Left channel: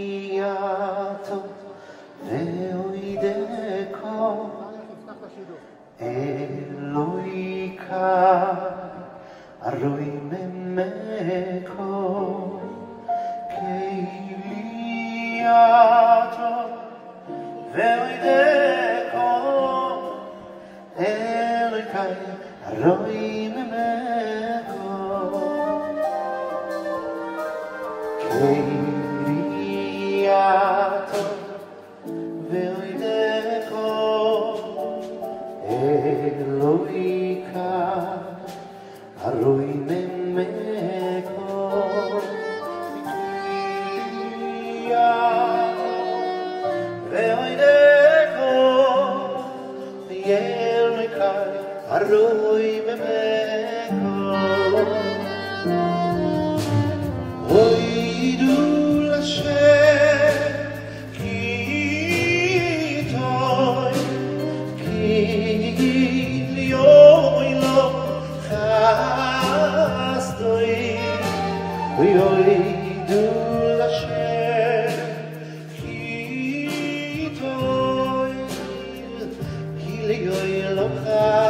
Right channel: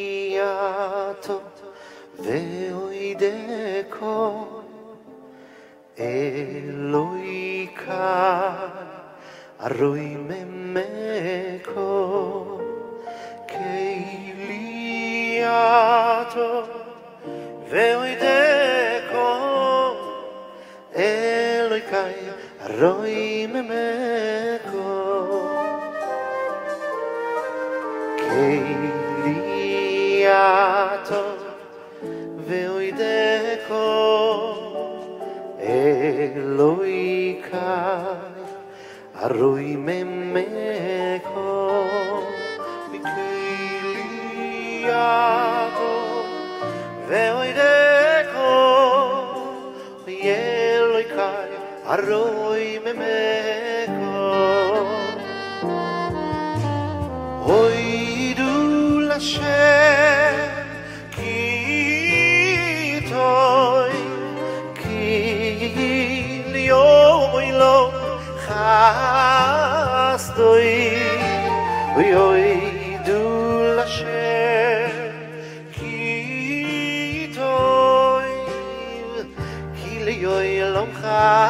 Kiliato veoideko Eloika aroi memeko Kiliato veoideko Eloika aroi memeko Kiliato veoideko Eloika aroi memeko Kiliato veoideko Eloika aroi memeko Oidu Lashem Kitoi Kilioilo Chastoi Oidu Lashem Kitoi Kilioilo Chastoi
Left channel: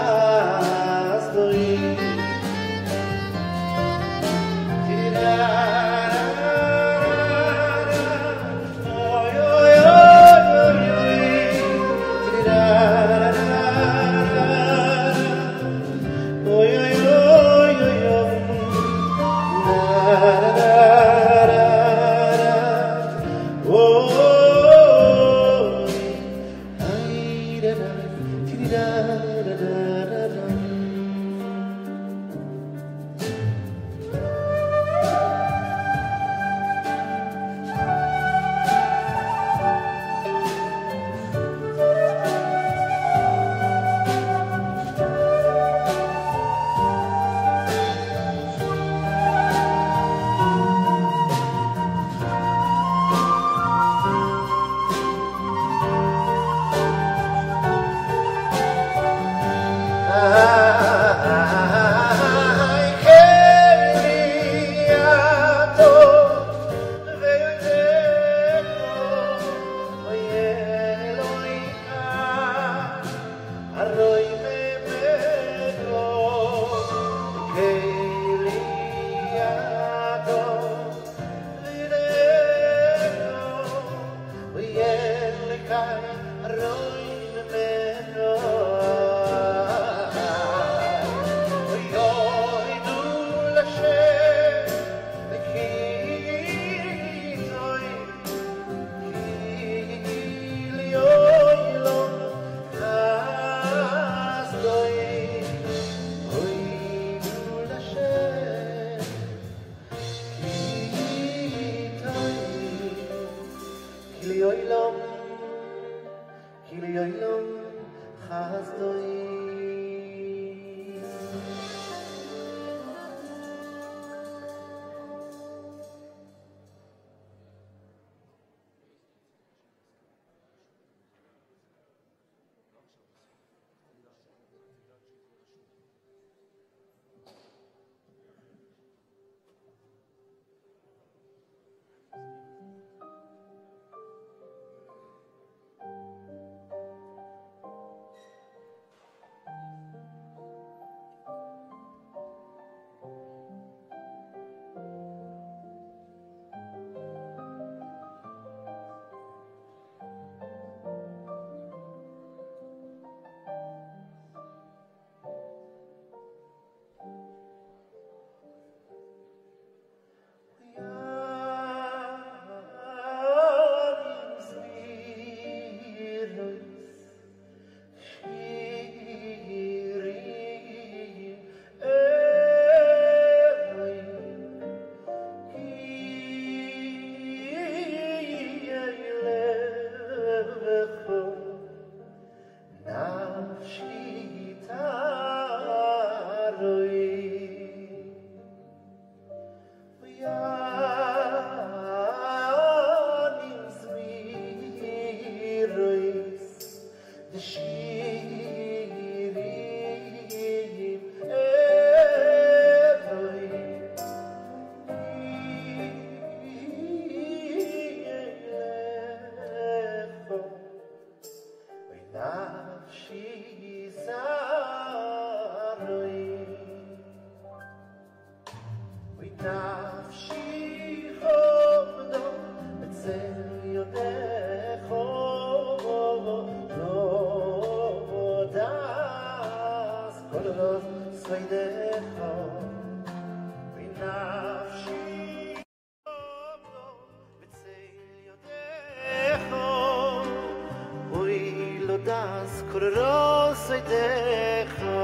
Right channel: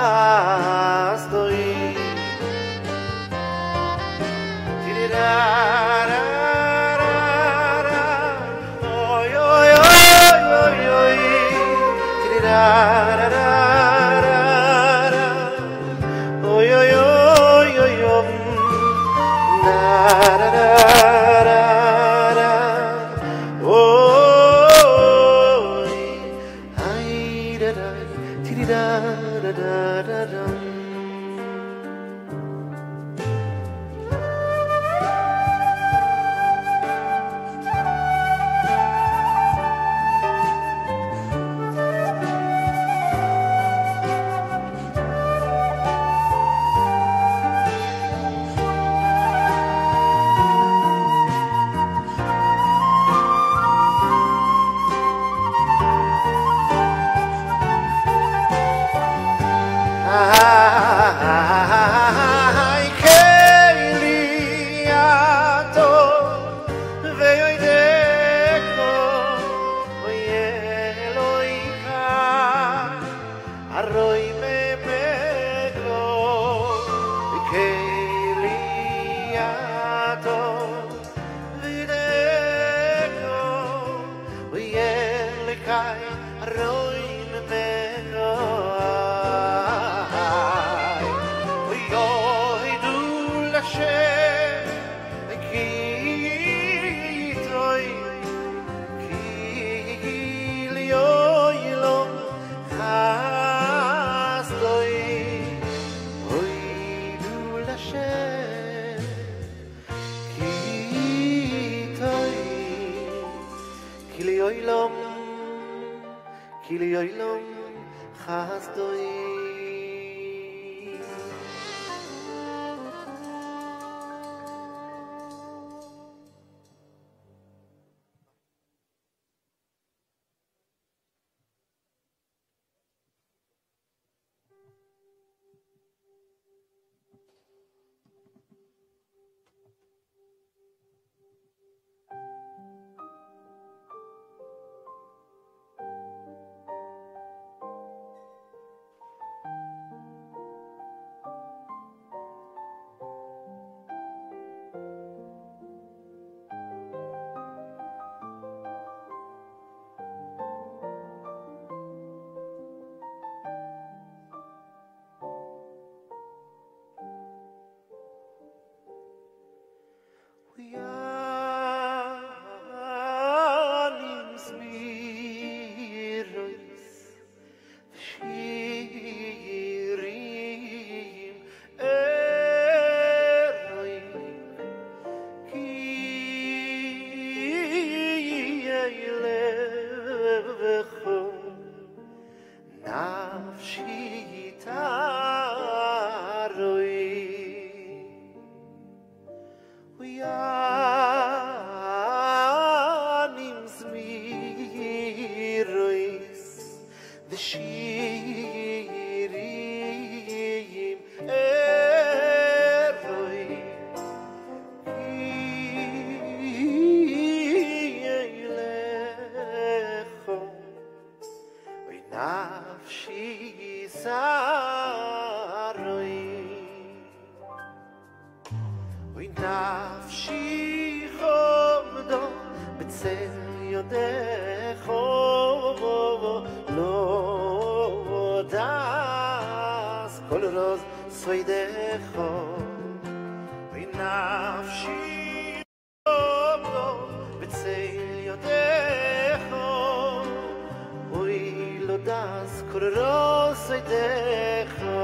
soidecha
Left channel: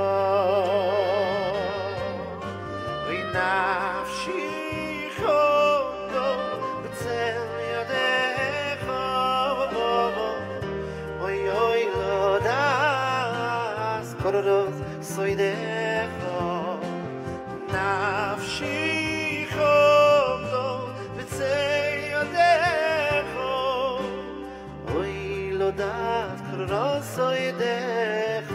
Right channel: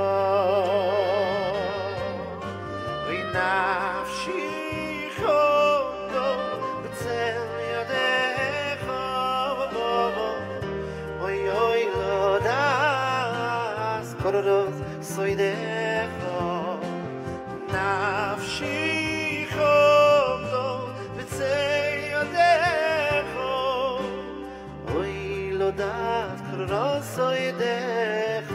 oy nafshi chondo b'tzel yadecha oy oy lo das kororos soidecha nafshi chondo b'tzel yadecha oy lo das kororos soidecha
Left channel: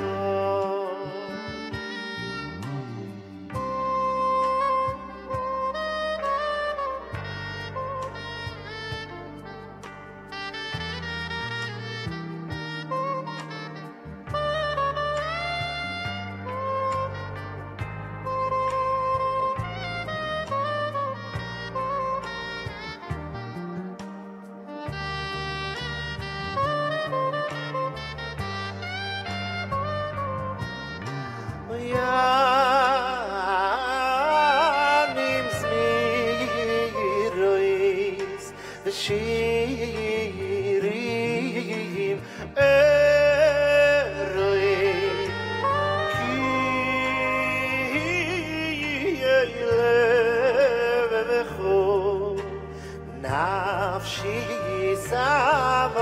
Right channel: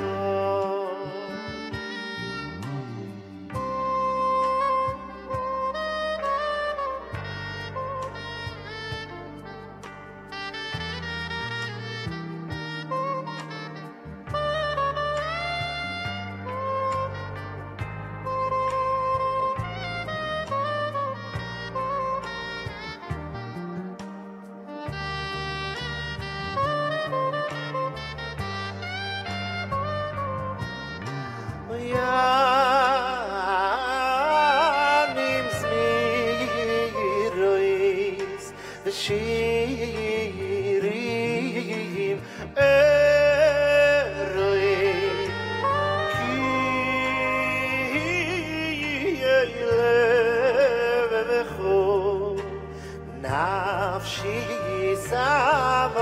Yanim zmirois v'shirim eroi ki yelev v'cho nafshi samaroi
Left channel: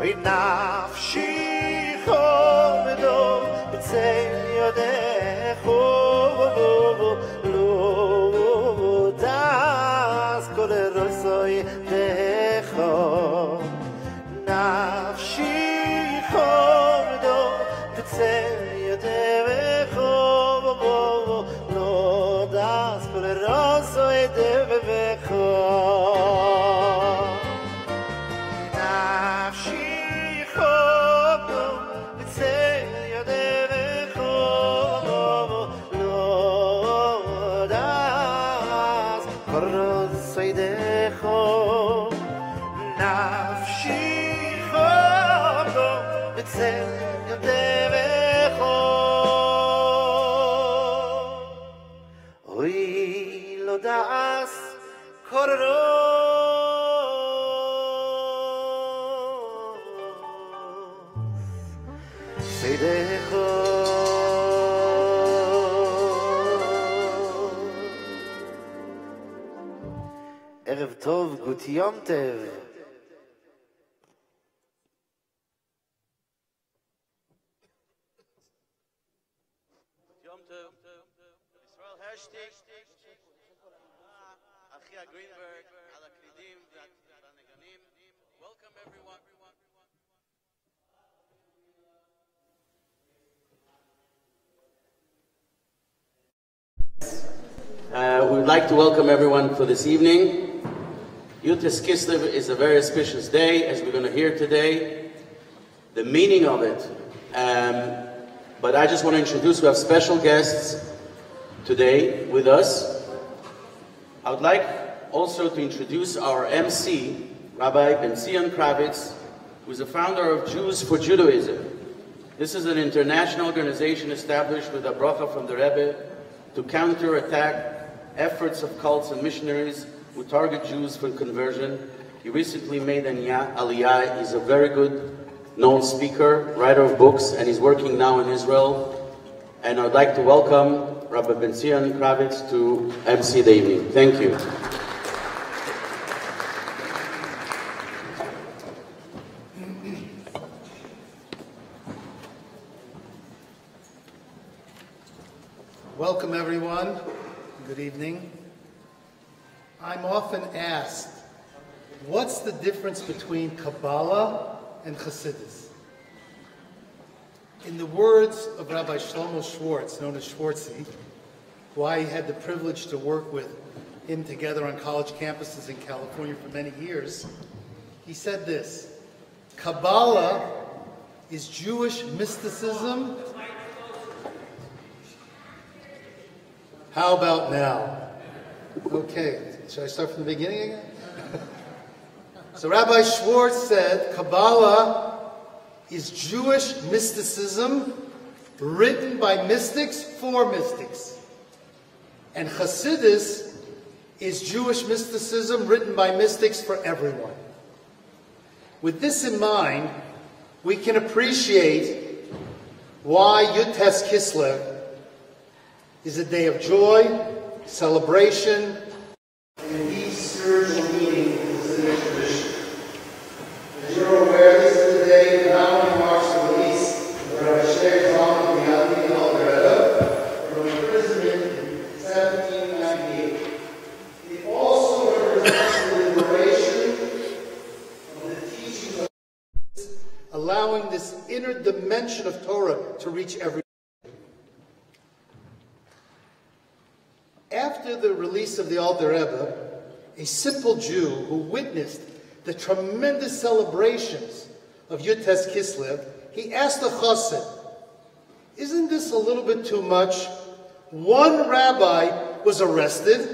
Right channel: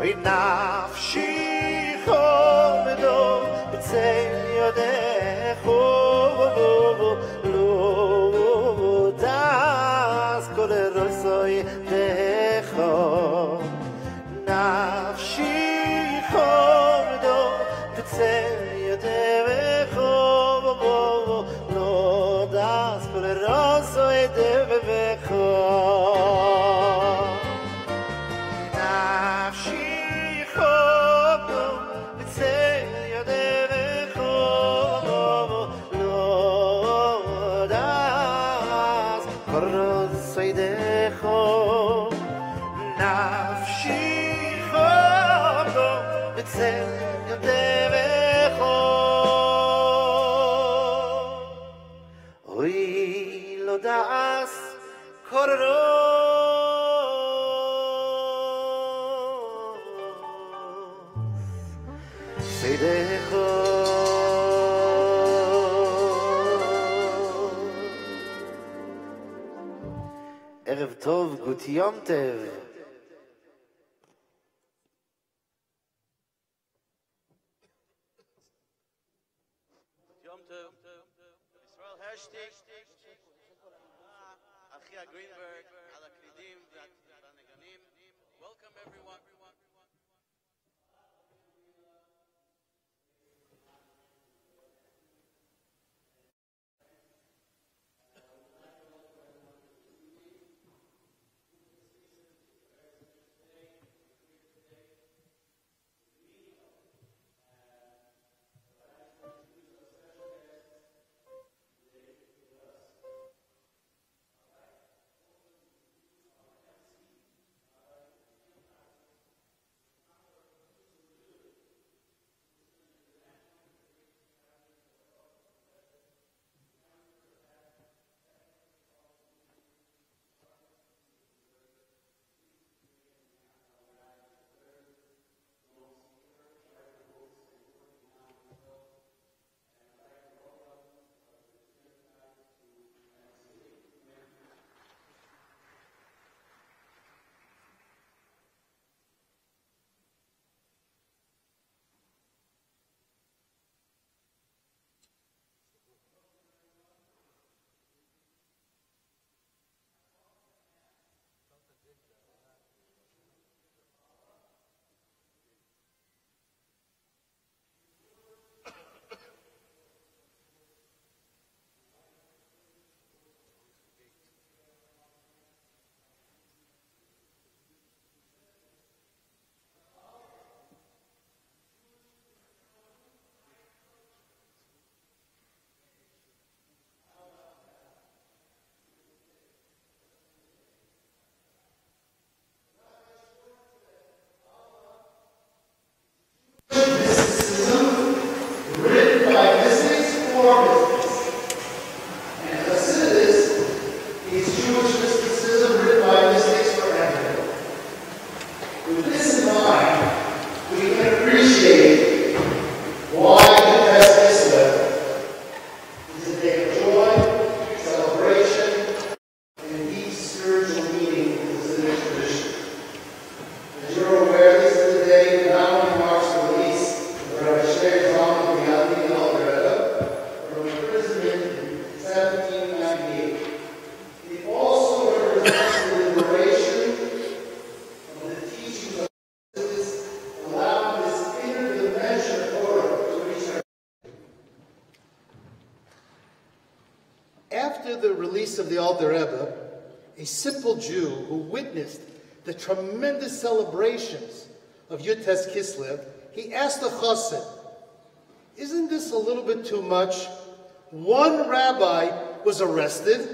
oy nafshi b'tzel yadecho lo das kororos soidecha nafshi chodo b'tzel yadecho lo das kororos soidecha nafshi chodo b'tzel ערב טוב, גוט יום טוב. יום טוב. ישראל הרשטיק. אחיה גרינברג, על הקלידים והנגנים. Welcome everyone. We would like to welcome everyone for this evening. YUD KISLEV is a very auspicious day, as we're going to hear today. The meaning of it. But I just want to introduce, we have special guests today with us. I would like also to introduce our MC, Rabbi Ben-Zion Kravitz, who is the founder of Jews for Judaism. This is an international organization established with a bracha from the Rebbe to counterattack efforts of cults and missionaries who target Jews for conversion. He recently made an aliyah. He's a very good known speaker, writer of books, and he's working now in Israel. And I'd like to welcome Rabbi Ben-Zion Kravitz to MC the evening. Thank you. Welcome everyone. Good evening. I'm often asked, what's the difference between Kabbalah and Chassidus? In the words of Rabbi Shlomo Schwartz, known as Schwartzy, who I had the privilege to work with him together on college campuses in California for many years, he said this: Kabbalah is Jewish mysticism. How about now? Okay, should I start from the beginning again? So Rabbi Schwartz said, Kabbalah is Jewish mysticism written by mystics for mystics. And Hasidus is Jewish mysticism written by mystics for everyone. With this in mind, celebration, and deep spiritual meaning is in this tradition. As you're aware, this is the day that not only marks the release of Rabbi TALBIYA-MAMILLA from imprisonment in 1798. It also represents the liberation of the teachings of Jesus, allowing this inner dimension of Torah to reach everyone. After the release of the Alter Rebbe, a simple Jew who witnessed the tremendous celebrations of YUD Kislev, he asked the chassid, "Isn't this a little bit too much? One rabbi was arrested,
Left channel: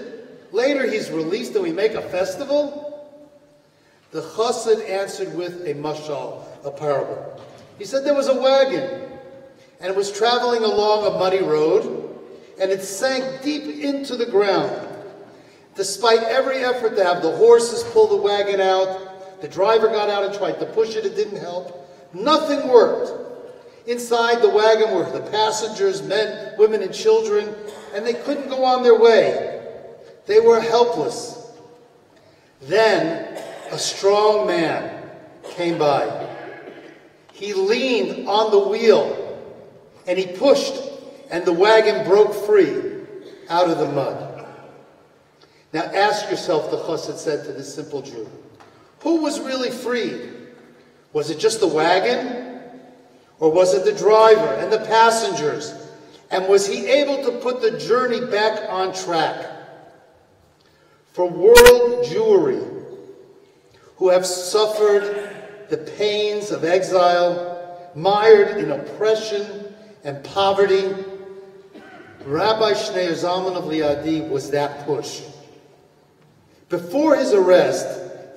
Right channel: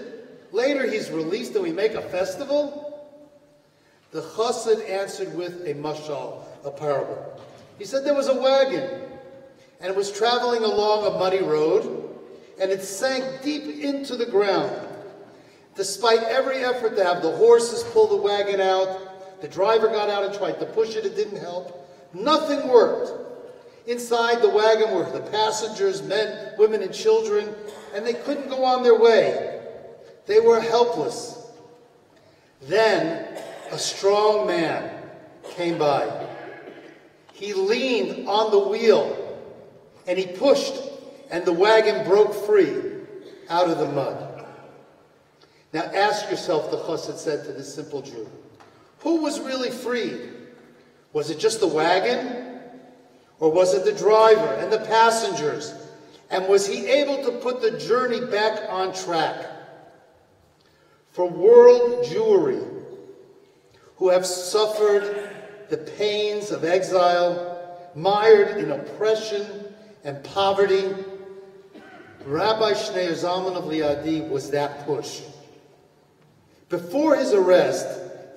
later he's released, and we make a festival?" The chassid answered with a mashal, a parable. He said there was a wagon, and it was traveling along a muddy road, and it sank deep into the ground. Despite every effort to have the horses pull the wagon out, the driver got out and tried to push it, it didn't help. Nothing worked. Inside the wagon were the passengers, men, women, and children, and they couldn't go on their way. They were helpless. Then a strong man came by. He leaned on the wheel, and he pushed, and the wagon broke free out of the mud. Now ask yourself, the chassid said to this simple Jew, who was really freed? Was it just the wagon? Or was it the driver and the passengers? And was he able to put the journey back on track? For world Jewry, who have suffered the pains of exile, mired in oppression and poverty, Rabbi Shneur Zalman of Liadi was that push. Before his arrest,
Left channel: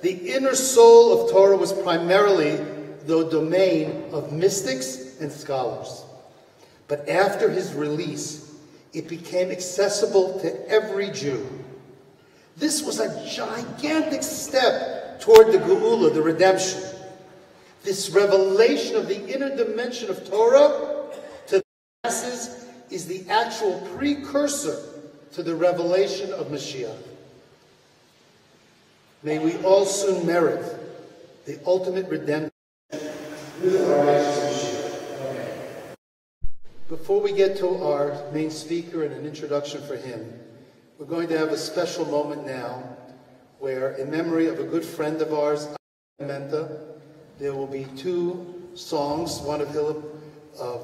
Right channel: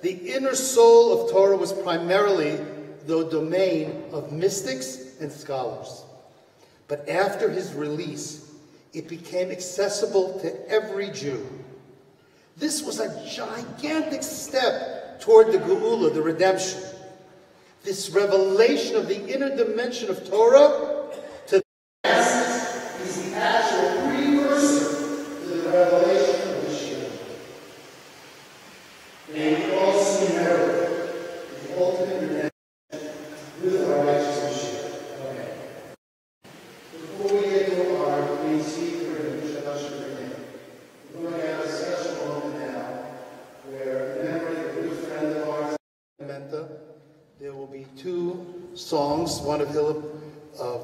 the inner soul of Torah was primarily the domain of mystics and scholars. But after his release, it became accessible to every Jew. This was a gigantic step toward the Geula, the redemption. This revelation of the inner dimension of Torah to the rest is the actual precursor to the revelation of Mashiach. May we also merit the ultimate redemption with our righteous Mashiach. Amen. Before we get to our main speaker and an introduction for him, we're going to have a special moment now where, in memory of a good friend of ours, Menta, there will be two songs, one of Hillel of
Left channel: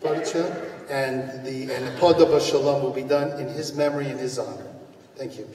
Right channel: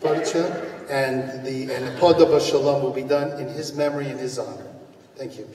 Baricha, and the Poda B'Shalom will be done in his memory and his honor. Thank you.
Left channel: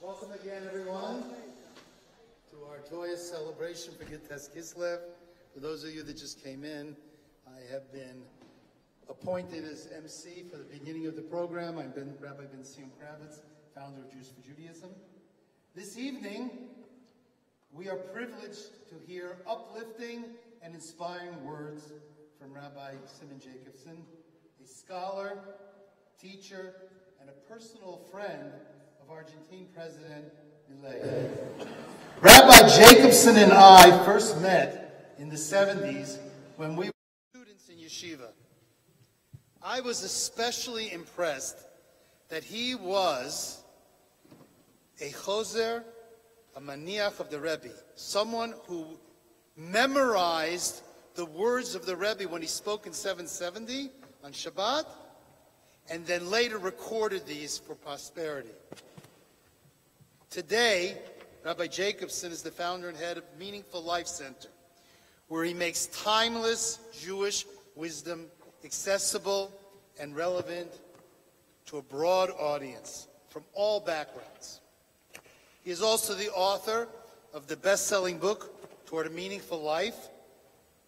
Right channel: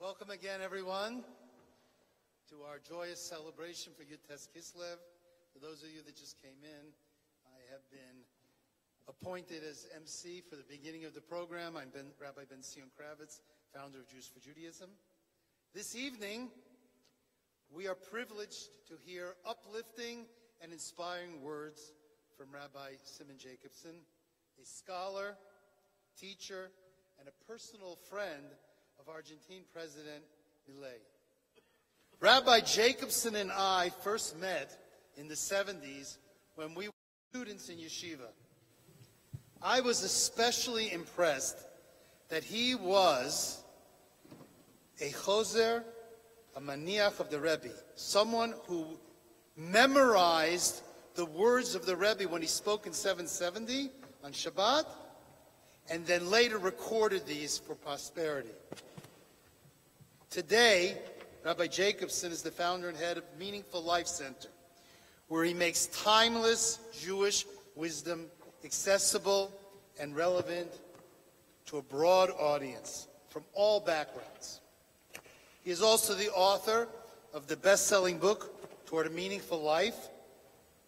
Welcome again, everyone, to our joyous celebration for YUD KISLEV. For those of you that just came in, I have been appointed as MC for the beginning of the program. I'm Rabbi Ben Sion Kravitz, founder of Jews for Judaism. This evening, we are privileged to hear uplifting and inspiring words from Rabbi Simon Jacobson, a scholar, teacher, and a personal friend of Argentine President-elect. Rabbi Jacobson and I first met in the 70s when we were students in yeshiva. I was especially impressed that he was a choser, a maniach of the Rebbe, someone who memorized the words of the Rebbe when he spoke in 770 on Shabbat, and then later recorded these for posterity. Today, Rabbi Jacobson is the founder and head of Meaningful Life Center, where he makes timeless Jewish wisdom accessible and relevant to a broad audience from all backgrounds. He is also the author of the best-selling book, Toward a Meaningful Life,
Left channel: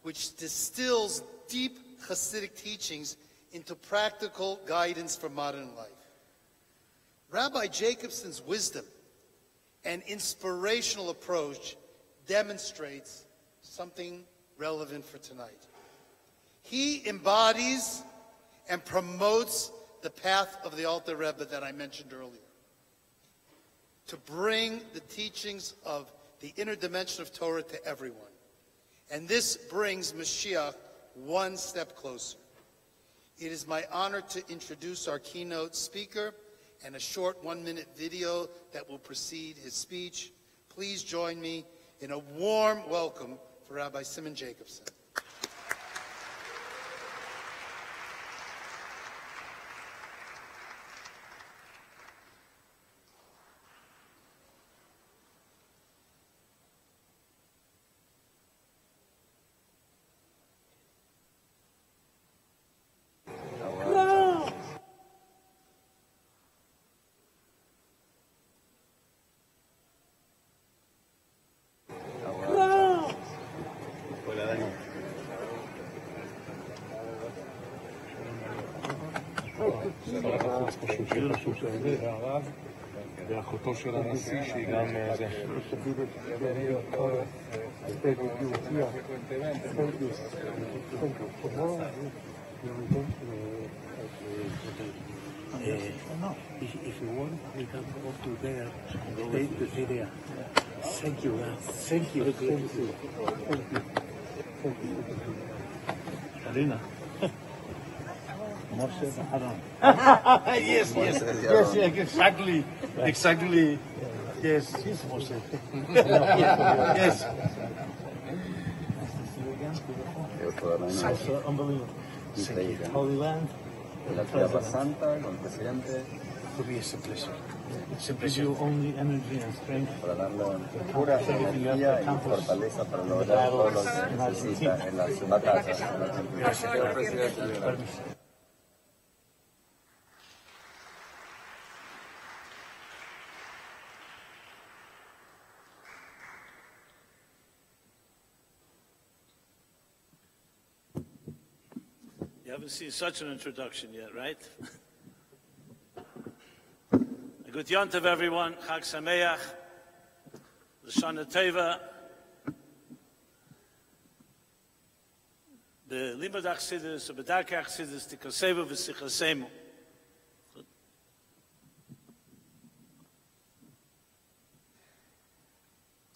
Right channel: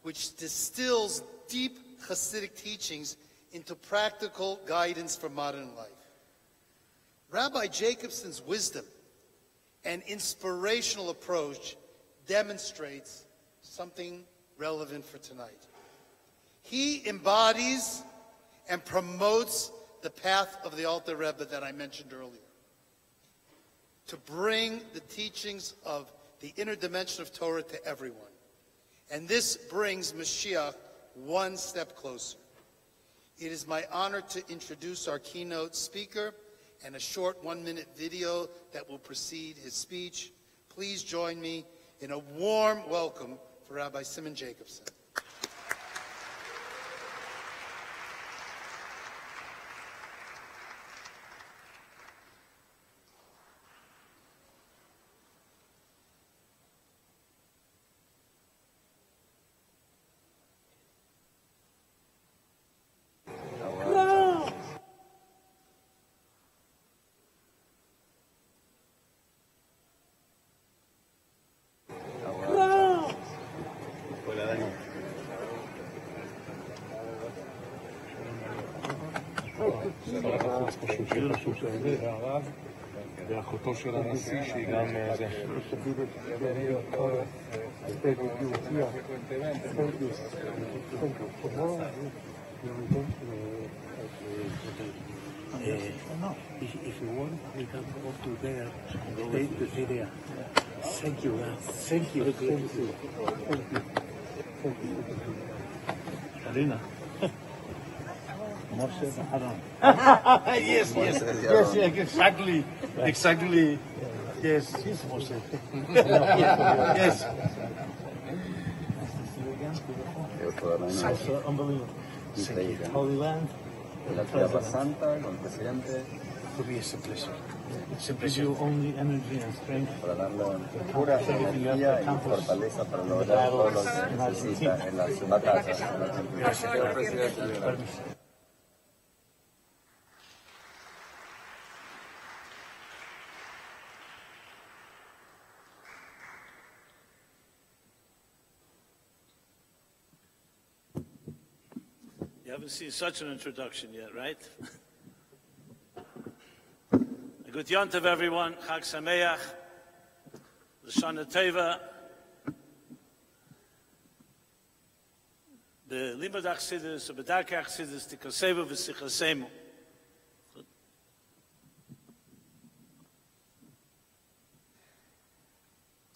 which distills deep Hasidic teachings into practical guidance for modern life. Rabbi Jacobson's wisdom and inspirational approach demonstrates something relevant for tonight. He embodies and promotes the path of the Alter Rebbe that I mentioned earlier. to bring the teachings of the inner dimension of Torah to everyone. And this brings Mashiach one step closer. It is my honor to introduce our keynote speaker and a short 1-minute video that will precede his speech. Please join me in a warm welcome for Rabbi Simon Jacobson. ואחותו של הנשיא שהיא גם זה. If you want, we can go to there, take the video. Thank you. Thank you. Thank you. Thank you. Alina. Yes, exactly. Yes, Moshe. Yes. So unbelievable. Holy Land. La Tierra Santa con el presidente. To be a pleasure. Gives you only energy and strength. Para darle pura energía y fortaleza para lograr todo lo que necesita en las batallas. Señor presidente. You haven't seen such an introduction yet, right? Good Yontav, everyone. Chag Sameach. L'shana Tova. The Limud Achsidus, the Bedarkei Achsidus, the Kosevu v'Sichasemu.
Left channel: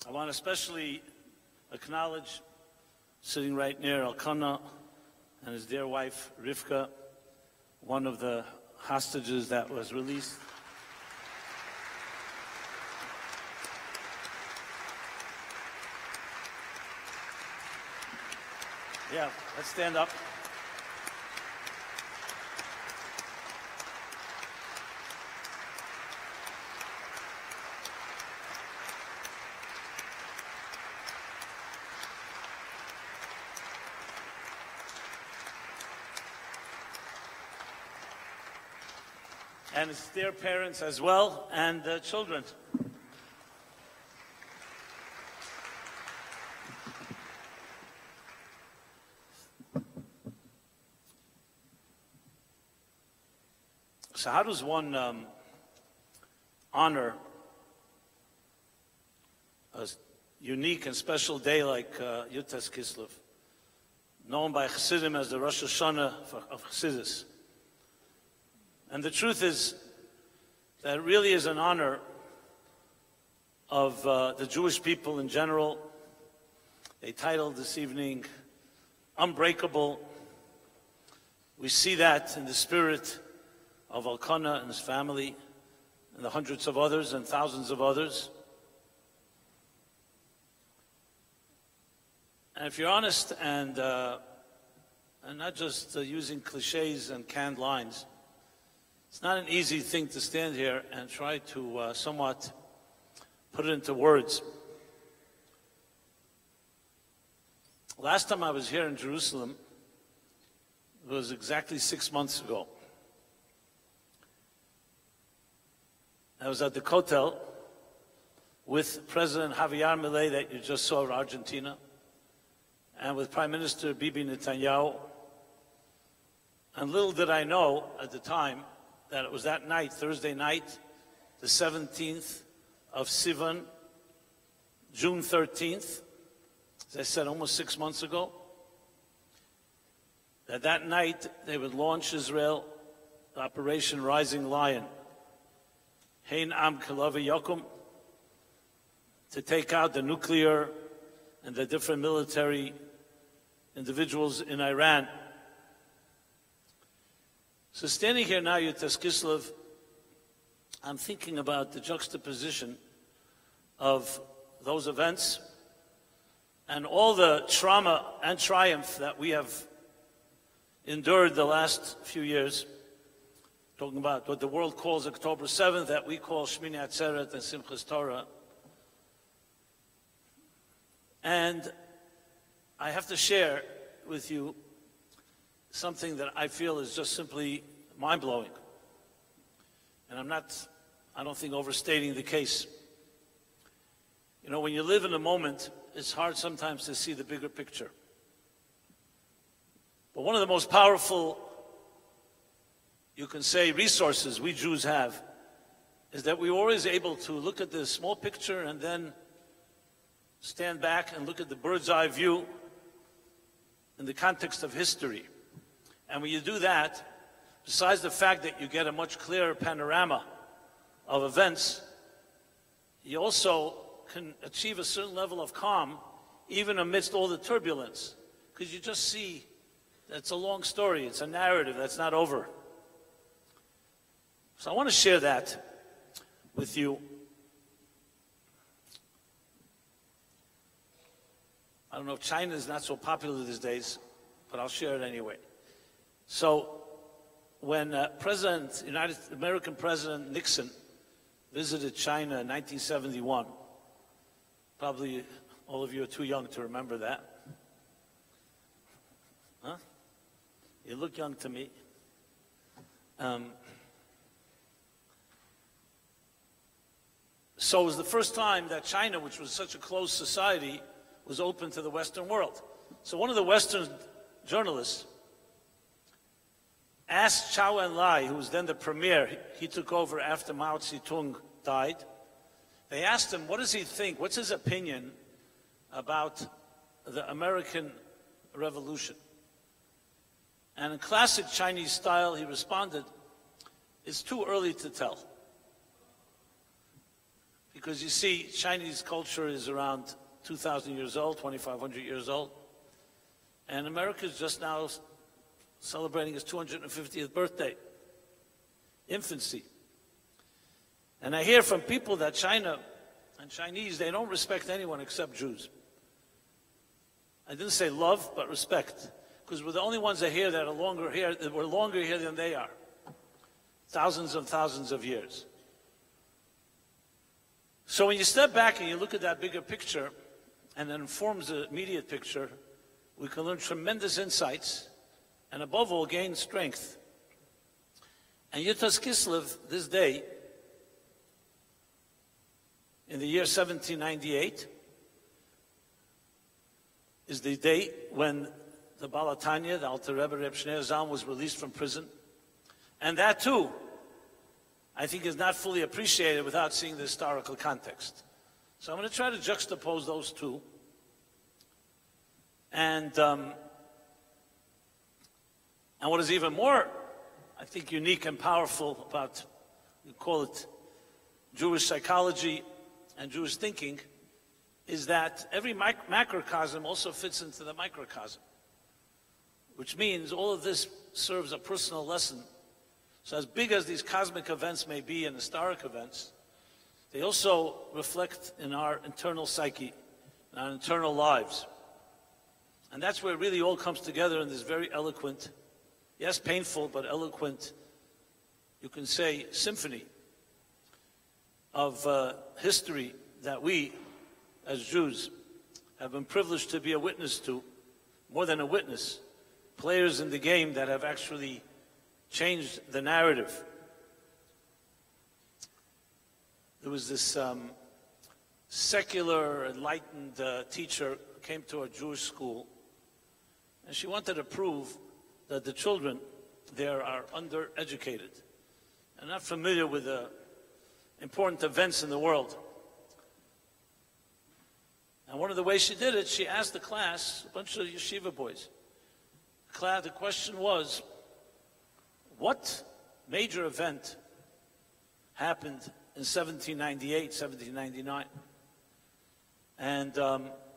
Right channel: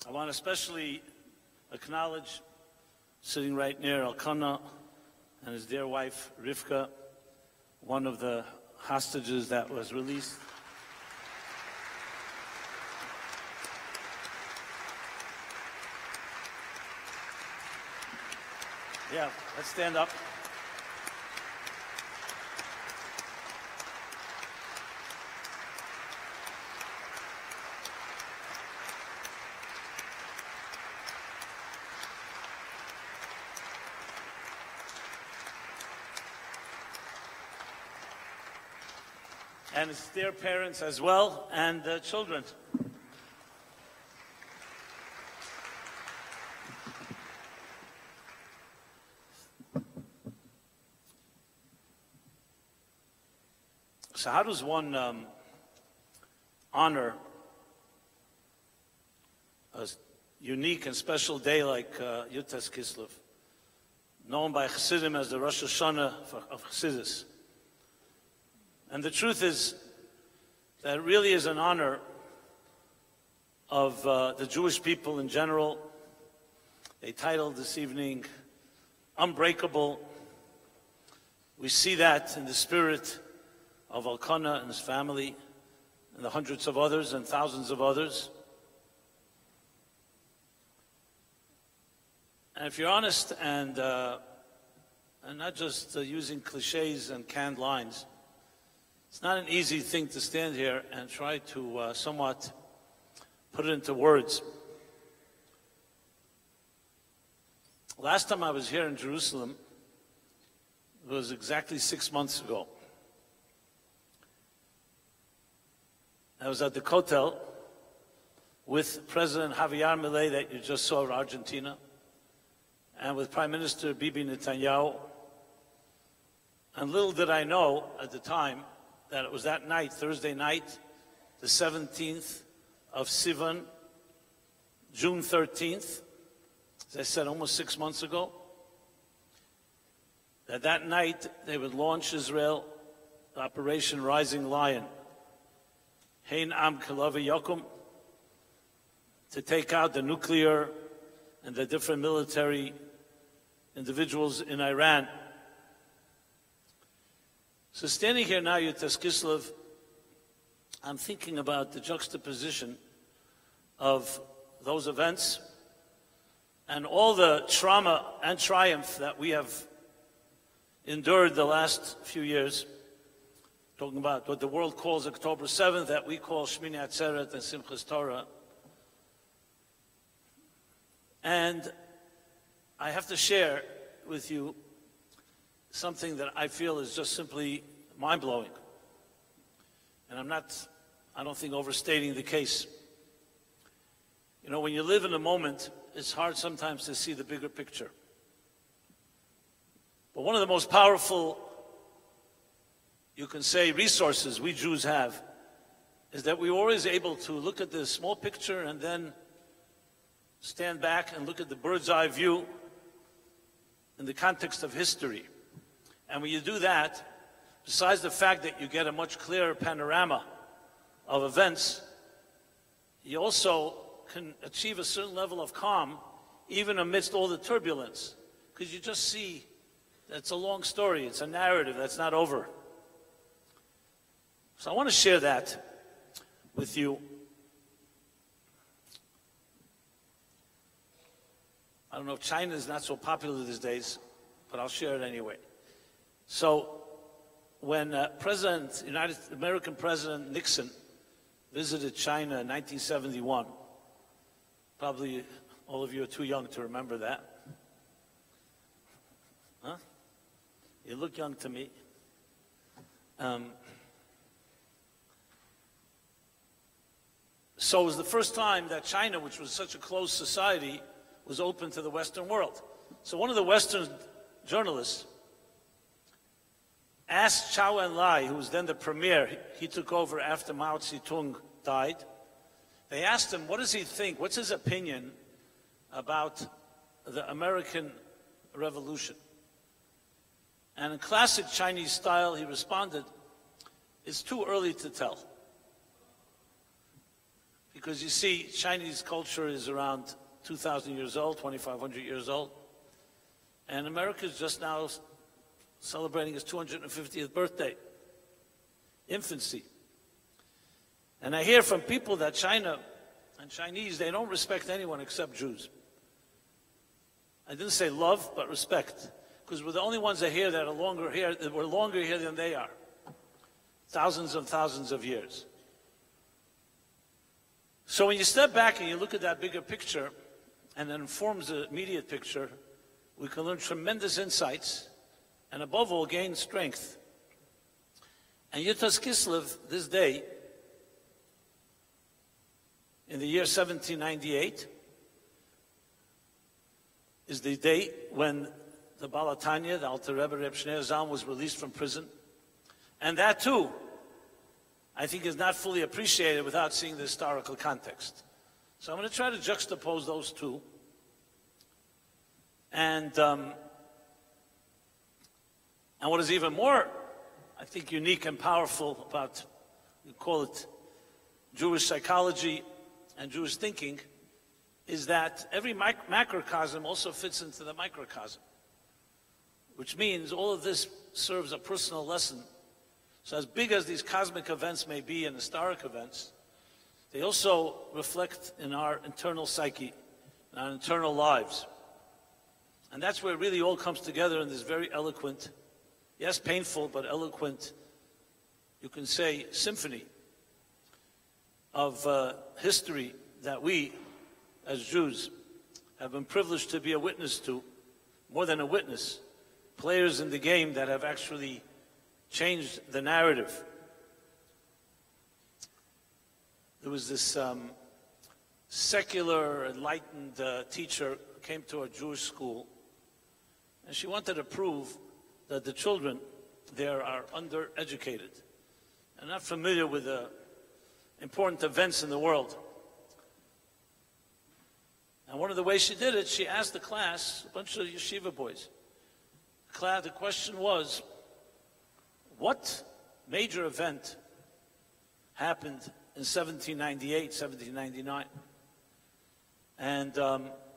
I want to especially acknowledge, sitting right near Elkanah and his dear wife, Rivka, one of the hostages that was released. Yeah, let's stand up. And his dear parents as well, and the children. So how does one honor a unique and special day like YUD Kislev, known by Chassidim as the Rosh Hashanah of Chassidus? And the truth is that it really is an honor of the Jewish people in general. They titled this evening, Unbreakable. We see that in the spirit of Elkanah and his family, and the hundreds of others and thousands of others. And if you're honest and not just using cliches and canned lines, it's not an easy thing to stand here and try to somewhat put it into words. Last time I was here in Jerusalem, it was exactly 6 months ago. I was at the Kotel with President YYD that you just saw of Argentina, and with Prime Minister Bibi Netanyahu. And little did I know at the time that it was that night, Thursday night, the 17th of Sivan, June 13th, as I said, almost 6 months ago, that night they would launch Israel, the Operation Rising Lion. Hein Am Kilavi Yokum, to take out the nuclear and the different military individuals in Iran. So standing here now, Yutas Kislev, I'm thinking about the juxtaposition of those events and all the trauma and triumph that we have endured the last few years, talking about what the world calls October 7th, that we call Shmini Atzeret and Simchas Torah. And I have to share with you something that I feel is just simply mind-blowing. And I don't think overstating the case. You know, when you live in a moment, it's hard sometimes to see the bigger picture. But one of the most powerful, you can say, resources we Jews have is that we're always able to look at the small picture and then stand back and look at the bird's eye view in the context of history. And when you do that, besides the fact that you get a much clearer panorama of events, you also can achieve a certain level of calm even amidst all the turbulence, because you just see that it's a long story, it's a narrative that's not over. So I want to share that with you. I don't know if China is not so popular these days, but I'll share it anyway. So when American President Nixon visited China in 1971, probably all of you are too young to remember that. Huh? You look young to me. So it was the first time that China, which was such a closed society, was open to the Western world. So one of the Western journalists asked Zhou Enlai, who was then the premier, he took over after Mao Zedong died. They asked him, what does he think, what's his opinion about the American Revolution? And in classic Chinese style, he responded, it's too early to tell. Because you see, Chinese culture is around 2,000 years old, 2,500 years old. And America is just now celebrating its 250th birthday, infancy. And I hear from people that China and Chinese, they don't respect anyone except Jews. I didn't say love, but respect. Because we're the only ones that here that are longer here, that were longer here than they are. Thousands and thousands of years. So when you step back and you look at that bigger picture, and it informs the immediate picture, we can learn tremendous insights, and above all, gain strength. And Yutas Kislev, this day, in the year 1798, is the date when the Baal HaTanya, the Alter Rebbe Reb Shneir Zalman, was released from prison. And that too, I think, is not fully appreciated without seeing the historical context. So I'm going to try to juxtapose those two. And what is even more, I think, unique and powerful about, we call it Jewish psychology and Jewish thinking, is that every macrocosm also fits into the microcosm, which means all of this serves a personal lesson. So as big as these cosmic events may be and historic events, they also reflect in our internal psyche, in our internal lives. And that's where it really all comes together in this very eloquent, yes, painful, but eloquent, you can say, symphony of history that we, as Jews, have been privileged to be a witness to, more than a witness, players in the game that have actually changed the narrative. There was this secular, enlightened teacher who came to a Jewish school, and she wanted to prove that the children there are undereducated and not familiar with the important events in the world. And one of the ways she did it, she asked the class, a bunch of yeshiva boys, the question was, what major event happened in 1798, 1799? And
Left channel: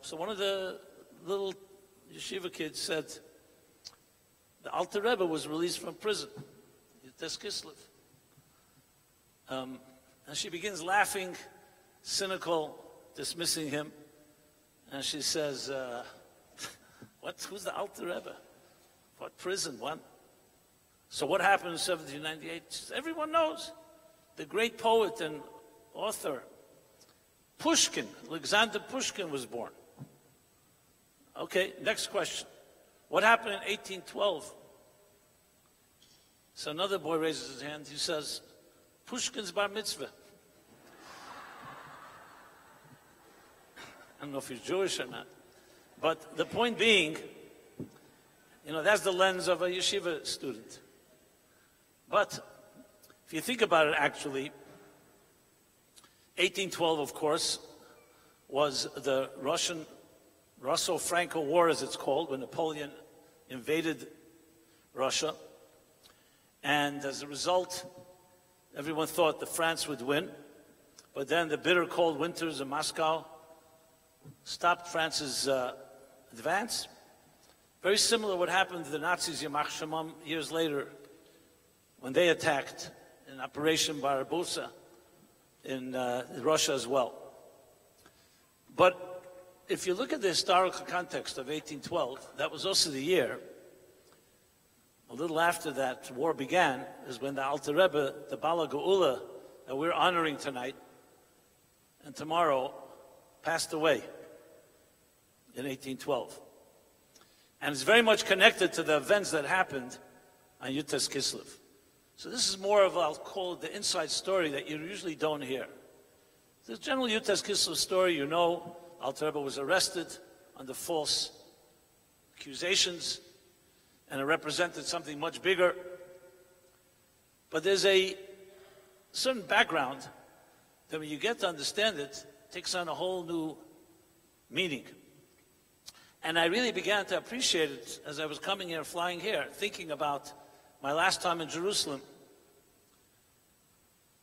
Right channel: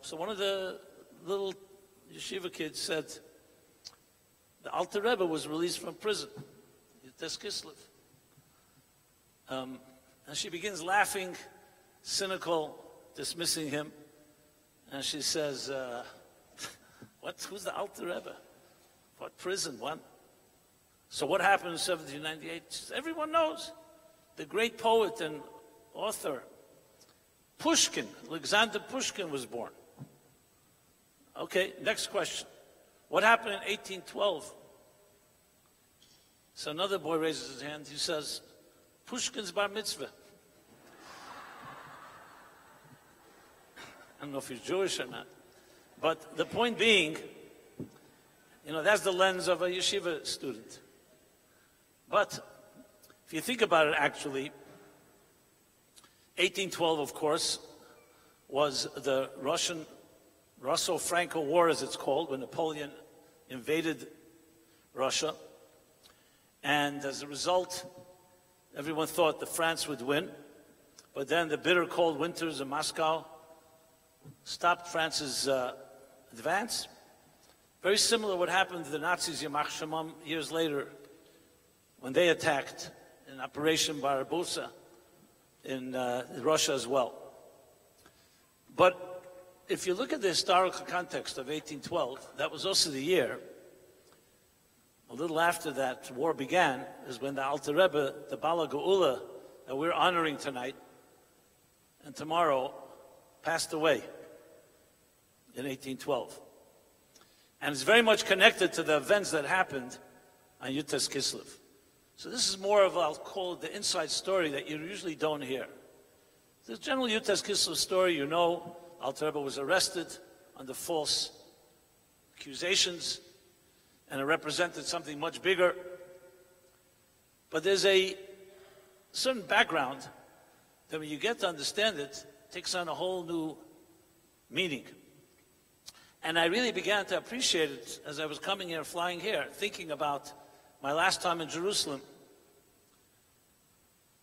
so one of the little yeshiva kids said, the Alter Rebbe was released from prison, Yutes Kislev. And she begins laughing, cynical, dismissing him. And she says, who's the Alter Rebbe? What, prison, what? So what happened in 1798? She says, everyone knows. The great poet and author, Pushkin, Alexander Pushkin was born. Okay, next question. What happened in 1812? So another boy raises his hand. He says, Pushkin's bar mitzvah. I don't know if he's Jewish or not. But the point being, that's the lens of a yeshiva student. But if you think about it, actually, 1812, of course, was the Russo-Franco War, as it's called, when Napoleon invaded Russia. And as a result, everyone thought that France would win. But then the bitter cold winters in Moscow stopped France's advance. Very similar to what happened to the Nazis, Yamach Shemam, years later, when they attacked in Operation Barbarossa in Russia as well. But if you look at the historical context of 1812, that was also the year, a little after that war began, is when the Alter Rebbe, the Bala Geula, that we're honoring tonight and tomorrow, passed away in 1812. And it's very much connected to the events that happened on Yutes Kislev. So this is more of, I'll call it the inside story that you usually don't hear. The general Yutes Kislev story, Alter Rebbe was arrested under false accusations, and it represented something much bigger. But there's a certain background that when you get to understand it, takes on a whole new meaning. And I really began to appreciate it as I was coming here, flying here, thinking about my last time in Jerusalem.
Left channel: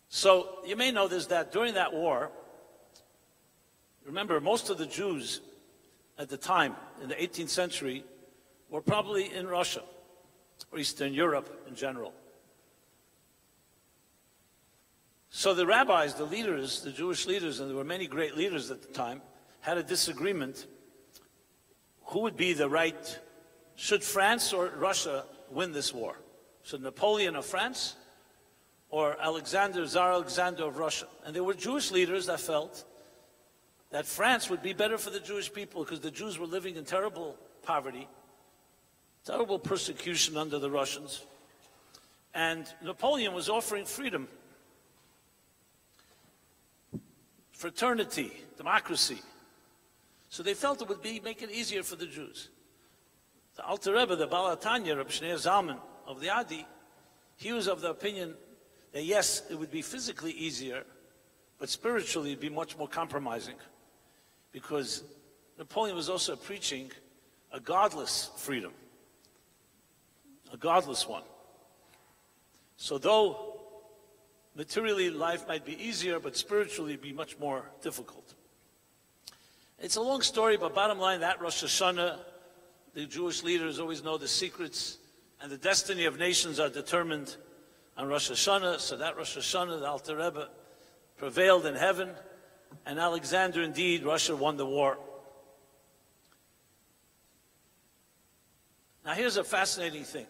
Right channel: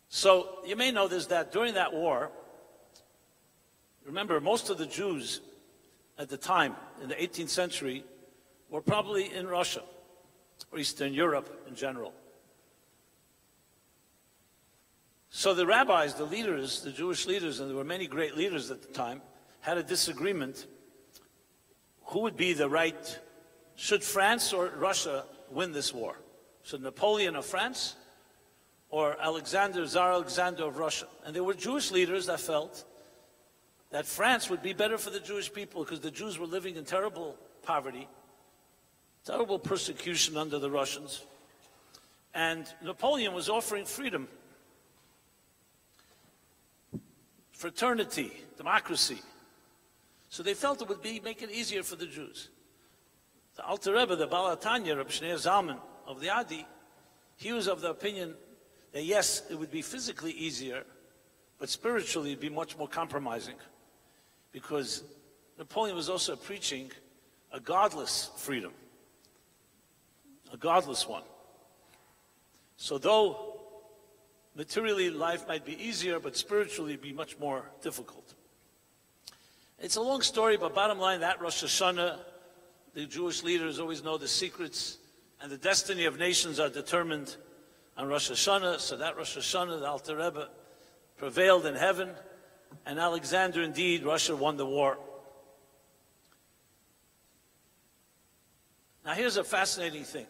So you may know this, that during that war, remember, most of the Jews at the time, in the 18th century, were probably in Russia, or Eastern Europe in general. So the rabbis, the leaders, the Jewish leaders, and there were many great leaders at the time, had a disagreement. Who would be the right, should France or Russia win this war? Should Napoleon of France or Tsar Alexander of Russia? And there were Jewish leaders that felt that France would be better for the Jewish people because the Jews were living in terrible poverty, terrible persecution under the Russians. And Napoleon was offering freedom, fraternity, democracy. So they felt it would make it easier for the Jews. The Alter Rebbe, the Baal HaTanya, Reb Shneur Zalman of the Adi, he was of the opinion that yes, it would be physically easier, but spiritually it would be much more compromising. Because Napoleon was also preaching a godless freedom, a godless one. So though materially life might be easier, but spiritually it would be much more difficult. It's a long story, but bottom line, that Rosh Hashanah, the Jewish leaders always know the secrets, and the destiny of nations are determined on Rosh Hashanah. So that Rosh Hashanah, the Alter Rebbe, prevailed in heaven, and Alexander, indeed, Russia won the war. Now here's a fascinating thing.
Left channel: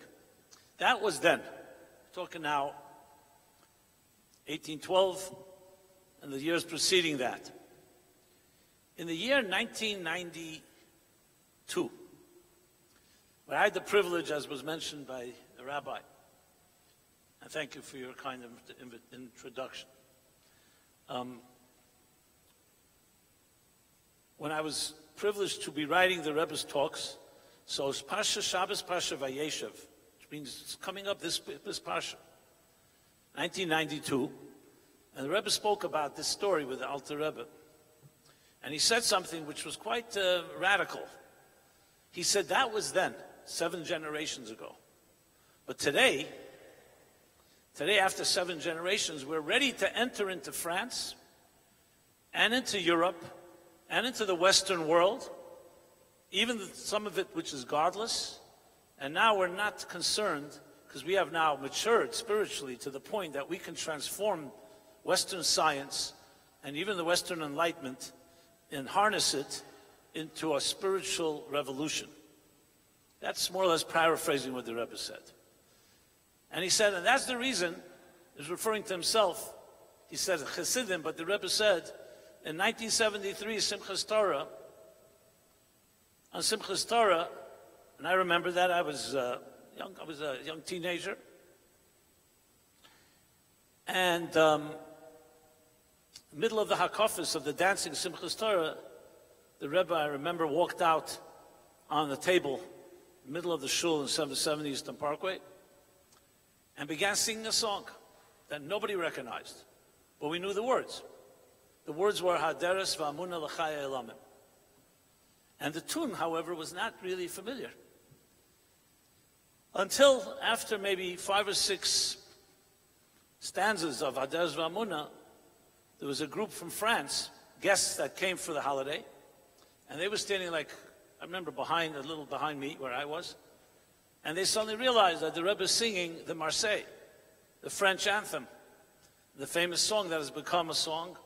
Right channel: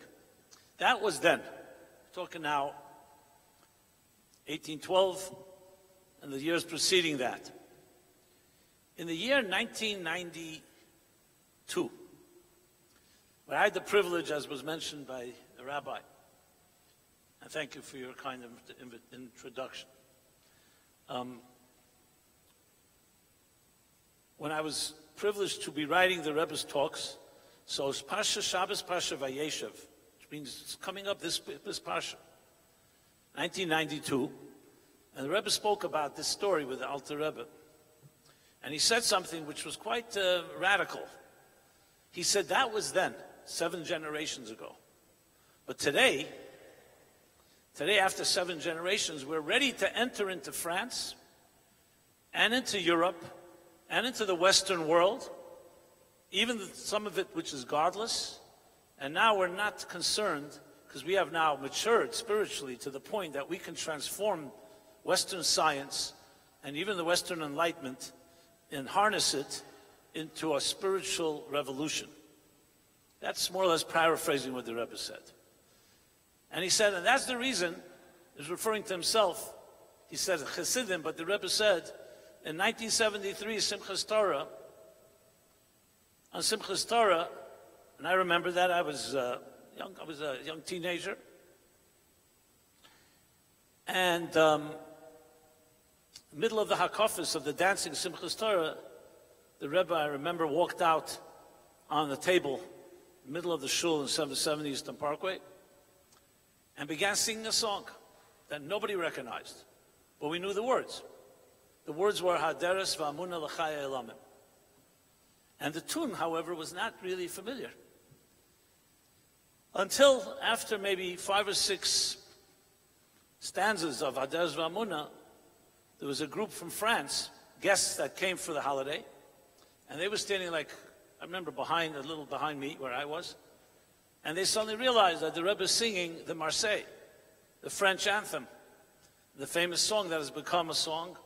That was then. We're talking now 1812 and the years preceding that. In the year 1992, when I had the privilege, as was mentioned by the rabbi, and thank you for your kind introduction. When I was privileged to be writing the Rebbe's talks, so it's Parsha Shabbos, Parsha Vayeshev, which means it's coming up this Parsha, 1992, and the Rebbe spoke about this story with the Alter Rebbe. And he said something which was quite radical. He said that was then, 7 generations ago. But today, after 7 generations, we're ready to enter into France and into Europe and into the Western world, even some of it which is godless. And now we're not concerned because we have now matured spiritually to the point that we can transform Western science and even the Western Enlightenment and harness it into a spiritual revolution. That's more or less paraphrasing what the Rebbe said. And he said, and that's the reason, he's referring to himself, he said Chassidim, but the Rebbe said, in 1973, Simchas Torah, on Simchas Torah, and I remember that I was a young teenager, and middle of the Hakafis of the dancing Simchas Torah, the Rebbe, I remember, walked out on the table, middle of the shul in 770 Eastern Parkway, and began singing a song that nobody recognized, but we knew the words. The words were Haderes v'amuna l'chaya elamim. And the tune, however, was not really familiar. Until after maybe 5 or 6 stanzas of Haderes v'amuna, there was a group from France, guests that came for the holiday, and they were standing like, I remember a little behind me where I was, and they suddenly realized that the Rebbe is singing the Marseille, the French anthem, the famous song that has become a song,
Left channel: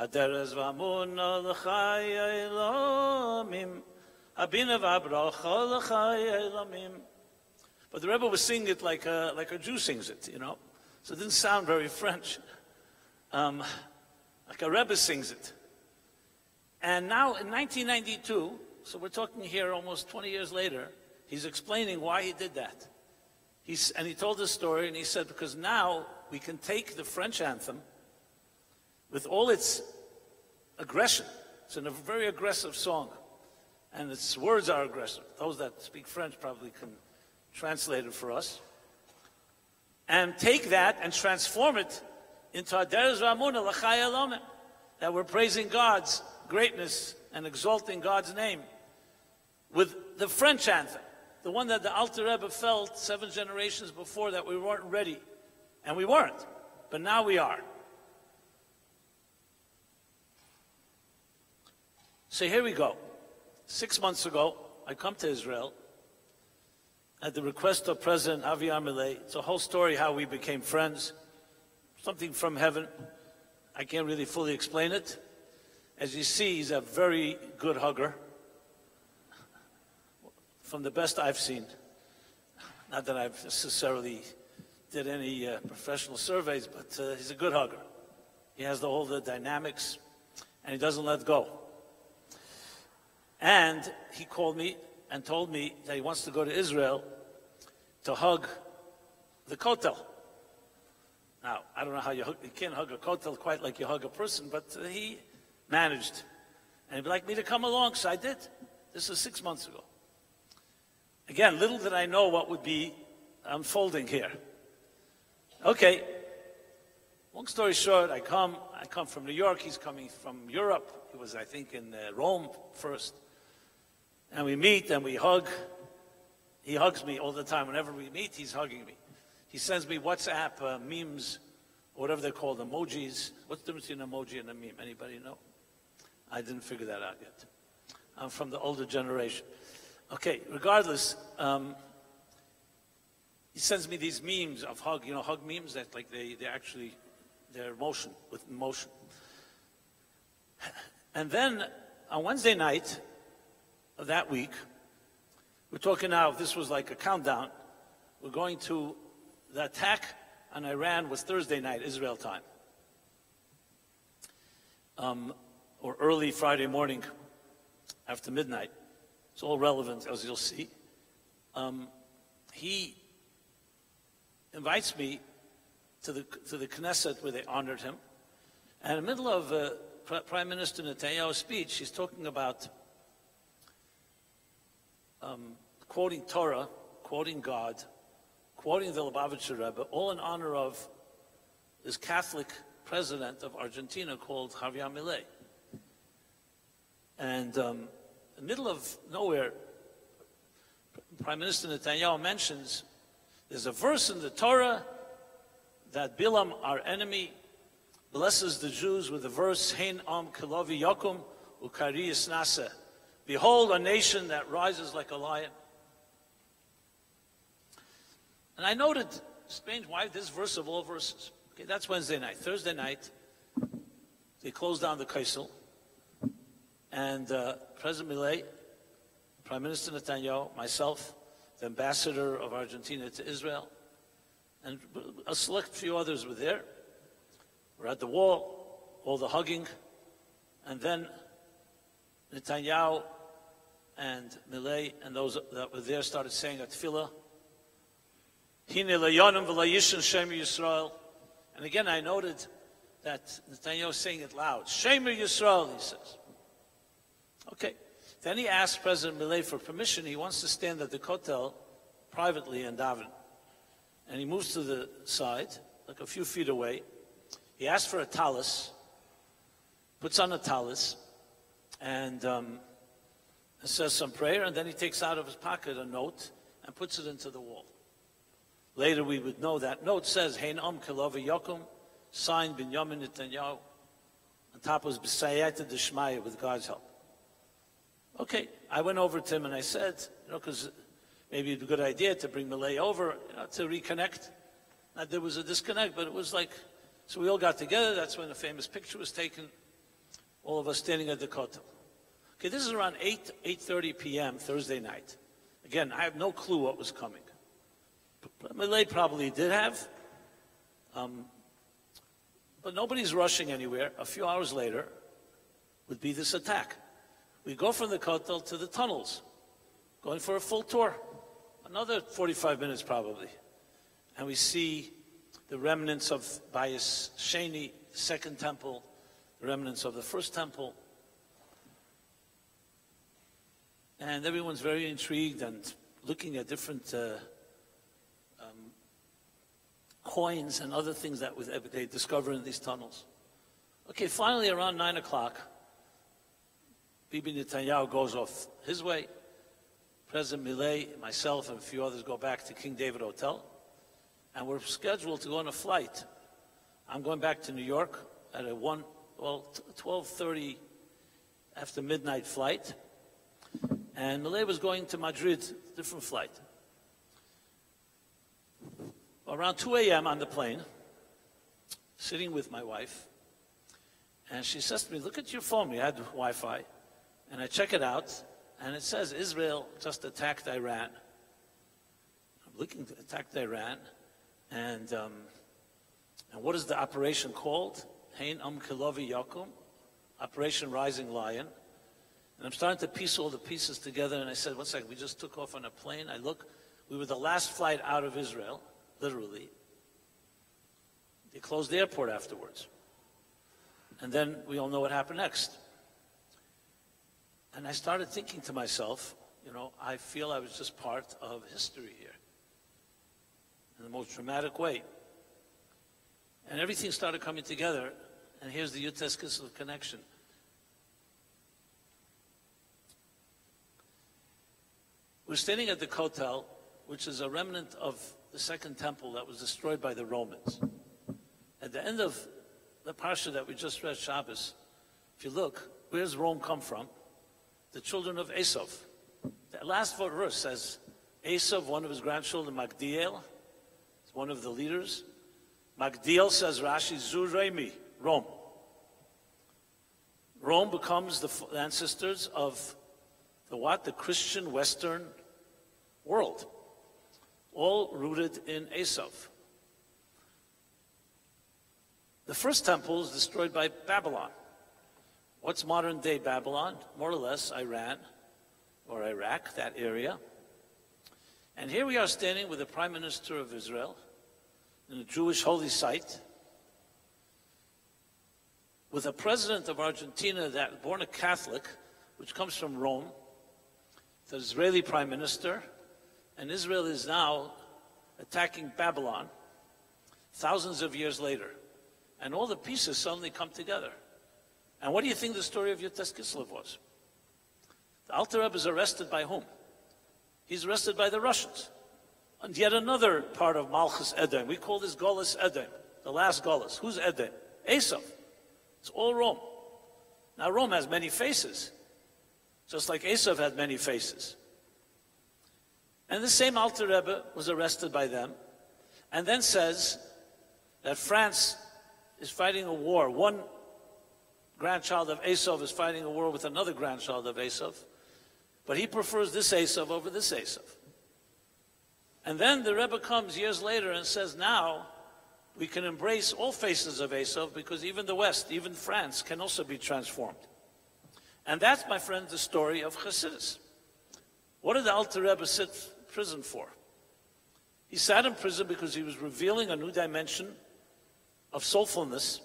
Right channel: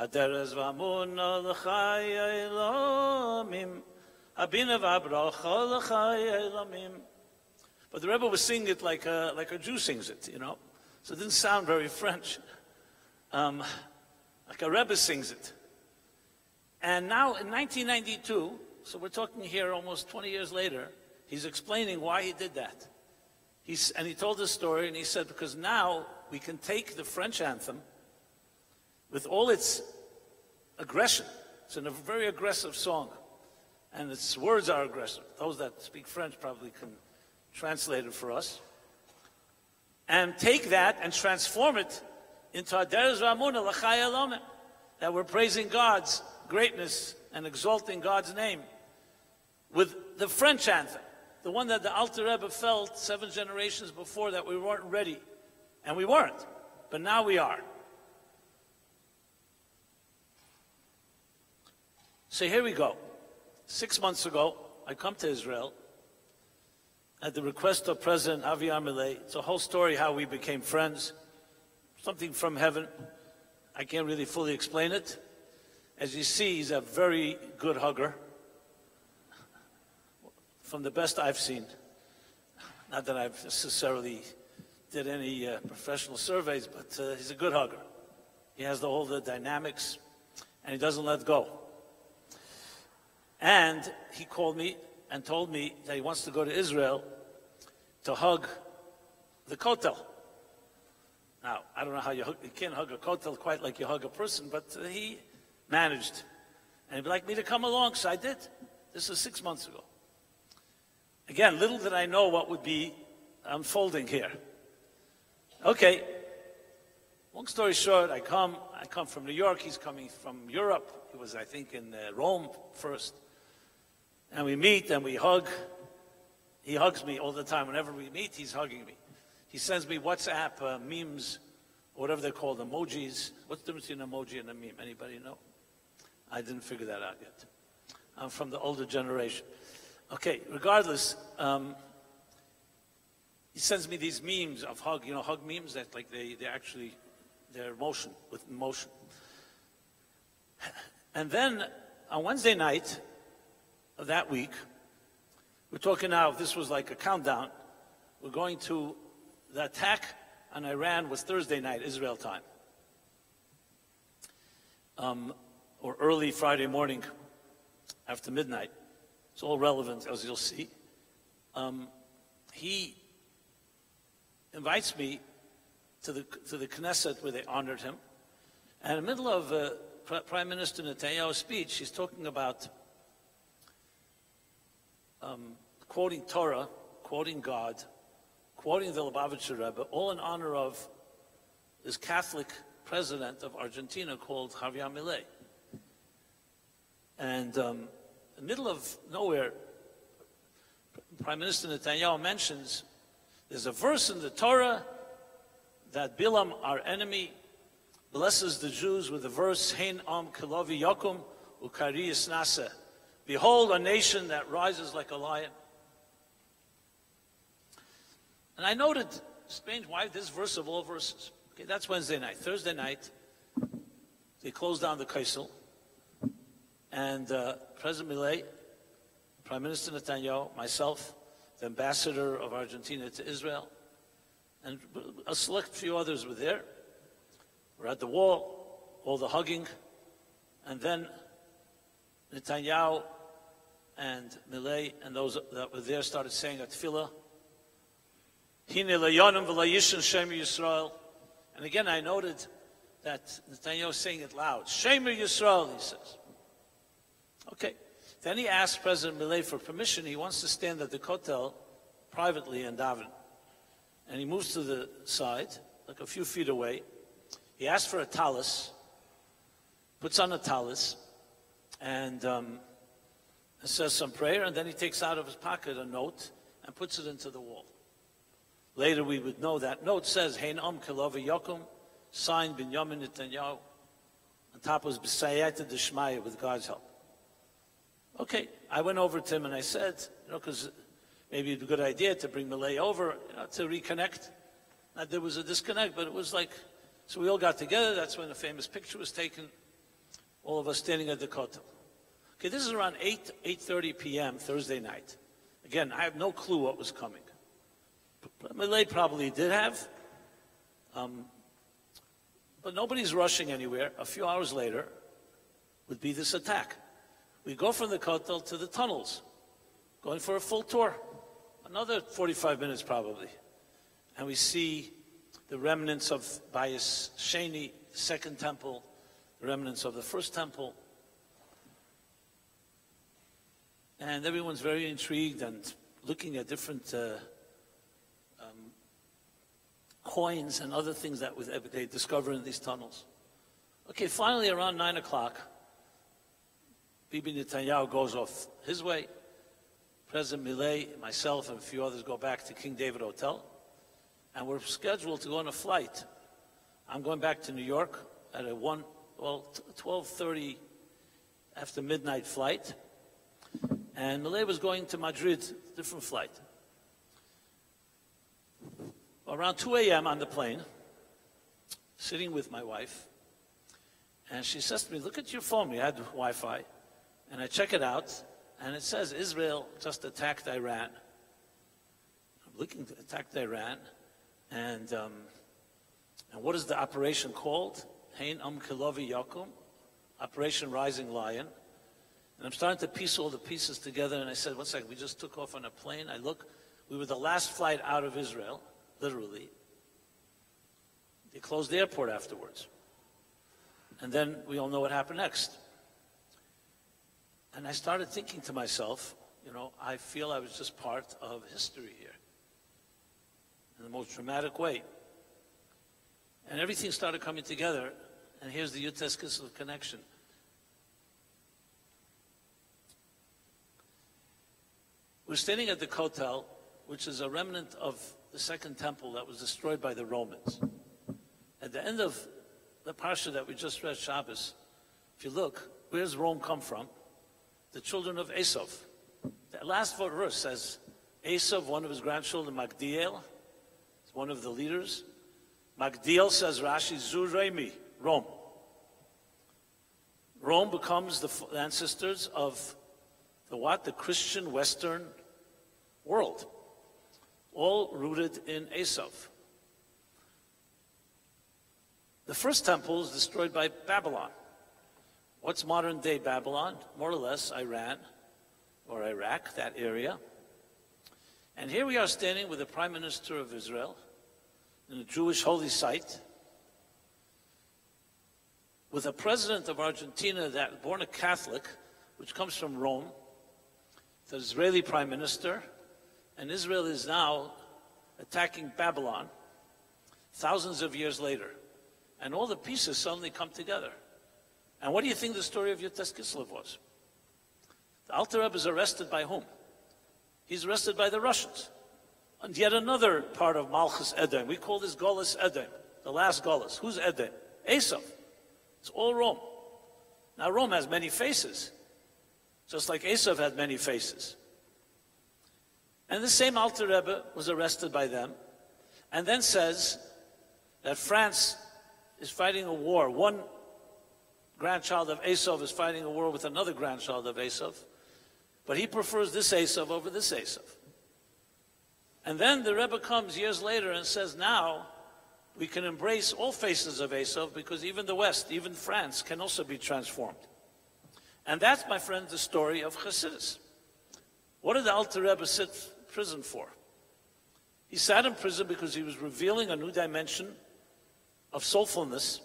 Haderes v'amuna l'chaya elamim, habina v'abracha l'chaya elamim. But the Rebbe was singing it like a Jew sings it, you know, so it didn't sound very French. Like a Rebbe sings it. And now in 1992, so we're talking here almost 20 years later, he's explaining why he did that. And he told this story, and he said, because now we can take the French anthem with all its aggression. It's a very aggressive song, and its words are aggressive. Those that speak French probably can translate it for us. And take that and transform it into Haderes v'amuna l'chaya elamim, that we're praising God's greatness and exalting God's name with the French anthem, the one that the Alter Rebbe felt 7 generations before that we weren't ready. And we weren't, but now we are. So here we go. 6 months ago, I come to Israel at the request of President TALBIYA-MAMILLA. It's a whole story how we became friends. Something from heaven. I can't really fully explain it. As you see, he's a very good hugger. From the best I've seen. Not that I've necessarily did any professional surveys, but he's a good hugger. He has all the dynamics, and he doesn't let go. And he called me and told me that he wants to go to Israel to hug the Kotel. Now, I don't know how you can't hug a Kotel quite like you hug a person, but he managed. And he'd like me to come along, so I did. This was 6 months ago. Again, little did I know what would be unfolding here. Okay, long story short, I come from New York, he's coming from Europe. He was, I think, in Rome first. And we meet and we hug. He hugs me all the time. Whenever we meet, he's hugging me. He sends me WhatsApp memes, or whatever they're called, emojis. What's the difference between an emoji and a meme? Anybody know? I didn't figure that out yet. I'm from the older generation. Okay, regardless, he sends me these memes of hug, hug memes that like they're emotion, with emotion. And then on Wednesday night of that week, we're talking now, if this was like a countdown, we're going to, the attack on Iran was Thursday night, Israel time. Or early Friday morning after midnight. It's all relevant, as you'll see. He invites me to the Knesset where they honored him. And in the middle of Prime Minister Netanyahu's speech, he's talking about quoting Torah, quoting God, quoting the Lubavitcher Rebbe, all in honor of this Catholic president of Argentina called Javier Milei. And in the middle of nowhere, Prime Minister Netanyahu mentions there's a verse in the Torah that Bilam, our enemy, blesses the Jews with the verse, Hein am kilavi yakum, Ukariyas Nasa. Behold, a nation that rises like a lion. And I noted, strange, why this verse of all verses? Okay, that's Wednesday night. Thursday night, they closed down the KISLEV, and President Milei, Prime Minister Netanyahu, myself, the ambassador of Argentina to Israel, and a select few others were there. We're at the wall, all the hugging, and then Netanyahu and Milei and those that were there started saying a tefillah. Hine leyonim v'layishin Shemer Yisrael. And again, I noted that Netanyahu is saying it loud. Shemer Yisrael, he says. Okay. Then he asked President Milei for permission. He wants to stand at the Kotel privately and daven. And he moves to the side, like a few feet away. He asked for a talis, puts on a talis, and says some prayer, and then he takes out of his pocket a note and puts it into the wall. Later we would know that note says, Hein Am Kilova Yokum, signed Binyamin Netanyahu. On top was B'Sayeta D'Shmaya, with God's help. Okay, I went over to him and I said, because maybe it'd be a good idea to bring Milei over, to reconnect. There was a disconnect, but it was like, so we all got together. That's when the famous picture was taken, all of us standing at the Kotel. Okay, this is around 8:30 p.m. Thursday night. Again, I have no clue what was coming. Milei probably did have, but nobody's rushing anywhere. A few hours later would be this attack. We go from the Kotel to the tunnels, going for a full tour, another 45 minutes probably. And we see the remnants of Bayis Sheni, the second temple, the remnants of the first temple. And everyone's very intrigued and looking at different coins and other things that they discover in these tunnels. Okay, finally around 9 o'clock, Bibi Netanyahu goes off his way. President Milei, myself, and a few others go back to King David Hotel, and we're scheduled to go on a flight. I'm going back to New York at a 12:30 after midnight flight, and Milei was going to Madrid, different flight. Around 2 a.m. on the plane, sitting with my wife, and she says to me, look at your phone. We had Wi-Fi. And I check it out, and it says Israel just attacked Iran. I'm looking to attack Iran, and what is the operation called? Hein Am Kilovi Yakum, Operation Rising Lion. And I'm starting to piece all the pieces together, and I said, one second, we just took off on a plane. I look, we were the last flight out of Israel, literally. They closed the airport afterwards. And then we all know what happened next. And I started thinking to myself, I feel I was just part of history here in the most dramatic way. And everything started coming together, and here's the YUD KISLEV connection. We're standing at the Kotel, which is a remnant of the second temple that was destroyed by the Romans. At the end of the parsha that we just read, Shabbos, if you look, where's Rome come from? The children of Esav. The last verse says, Esav, one of his grandchildren, Magdiel, is one of the leaders. Magdiel, says Rashi, Zuremi, Rome. Rome becomes the ancestors of the what? The Christian Western world. All rooted in Esav. The first temple is destroyed by Babylon. What's modern day Babylon? More or less Iran or Iraq, that area. And here we are standing with the Prime Minister of Israel in a Jewish holy site, with a president of Argentina that was born a Catholic, which comes from Rome, the Israeli Prime Minister, and Israel is now attacking Babylon thousands of years later. And all the pieces suddenly come together. And what do you think the story of YUD KISLEV was? The Alter Rebbe is arrested by whom? He's arrested by the Russians. And yet another part of Malchus Edom. We call this Golis Edom, the last Golis. Who's Edom? Esav. It's all Rome. Now Rome has many faces, just like Esav had many faces. And the same Alter Rebbe was arrested by them, and then says that France is fighting a war. One grandchild of Esav is fighting a war with another grandchild of Esav, but he prefers this Esav over this Esav. And then the Rebbe comes years later and says, now we can embrace all faces of Esav because even the West, even France, can also be transformed. And that's, my friend, the story of Chassidus. What did the Alter Rebbe sit in prison for? He sat in prison because he was revealing a new dimension of soulfulness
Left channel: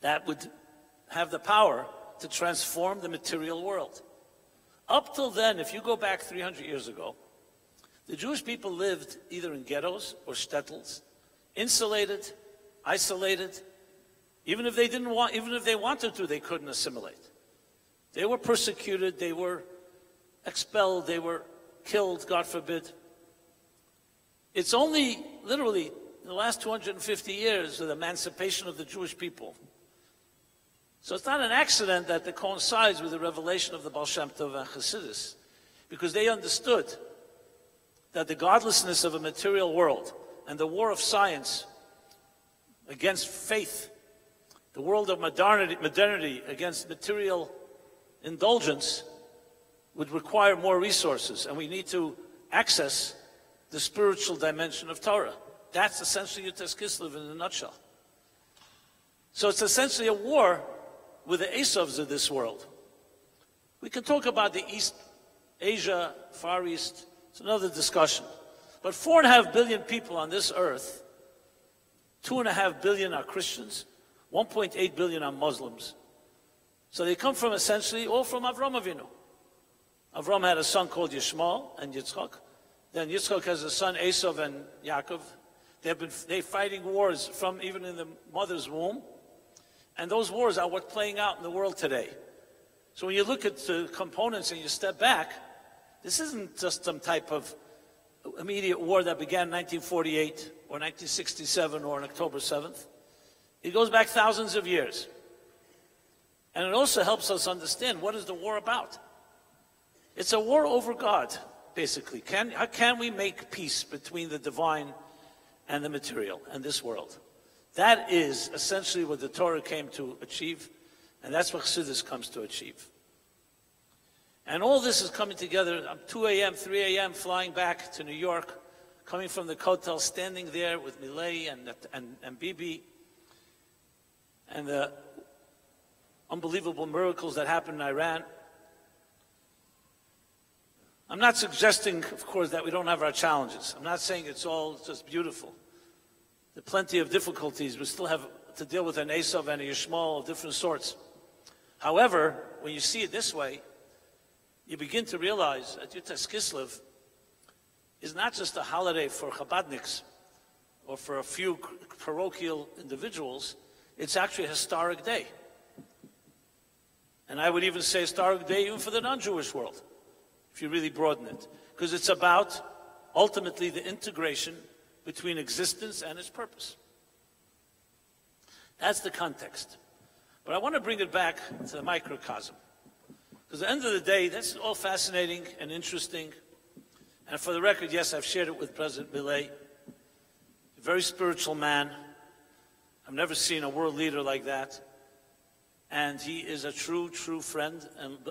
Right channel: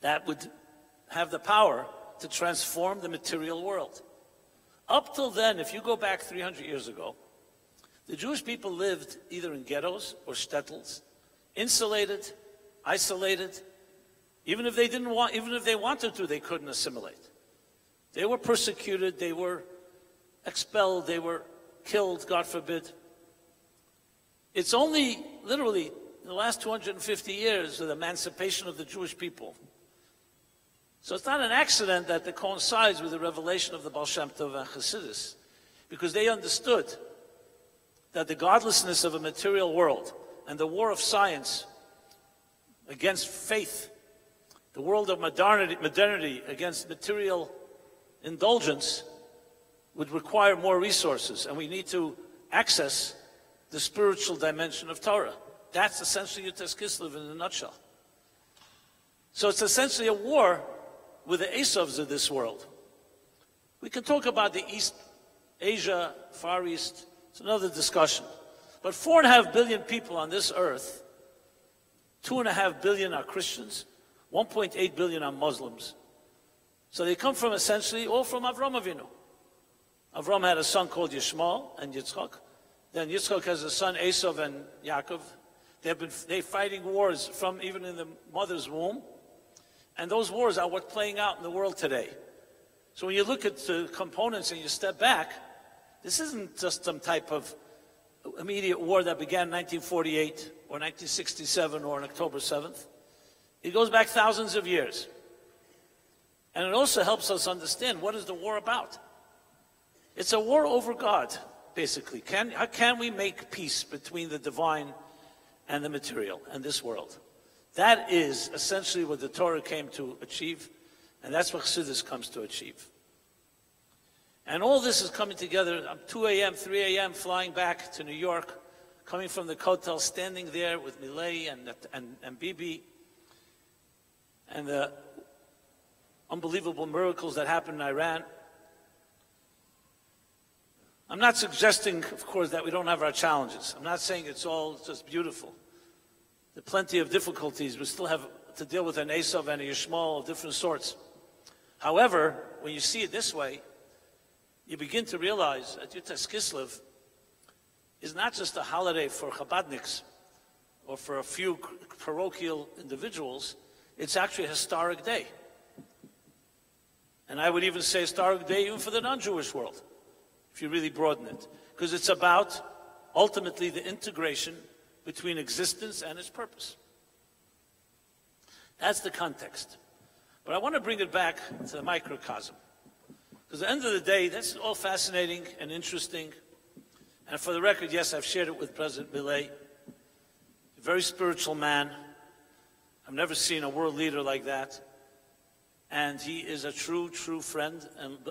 that would have the power to transform the material world. Up till then, if you go back 300 years ago, the Jewish people lived either in ghettos or shtetls, insulated, isolated. Even if they wanted to, they couldn't assimilate. They were persecuted, they were expelled, they were killed, God forbid. It's only literally in the last 250 years of the emancipation of the Jewish people. So it's not an accident that it coincides with the revelation of the Baal Shem Tov and Chassidus, because they understood that the godlessness of a material world and the war of science against faith, the world of modernity against material indulgence, would require more resources, and we need to access the spiritual dimension of Torah. That's essentially Yutas Kislev in a nutshell. So it's essentially a war with the Esavs of this world. We can talk about the East, Asia, Far East. It's another discussion. But 4.5 billion people on this earth, 2.5 billion are Christians, 1.8 billion are Muslims. So they come from essentially all from Avram Avinu. Avram had a son called Yishmael and Yitzchak. Then Yitzchak has a son, Esav and Yaakov. They're fighting wars from even in the mother's womb. And those wars are what's playing out in the world today. So when you look at the components and you step back, this isn't just some type of immediate war that began in 1948 or 1967 or on October 7th. It goes back thousands of years. And it also helps us understand what is the war about. It's a war over God, basically. How can we make peace between the divine and the material and this world? That is essentially what the Torah came to achieve, and that's what Chassidus comes to achieve. And all this is coming together. I'm 2 a.m., 3 a.m., flying back to New York, coming from the hotel, standing there with Milei and Bibi, and the unbelievable miracles that happened in Iran. I'm not suggesting, of course, that we don't have our challenges. I'm not saying it's all just beautiful. There are plenty of difficulties. We still have to deal with an Esav and a Yishmael of different sorts. However, when you see it this way, you begin to realize that Yutas Kislev is not just a holiday for Chabadniks or for a few parochial individuals. It's actually a historic day. And I would even say a historic day even for the non-Jewish world, if you really broaden it. Because it's about, ultimately, the integration between existence and its purpose. That's the context. But I want to bring it back to the microcosm. Because at the end of the day, that's all fascinating and interesting. And for the record, yes, I've shared it with President Milei. A very spiritual man. I've never seen a world leader like that. And he is a true friend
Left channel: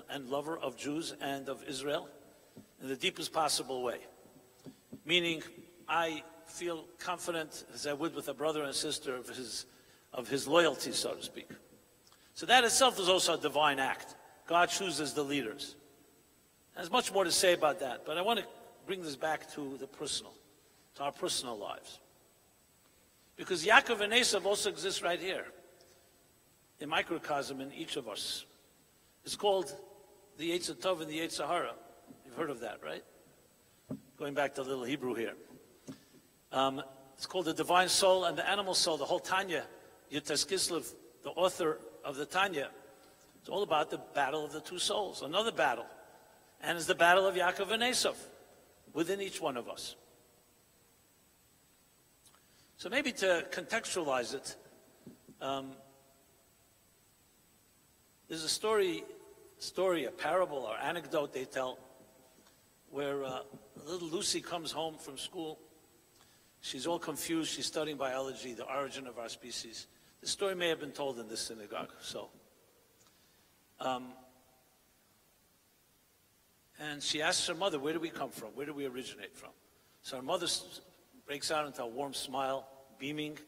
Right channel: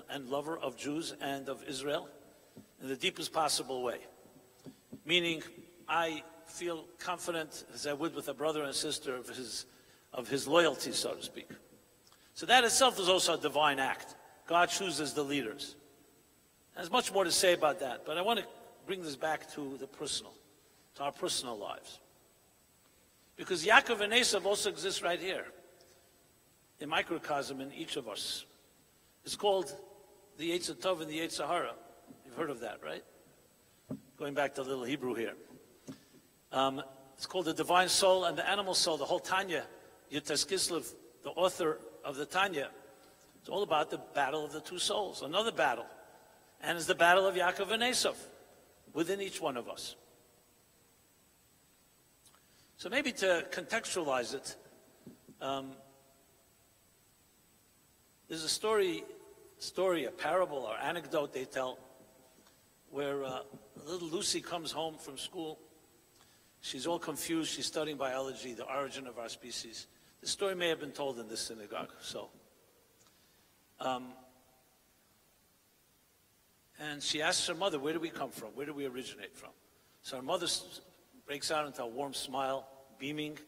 and lover of Jews and of Israel in the deepest possible way. Meaning, I feel confident, as I would with a brother and sister, of his loyalty, so to speak. So that itself is also a divine act. God chooses the leaders. There's much more to say about that, but I want to bring this back to the personal, to our personal lives. Because Yaakov and Esav also exist right here, a microcosm in each of us. It's called the Yetzer Tov and the Yetzer Hara. You've heard of that, right? Going back to a little Hebrew here. It's called the divine soul and the animal soul. The whole Tanya, Yutas Kislev, the author of the Tanya, it's all about the battle of the two souls, another battle. And it's the battle of Yaakov and Esav within each one of us. So maybe to contextualize it, There's a story, a parable or anecdote they tell, where little Lucy comes home from school. She's all confused. She's studying biology, the origin of our species. This story may have been told in this synagogue. And she asks her mother, where do we come from? Where do we originate from? So her mother breaks out into a warm smile, beaming,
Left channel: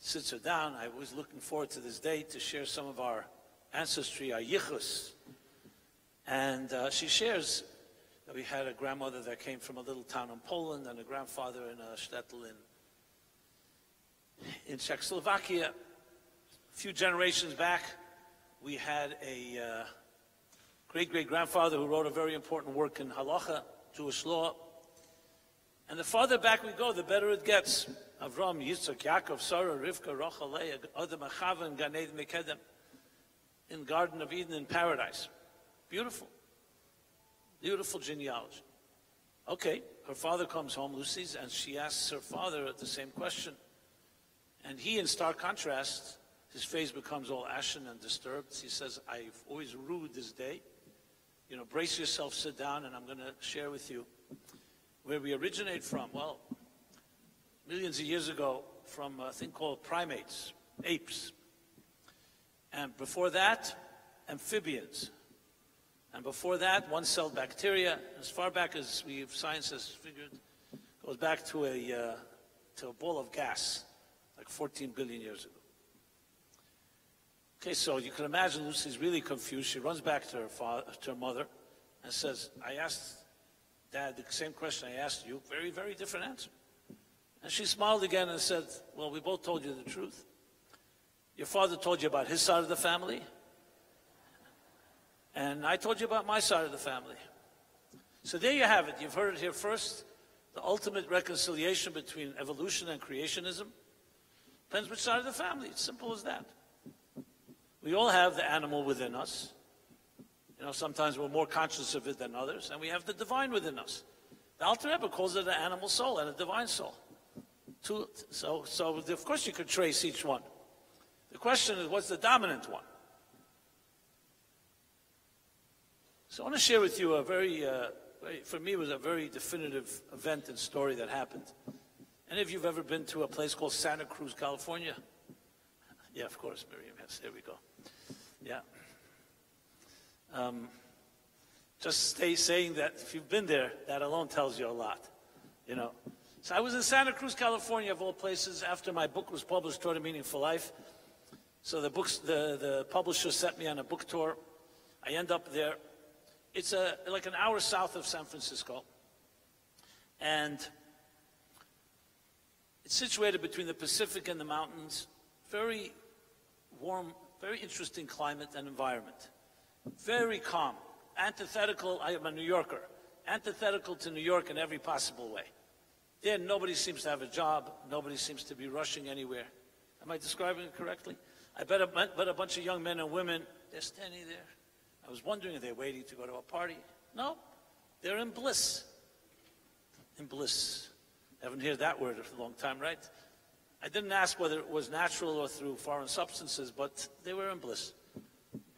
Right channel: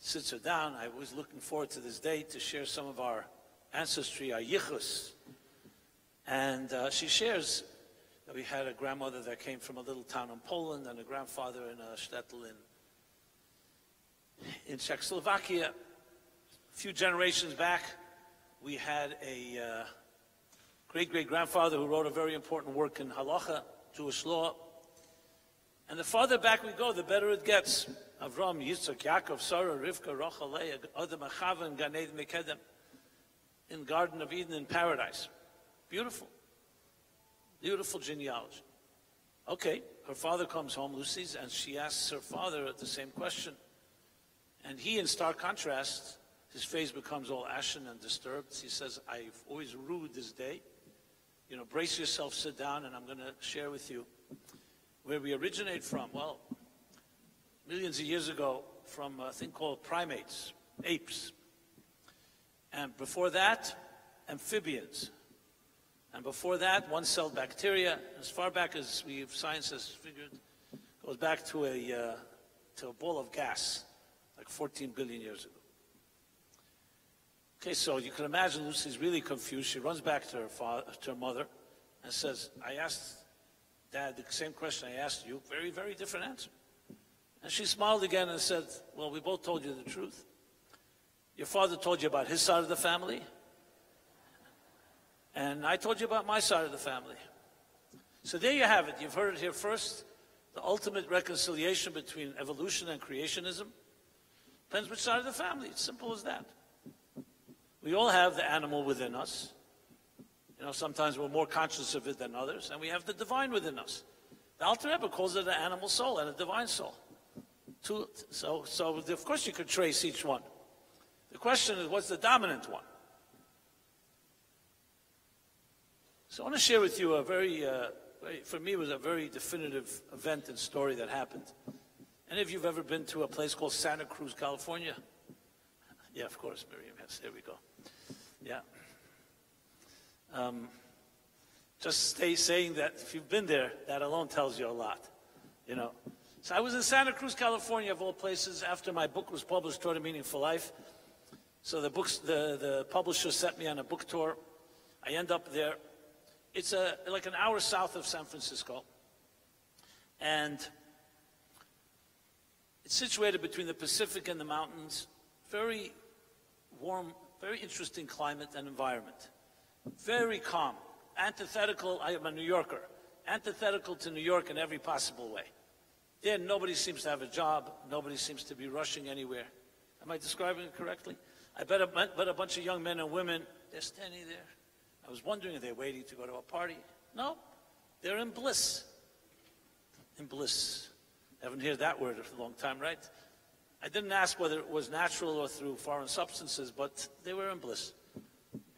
sits her down. I was looking forward to this day to share some of our ancestry, our yichus. And she shares that we had a grandmother that came from a little town in Poland and a grandfather in a shtetl in Czechoslovakia. A few generations back, we had a great-great-grandfather who wrote a very important work in halacha, Jewish law. And the farther back we go, the better it gets. Avram, Yitzchak, Yaakov, Sarah, Rivka, Rachel, Leah, Adam, Chava, and Gan Eden Mekedem, in Garden of Eden in paradise. Beautiful. Beautiful genealogy. Okay, her father comes home, Lucy's, and she asks her father the same question. And he, in stark contrast, his face becomes all ashen and disturbed. He says, I've always rued this day. You know, brace yourself, sit down, and I'm going to share with you where we originate from. Well, millions of years ago, from a thing called primates, apes. And before that, amphibians. And before that, one-celled bacteria. As far back as science has figured, goes back to a ball of gas, like 14 billion years ago. Okay, so you can imagine Lucy's really confused. She runs back to her mother, and says, I asked Dad the same question I asked you, very, very different answer. And she smiled again and said, well, we both told you the truth. Your father told you about his side of the family, and I told you about my side of the family. So there you have it. You've heard it here first. The ultimate reconciliation between evolution and creationism depends which side of the family. It's simple as that. We all have the animal within us. You know, sometimes we're more conscious of it than others, and we have the divine within us. The Alter Rebbe calls it an animal soul and a divine soul. So of course you could trace each one. The question is, what's the dominant one? So I want to share with you a for me, it was a very definitive event and story that happened. Any of you have ever been to a place called Santa Cruz, California? Yeah, of course, Miriam, yes, there we go. Yeah. Just saying that if you've been there, that alone tells you a lot, you know. So I was in Santa Cruz, California, of all places, after my book was published, Toward a Meaningful Life. So the publisher sent me on a book tour. I end up there. It's like an hour south of San Francisco. And it's situated between the Pacific and the mountains. Very warm, very interesting climate and environment. Very calm. Antithetical, I am a New Yorker, antithetical to New York in every possible way. There, nobody seems to have a job. Nobody seems to be rushing anywhere. Am I describing it correctly? I bet a bunch of young men and women, they're standing there. I was wondering, are they waiting to go to a party? No, they're in bliss. In bliss. Haven't heard that word in a long time, right? I didn't ask whether it was natural or through foreign substances, but they were in bliss.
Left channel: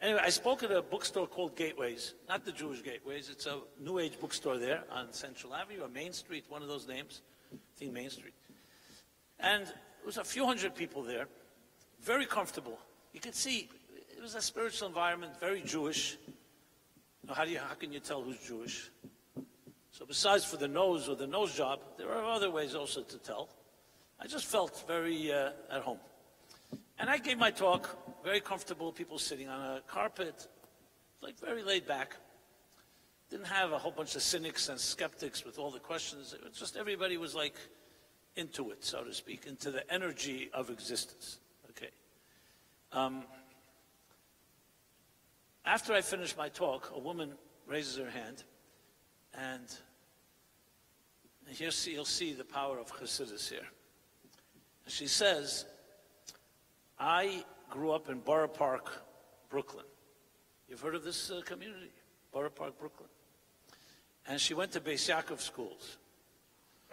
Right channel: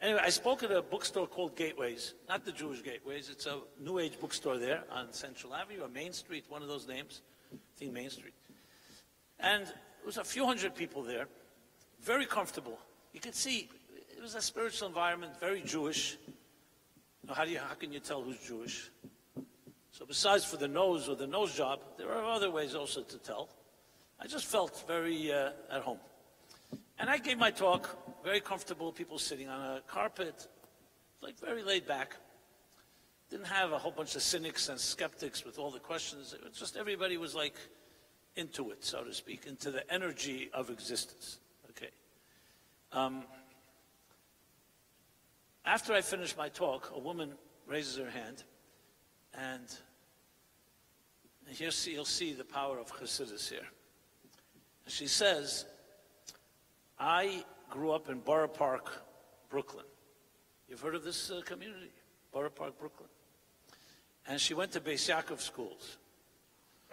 Anyway, I spoke at a bookstore called Gateways, not the Jewish Gateways. It's a New Age bookstore there on Central Avenue or Main Street, one of those names. I think Main Street. And it was a few hundred people there, very comfortable. You could see it was a spiritual environment, very Jewish. You know, how can you tell who's Jewish? So besides for the nose or the nose job, there are other ways also to tell. I just felt very at home. And I gave my talk, very comfortable, people sitting on a carpet, like very laid back. Didn't have a whole bunch of cynics and skeptics with all the questions. It was just everybody was like into it, so to speak, into the energy of existence. Okay. After I finished my talk, a woman raises her hand, and here you'll see the power of Chassidus here. She says, I grew up in Borough Park, Brooklyn. You've heard of this community, Borough Park, Brooklyn. And she went to Beis Yaakov schools.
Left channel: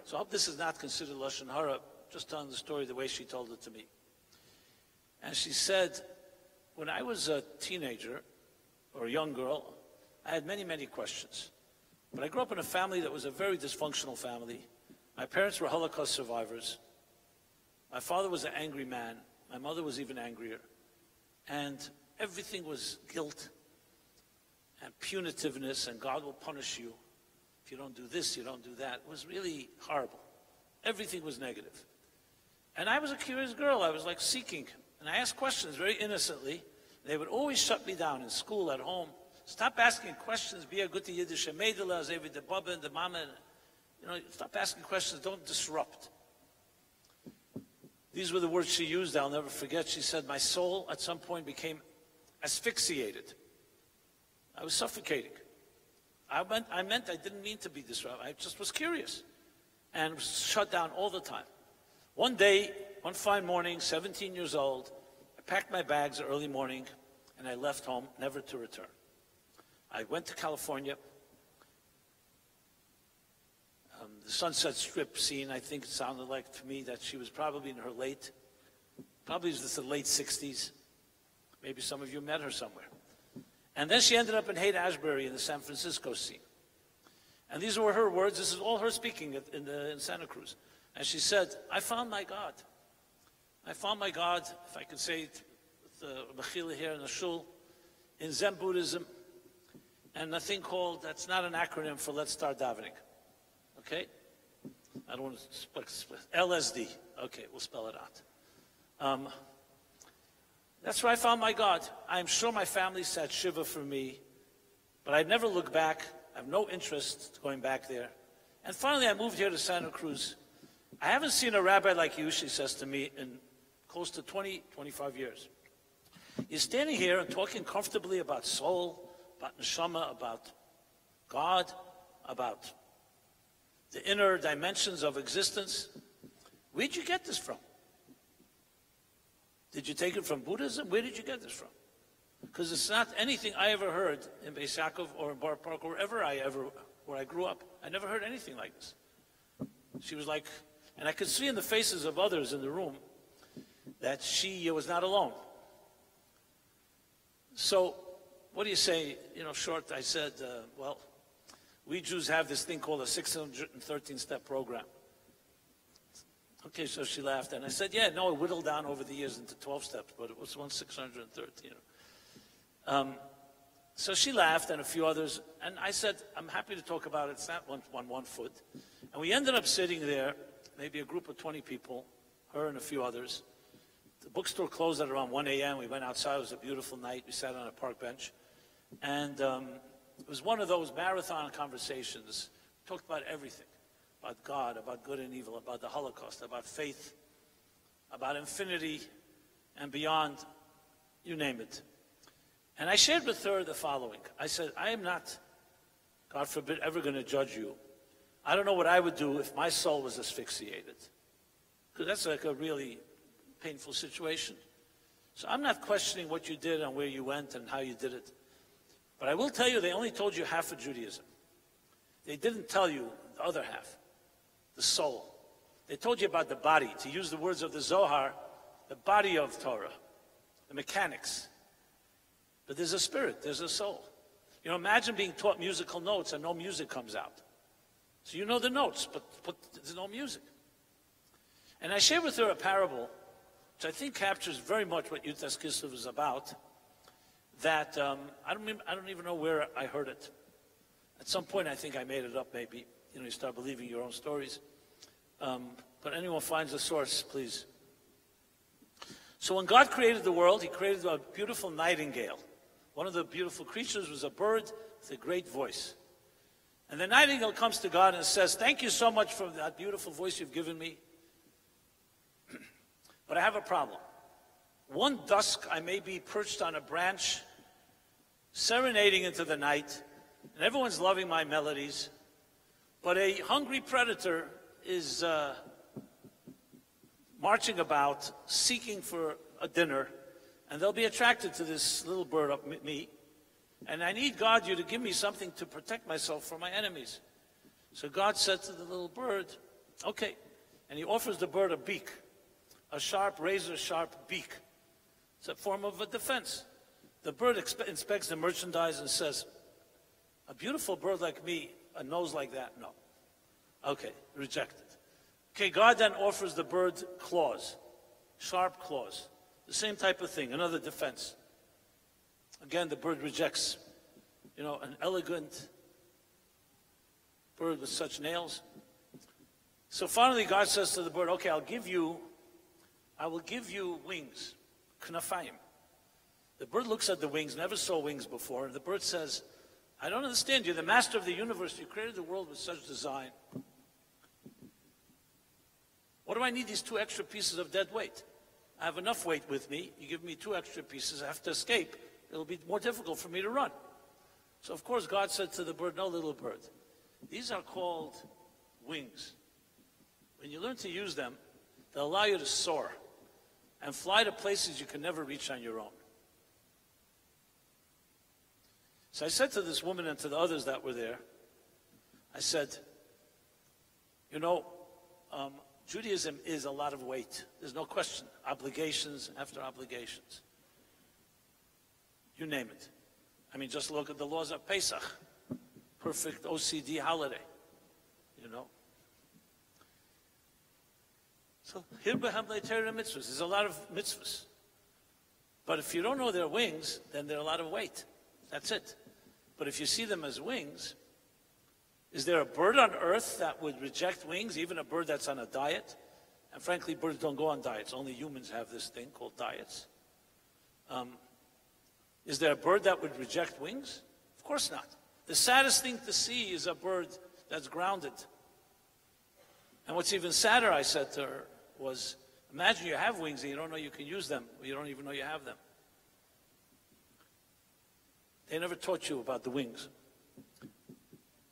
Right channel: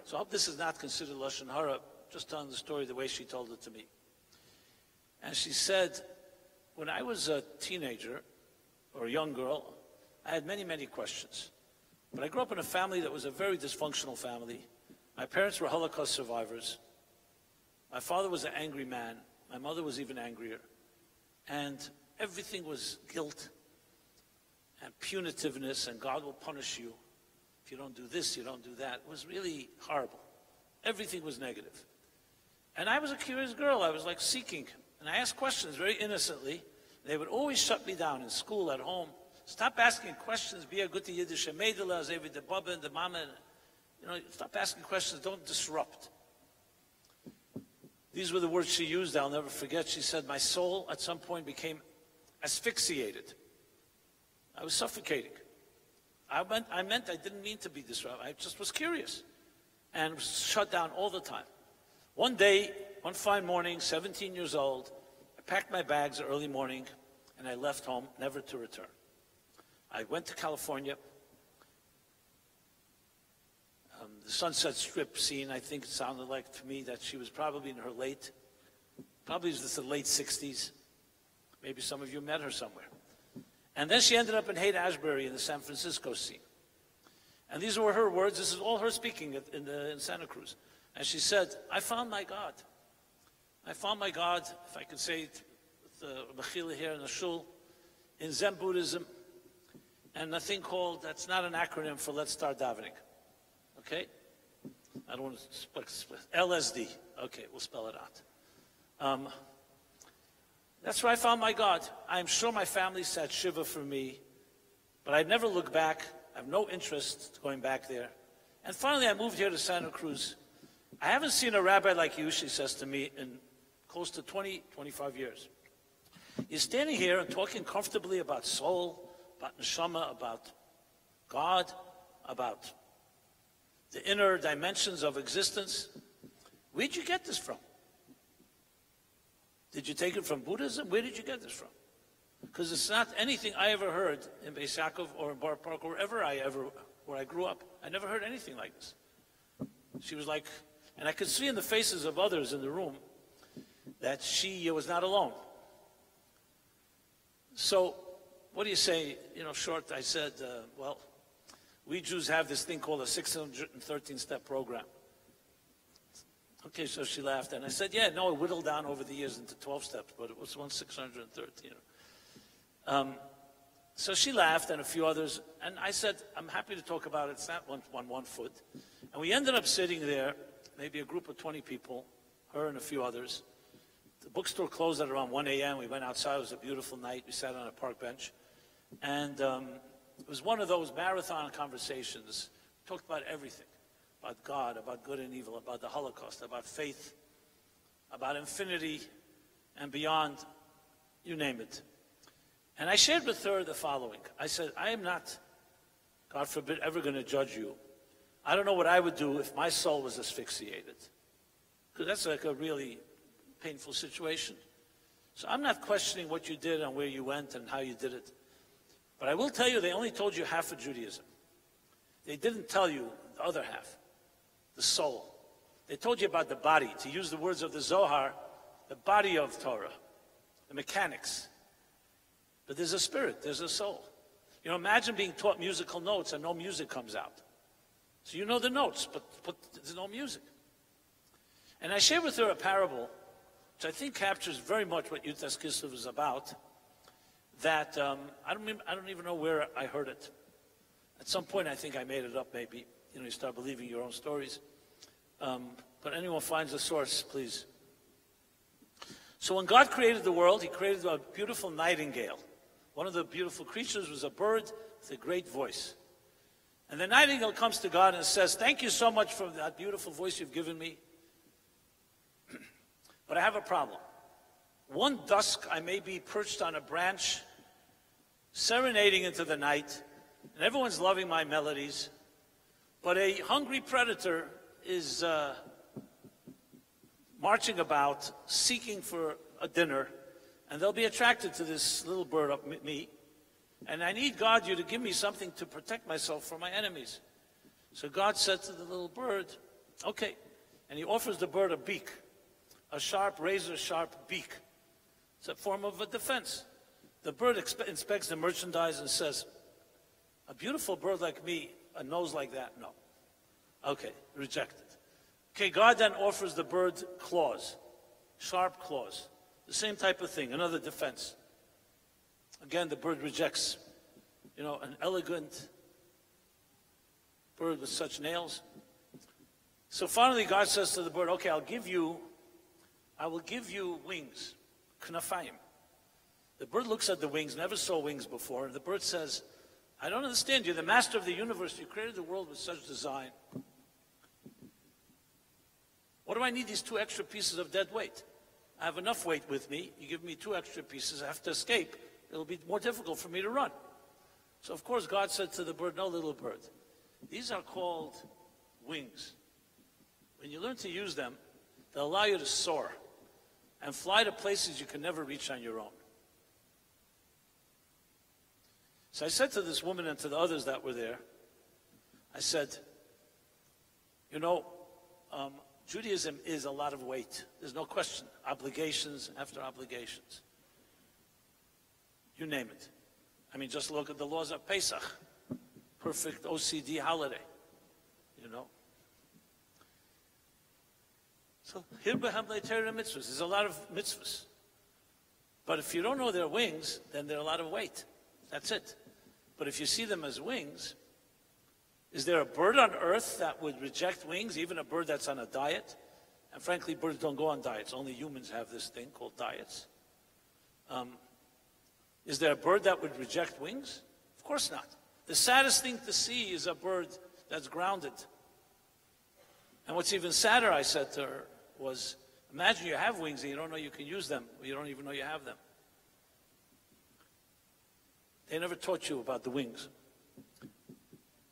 So I hope this is not considered Lashon Hara, just telling the story the way she told it to me. And she said, when I was a teenager or a young girl, I had many, many questions. But I grew up in a family that was a very dysfunctional family. My parents were Holocaust survivors. My father was an angry man. My mother was even angrier. And everything was guilt and punitiveness, and God will punish you. If you don't do this, you don't do that. It was really horrible. Everything was negative. And I was a curious girl. I was like seeking. And I asked questions very innocently. They would always shut me down in school, at home. Stop asking questions. Be a good Yiddish Meidela, Zevi the Baba and the Mama. Stop asking questions. Don't disrupt. These were the words she used. I'll never forget. She said, my soul at some point became asphyxiated. I was suffocating. I meant I didn't mean to be disrupted. I just was curious and was shut down all the time. One day, one fine morning, 17 years old, I packed my bags early morning and I left home, never to return. I went to California. The Sunset Strip scene, I think it sounded like to me that she was probably in her late 60s. Maybe some of you met her somewhere. And then she ended up in Haight-Ashbury in the San Francisco scene. And these were her words. This is all her speaking in Santa Cruz. And she said, I found my God. I found my God, if I could say it with the Mechila here in the shul, in Zen Buddhism, and a thing called, that's not an acronym for Let's Start Davening. Okay? I don't want to split. LSD. Okay, we'll spell it out. That's where I found my God. I'm sure my family sat Shiva for me, but I'd never look back. I have no interest going back there. And finally, I moved here to Santa Cruz. I haven't seen a rabbi like you, she says to me, in close to 20, 25 years. You're standing here and talking comfortably about soul, about neshama, about God, about the inner dimensions of existence. Where'd you get this from? Did you take it from Buddhism? Where did you get this from? Because it's not anything I ever heard in Beis Yaakov or in Bar Park or where I grew up. I never heard anything like this. She was like, and I could see in the faces of others in the room that she was not alone. So, what do you say? Short, I said, well, we Jews have this thing called a 613-step program. Okay, so she laughed, and I said, yeah, no, it whittled down over the years into 12 steps, but it was 613. So she laughed, and a few others, and I said, I'm happy to talk about it. It's not one foot. And we ended up sitting there, maybe a group of 20 people, her and a few others. The bookstore closed at around 1 a.m. We went outside. It was a beautiful night. We sat on a park bench. And it was one of those marathon conversations. We talked about everything. About God, about good and evil, about the Holocaust, about faith, about infinity and beyond, you name it. And I shared with her the following. I said, I am not, God forbid, ever going to judge you. I don't know what I would do if my soul was asphyxiated. Because that's like a really painful situation. So I'm not questioning what you did and where you went and how you did it. But I will tell you, they only told you half of Judaism. They didn't tell you the other half. The soul. They told you about the body, to use the words of the Zohar, the body of Torah, the mechanics. But there's a spirit, there's a soul. Imagine being taught musical notes and no music comes out. So you know the notes, but there's no music. And I shared with her a parable, which I think captures very much what Yud Kislev is about, that I don't even know where I heard it. At some point I think I made it up maybe. You start believing your own stories. But anyone finds a source, please. So when God created the world, he created a beautiful nightingale. One of the beautiful creatures was a bird with a great voice. And the nightingale comes to God and says, thank you so much for that beautiful voice you've given me. But I have a problem. One dusk I may be perched on a branch, serenading into the night, and everyone's loving my melodies. But a hungry predator is marching about, seeking for a dinner, and they'll be attracted to this little bird up me. And I need God, you to give me something to protect myself from my enemies. So God said to the little bird, okay. And he offers the bird a beak, a sharp, razor-sharp beak. It's a form of a defense. The bird inspects the merchandise and says, a beautiful bird like me, a nose like that, no. Okay, rejected. Okay, God then offers the bird claws, sharp claws, the same type of thing, another defense. Again, the bird rejects, an elegant bird with such nails. So finally, God says to the bird, okay, I will give you wings, knafayim. The bird looks at the wings, never saw wings before, and the bird says, I don't understand. You're the master of the universe. You created the world with such design. What do I need these 2 extra pieces of dead weight? I have enough weight with me. You give me 2 extra pieces. I have to escape. It'll be more difficult for me to run. So, of course, God said to the bird, no, little bird. These are called wings. When you learn to use them, they'll allow you to soar and fly to places you can never reach on your own. So I said to this woman and to the others that were there, I said, Judaism is a lot of weight. There's no question. Obligations after obligations. You name it. I mean, just look at the laws of Pesach. Perfect OCD holiday. So, there's a lot of mitzvahs. But if you don't know their wings, then they're a lot of weight. That's it. But if you see them as wings, is there a bird on earth that would reject wings, even a bird that's on a diet? And frankly, birds don't go on diets. Only humans have this thing called diets. Is there a bird that would reject wings? Of course not. The saddest thing to see is a bird that's grounded. And what's even sadder, I said to her, was imagine you have wings and you don't know you can use them, or you don't even know you have them. They never taught you about the wings.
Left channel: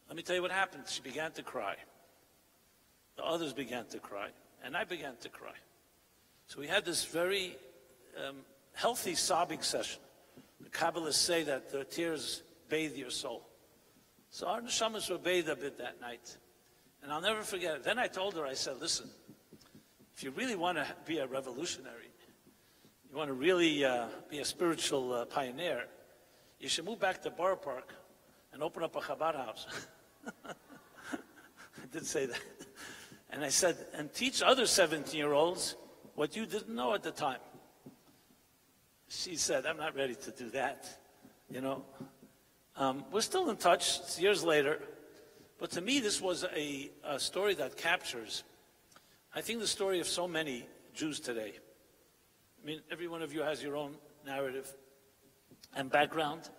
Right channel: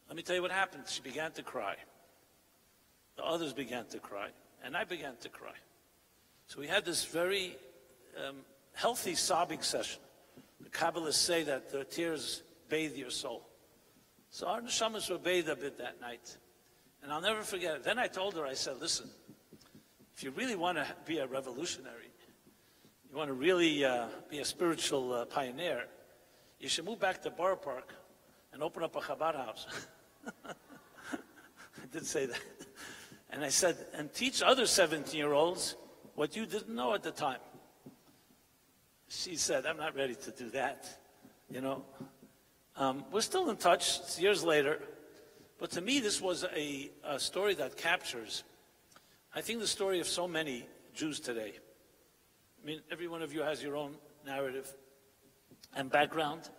Let me tell you what happened. She began to cry. The others began to cry. And I began to cry. So we had this very healthy sobbing session. The Kabbalists say that the tears bathe your soul. So our neshamas were bathed a bit that night. And I'll never forget it. Then I told her, I said, listen, if you really want to be a revolutionary, you want to really be a spiritual pioneer, you should move back to Borough Park and open up a Chabad house. I did say that. And I said, and teach other 17-year-olds what you didn't know at the time. She said, I'm not ready to do that, We're still in touch. It's years later. But to me, this was a story that captures, I think, the story of so many Jews today. I mean, every one of you has your own narrative and background.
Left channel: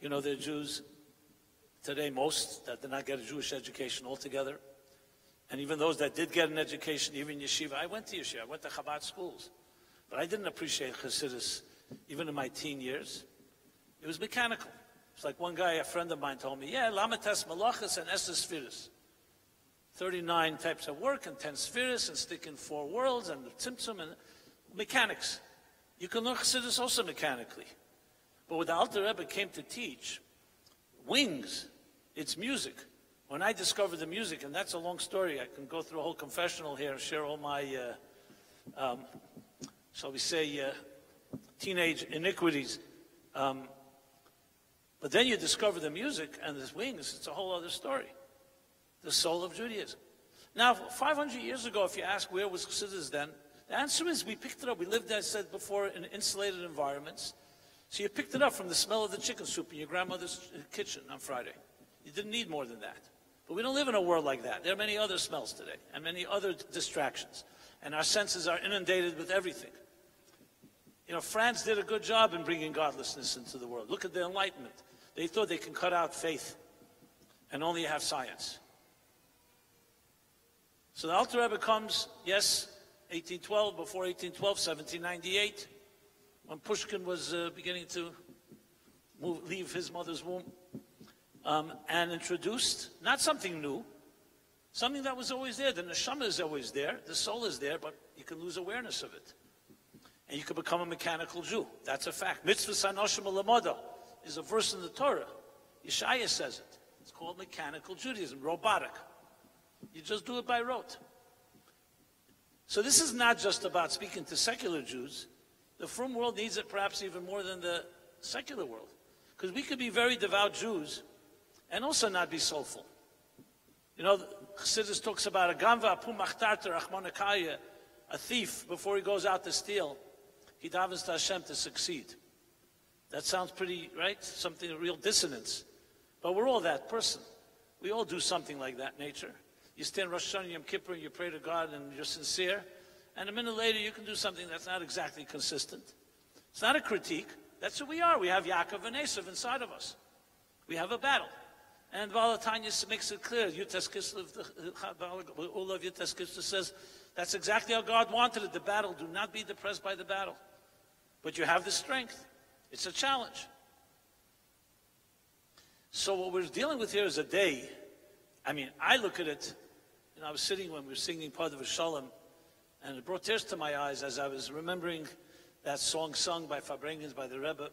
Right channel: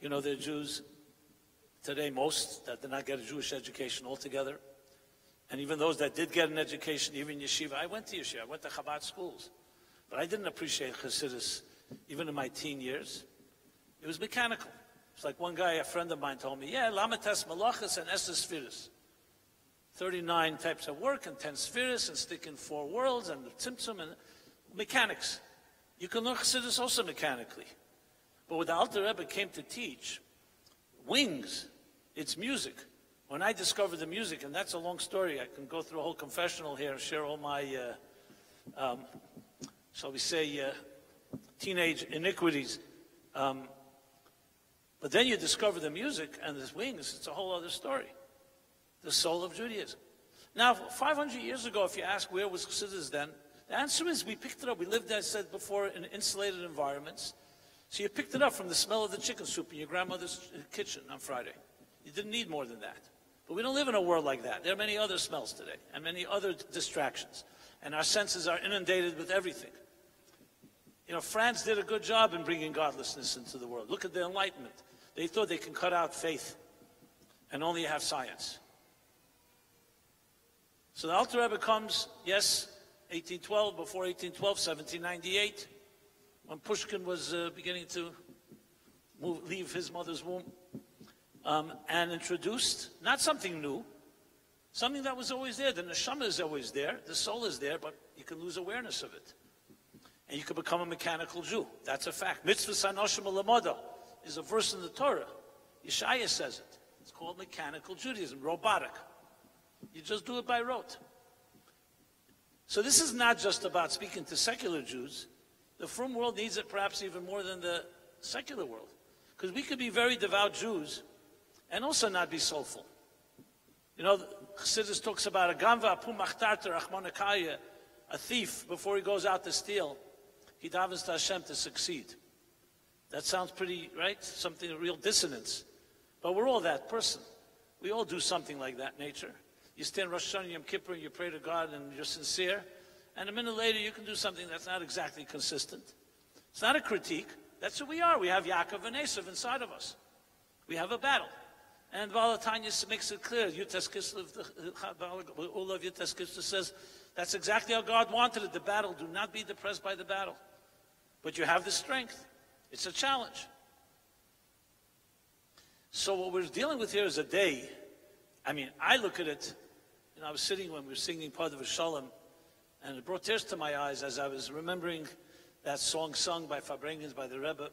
They're Jews today, most that did not get a Jewish education altogether. And even those that did get an education, even yeshiva. I went to yeshiva, I went to Chabad schools. But I didn't appreciate Chassidus, even in my teen years. It was mechanical. It's like one guy, a friend of mine, told me, Lamates Malachas and Esther Spheres. 39 types of work and 10 spheres and stick in 4 worlds and tzimtzum and mechanics. You can learn Chassidus also mechanically. But what the Alter Rebbe came to teach, wings, it's music. When I discovered the music, and that's a long story, I can go through a whole confessional here and share all my, shall we say, teenage iniquities. But then you discover the music and the wings, it's a whole other story. The soul of Judaism. Now, 500 years ago, if you ask where was Chassidus then, the answer is we picked it up. We lived, as I said before, in insulated environments. So you picked it up from the smell of the chicken soup in your grandmother's kitchen on Friday. You didn't need more than that. But we don't live in a world like that. There are many other smells today and many other distractions. And our senses are inundated with everything. France did a good job in bringing godlessness into the world. Look at the Enlightenment. They thought they can cut out faith and only have science. So the Alter Rebbe comes, yes, 1812, before 1812, 1798, when Pushkin was beginning to leave his mother's womb, and introduced, not something new, something that was always there. The neshama is always there, the soul is there, but you can lose awareness of it. And you can become a mechanical Jew. That's a fact. Mitzvah sanoshim alamoda is a verse in the Torah. Yeshaya says it. It's called mechanical Judaism, robotic. You just do it by rote. So this is not just about speaking to secular Jews. The frum world needs it perhaps even more than the secular world. Because we could be very devout Jews and also not be soulful. You know, Chassidus talks about a gamva pu machtarter achmonakaya, a thief, before he goes out to steal, he davens to Hashem to succeed. That sounds pretty, right? Something, a real dissonance. But we're all that person. We all do something like that nature. You stand Rosh Hashanah, Yom Kippur, and you pray to God, and you're sincere, and a minute later you can do something that's not exactly consistent. It's not a critique. That's who we are. We have Yaakov and Esav inside of us. We have a battle. And Valatanya makes it clear. Yutas Kislev, the Ula of Yutas Kislev says, that's exactly how God wanted it, the battle. Do not be depressed by the battle. But you have the strength. It's a challenge. So what we're dealing with here is a day. I mean, I look at it, you know, I was sitting when we were singing part of Shalom, and it brought tears to my eyes as I was remembering that song sung by Fabrengens, by the Rebbe.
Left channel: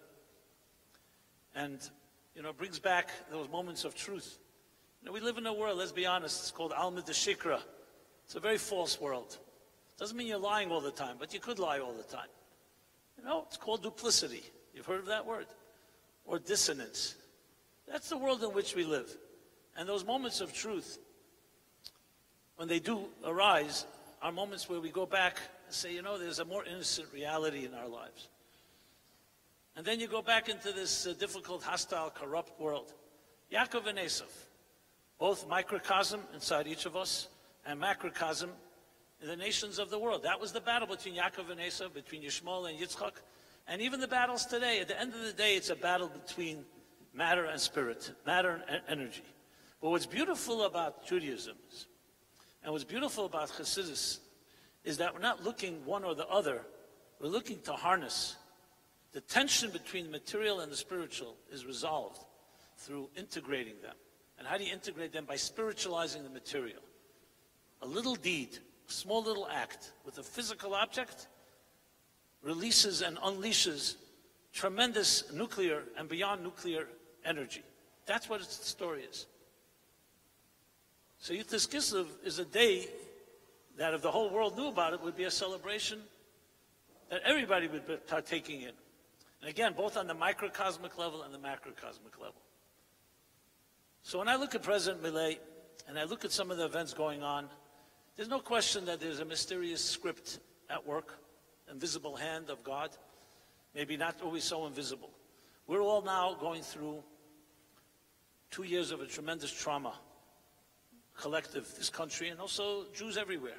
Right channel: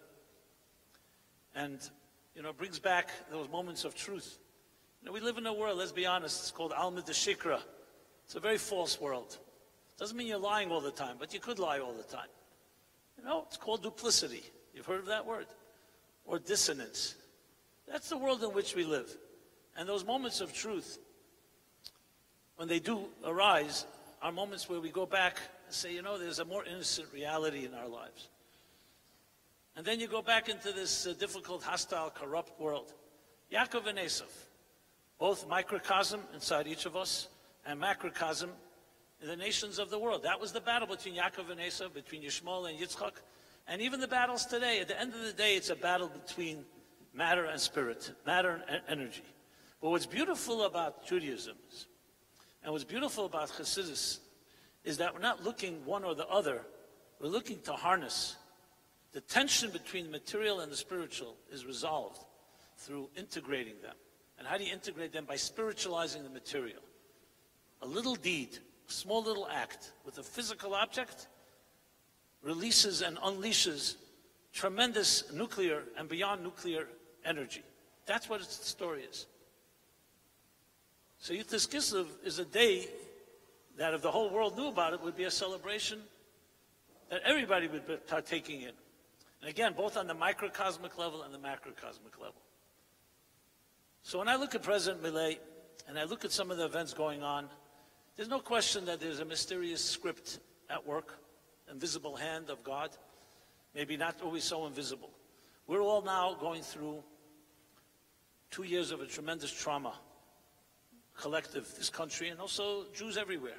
And, you know, it brings back those moments of truth. You know, we live in a world, let's be honest, it's called Alma de Shikra. It's a very false world. Doesn't mean you're lying all the time, but you could lie all the time. You know, it's called duplicity. You've heard of that word? Or dissonance. That's the world in which we live. And those moments of truth, when they do arise, are moments where we go back and say, you know, there's a more innocent reality in our lives. And then you go back into this difficult, hostile, corrupt world. Yaakov and Esav, both microcosm inside each of us and macrocosm in the nations of the world. That was the battle between Yaakov and Esav, between Yishmael and Yitzchak. And even the battles today, at the end of the day, it's a battle between matter and spirit, matter and energy. But what's beautiful about Judaism and what's beautiful about Chassidus is that we're not looking one or the other. We're looking to harness. The tension between the material and the spiritual is resolved through integrating them. And how do you integrate them? By spiritualizing the material. A little deed, a small little act with a physical object releases and unleashes tremendous nuclear and beyond nuclear energy. That's what its story is. So Yutas Kislev is a day that if the whole world knew about it, would be a celebration that everybody would be partaking in. And again, both on the microcosmic level and the macrocosmic level. So when I look at President Milei, and I look at some of the events going on, there's no question that there's a mysterious script at work, invisible hand of God, maybe not always so invisible. We're all now going through 2 years of a tremendous trauma, collective, this country, and also Jews everywhere.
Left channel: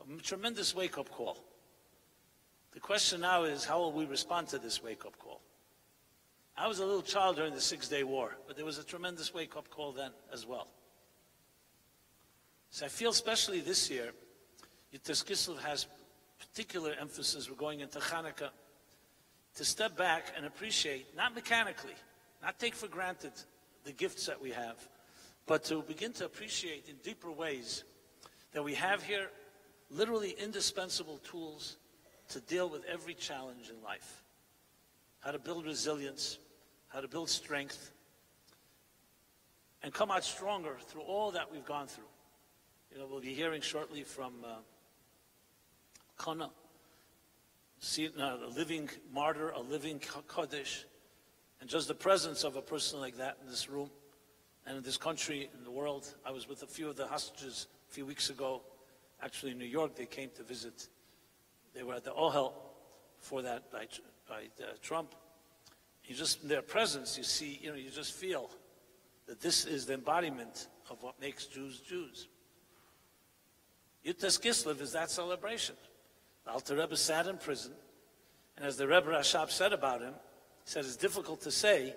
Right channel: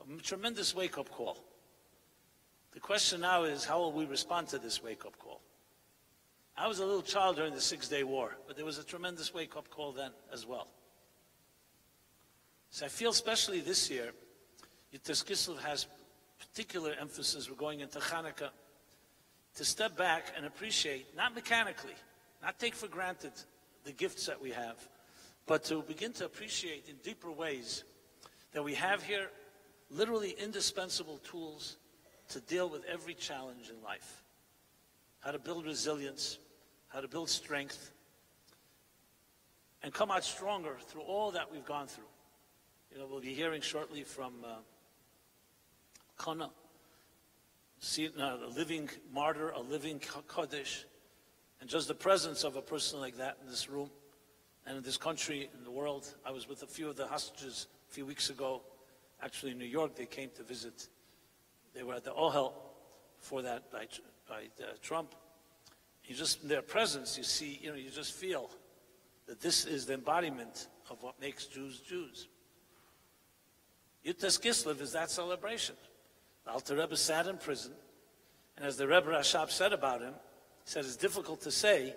A tremendous wake-up call. The question now is, how will we respond to this wake-up call? I was a little child during the Six-Day War, but there was a tremendous wake-up call then as well. So I feel especially this year, Yutas Kislev has particular emphasis. We're going into Hanukkah, to step back and appreciate, not mechanically, not take for granted the gifts that we have, but to begin to appreciate in deeper ways that we have here literally indispensable tools to deal with every challenge in life. How to build resilience, how to build strength, and come out stronger through all that we've gone through. You know, we'll be hearing shortly from Kana, a living martyr, a living Kodesh, and just the presence of a person like that in this room and in this country, in the world. I was with a few of the hostages a few weeks ago, actually in New York. They came to visit. They were at the Ohel for that by Trump. You just, in their presence, you see, you know, you just feel that this is the embodiment of what makes Jews Jews. Yutas Kislev is that celebration. The Alter Rebbe sat in prison, and as the Rebbe Rashab said about him, he said it's difficult to say,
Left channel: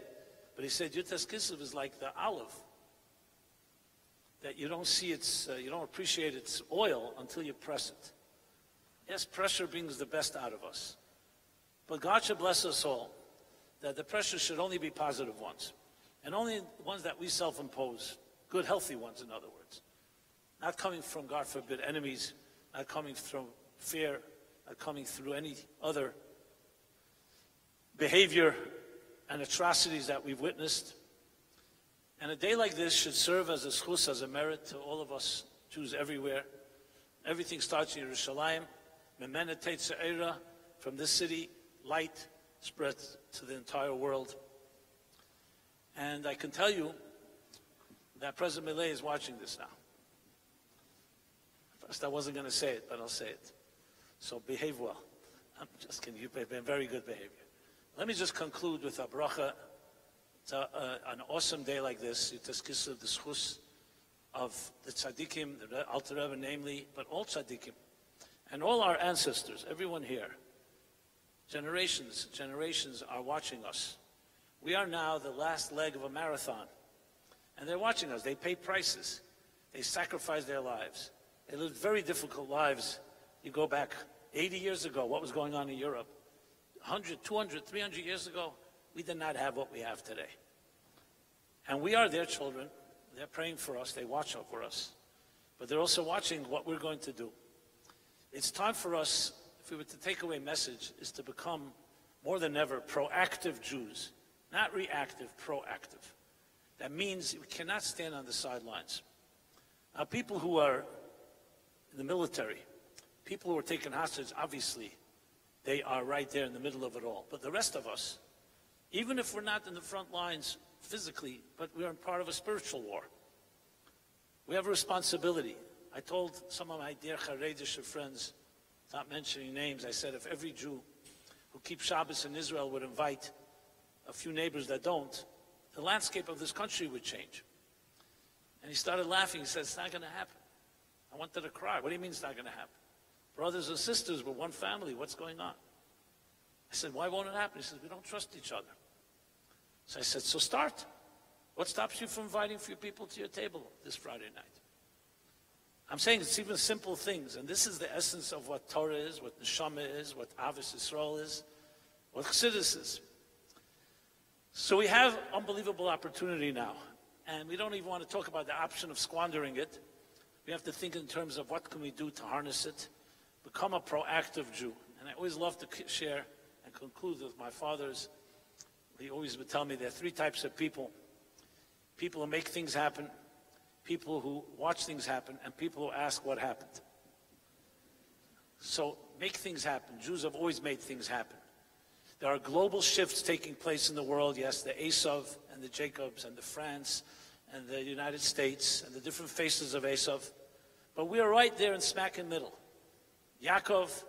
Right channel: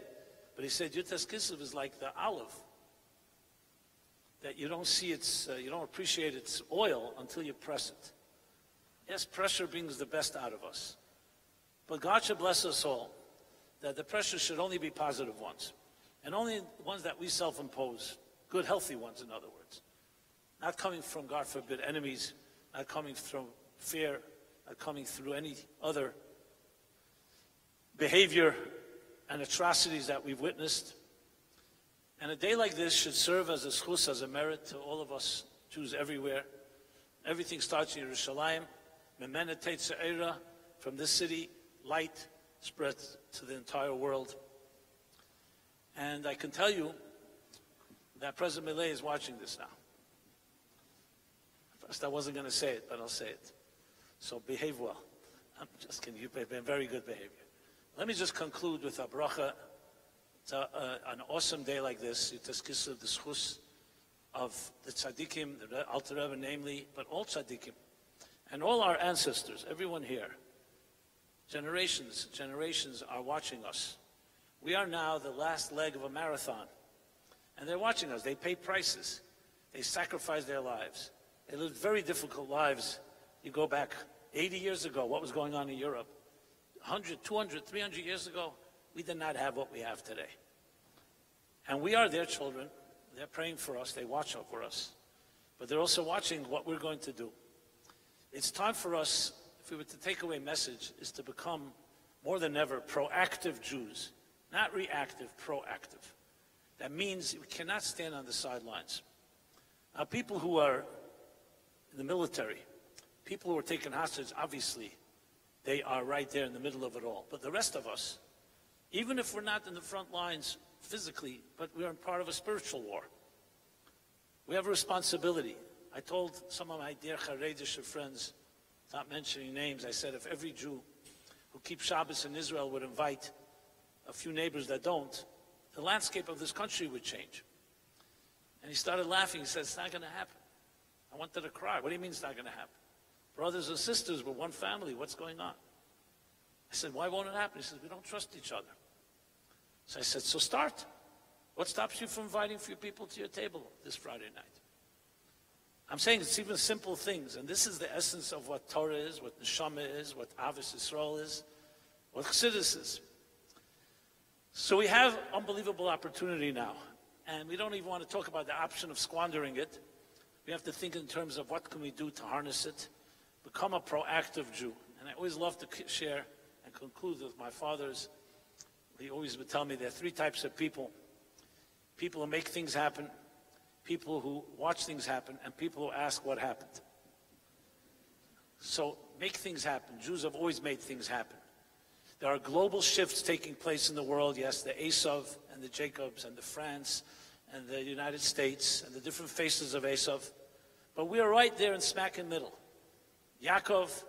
but he said Yutas Kislev is like the olive, that you don't see its, you don't appreciate its oil until you press it. Yes, pressure brings the best out of us, but God should bless us all, that the pressure should only be positive ones, and only ones that we self-impose, good, healthy ones, in other words. Not coming from, God forbid, enemies, not coming from fear, not coming through any other behavior and atrocities that we've witnessed. And a day like this should serve as a schus, as a merit to all of us Jews everywhere. Everything starts in Yerushalayim. Memena Tetza'era, from this city, light spread to the entire world. And I can tell you that President Millet is watching this now. First, I wasn't going to say it, but I'll say it. So behave well. I'm just kidding. You've been very good behavior. Let me just conclude with a bracha. It's an awesome day like this. Yutas Kislev, the schus of the tzaddikim, the Alter Rebbe namely, but all tzaddikim, and all our ancestors, everyone here. Generations are watching us. We are now the last leg of a marathon, and they're watching us. They pay prices. They sacrifice their lives. They lived very difficult lives. You go back 80 years ago, what was going on in Europe? 100, 200, 300 years ago, we did not have what we have today. And we are their children. They're praying for us. They watch over us. But they're also watching what we're going to do. It's time for us, if we were to take away a message, is to become, more than ever, proactive Jews. Not reactive, proactive. That means we cannot stand on the sidelines. Now, people who are in the military, people who are taken hostage, obviously, they are right there in the middle of it all. But the rest of us, even if we're not in the front lines physically, but we are part of a spiritual war, we have a responsibility. I told some of my dear Haredish friends, not mentioning names, I said if every Jew who keeps Shabbos in Israel would invite a few neighbors that don't, the landscape of this country would change. And he started laughing. He said, it's not going to happen. I wanted to cry. What do you mean it's not going to happen? Brothers and sisters, we're one family. What's going on? I said, why won't it happen? He said, we don't trust each other. So I said, so start. What stops you from inviting a few people to your table this Friday night? I'm saying it's even simple things, and this is the essence of what Torah is, what Neshama is, what Ahavas Yisrael is, what Chassidus is. So we have unbelievable opportunity now, and we don't even want to talk about the option of squandering it. We have to think in terms of what can we do to harness it, become a proactive Jew. And I always love to share and conclude with my fathers. He always would tell me there are three types of people. People who make things happen, people who watch things happen, and people who ask what happened. So make things happen. Jews have always made things happen. There are global shifts taking place in the world. Yes, the Esav and the Jacobs and the France and the United States and the different faces of Esav. But we are right there in smack in the middle. Yaakov,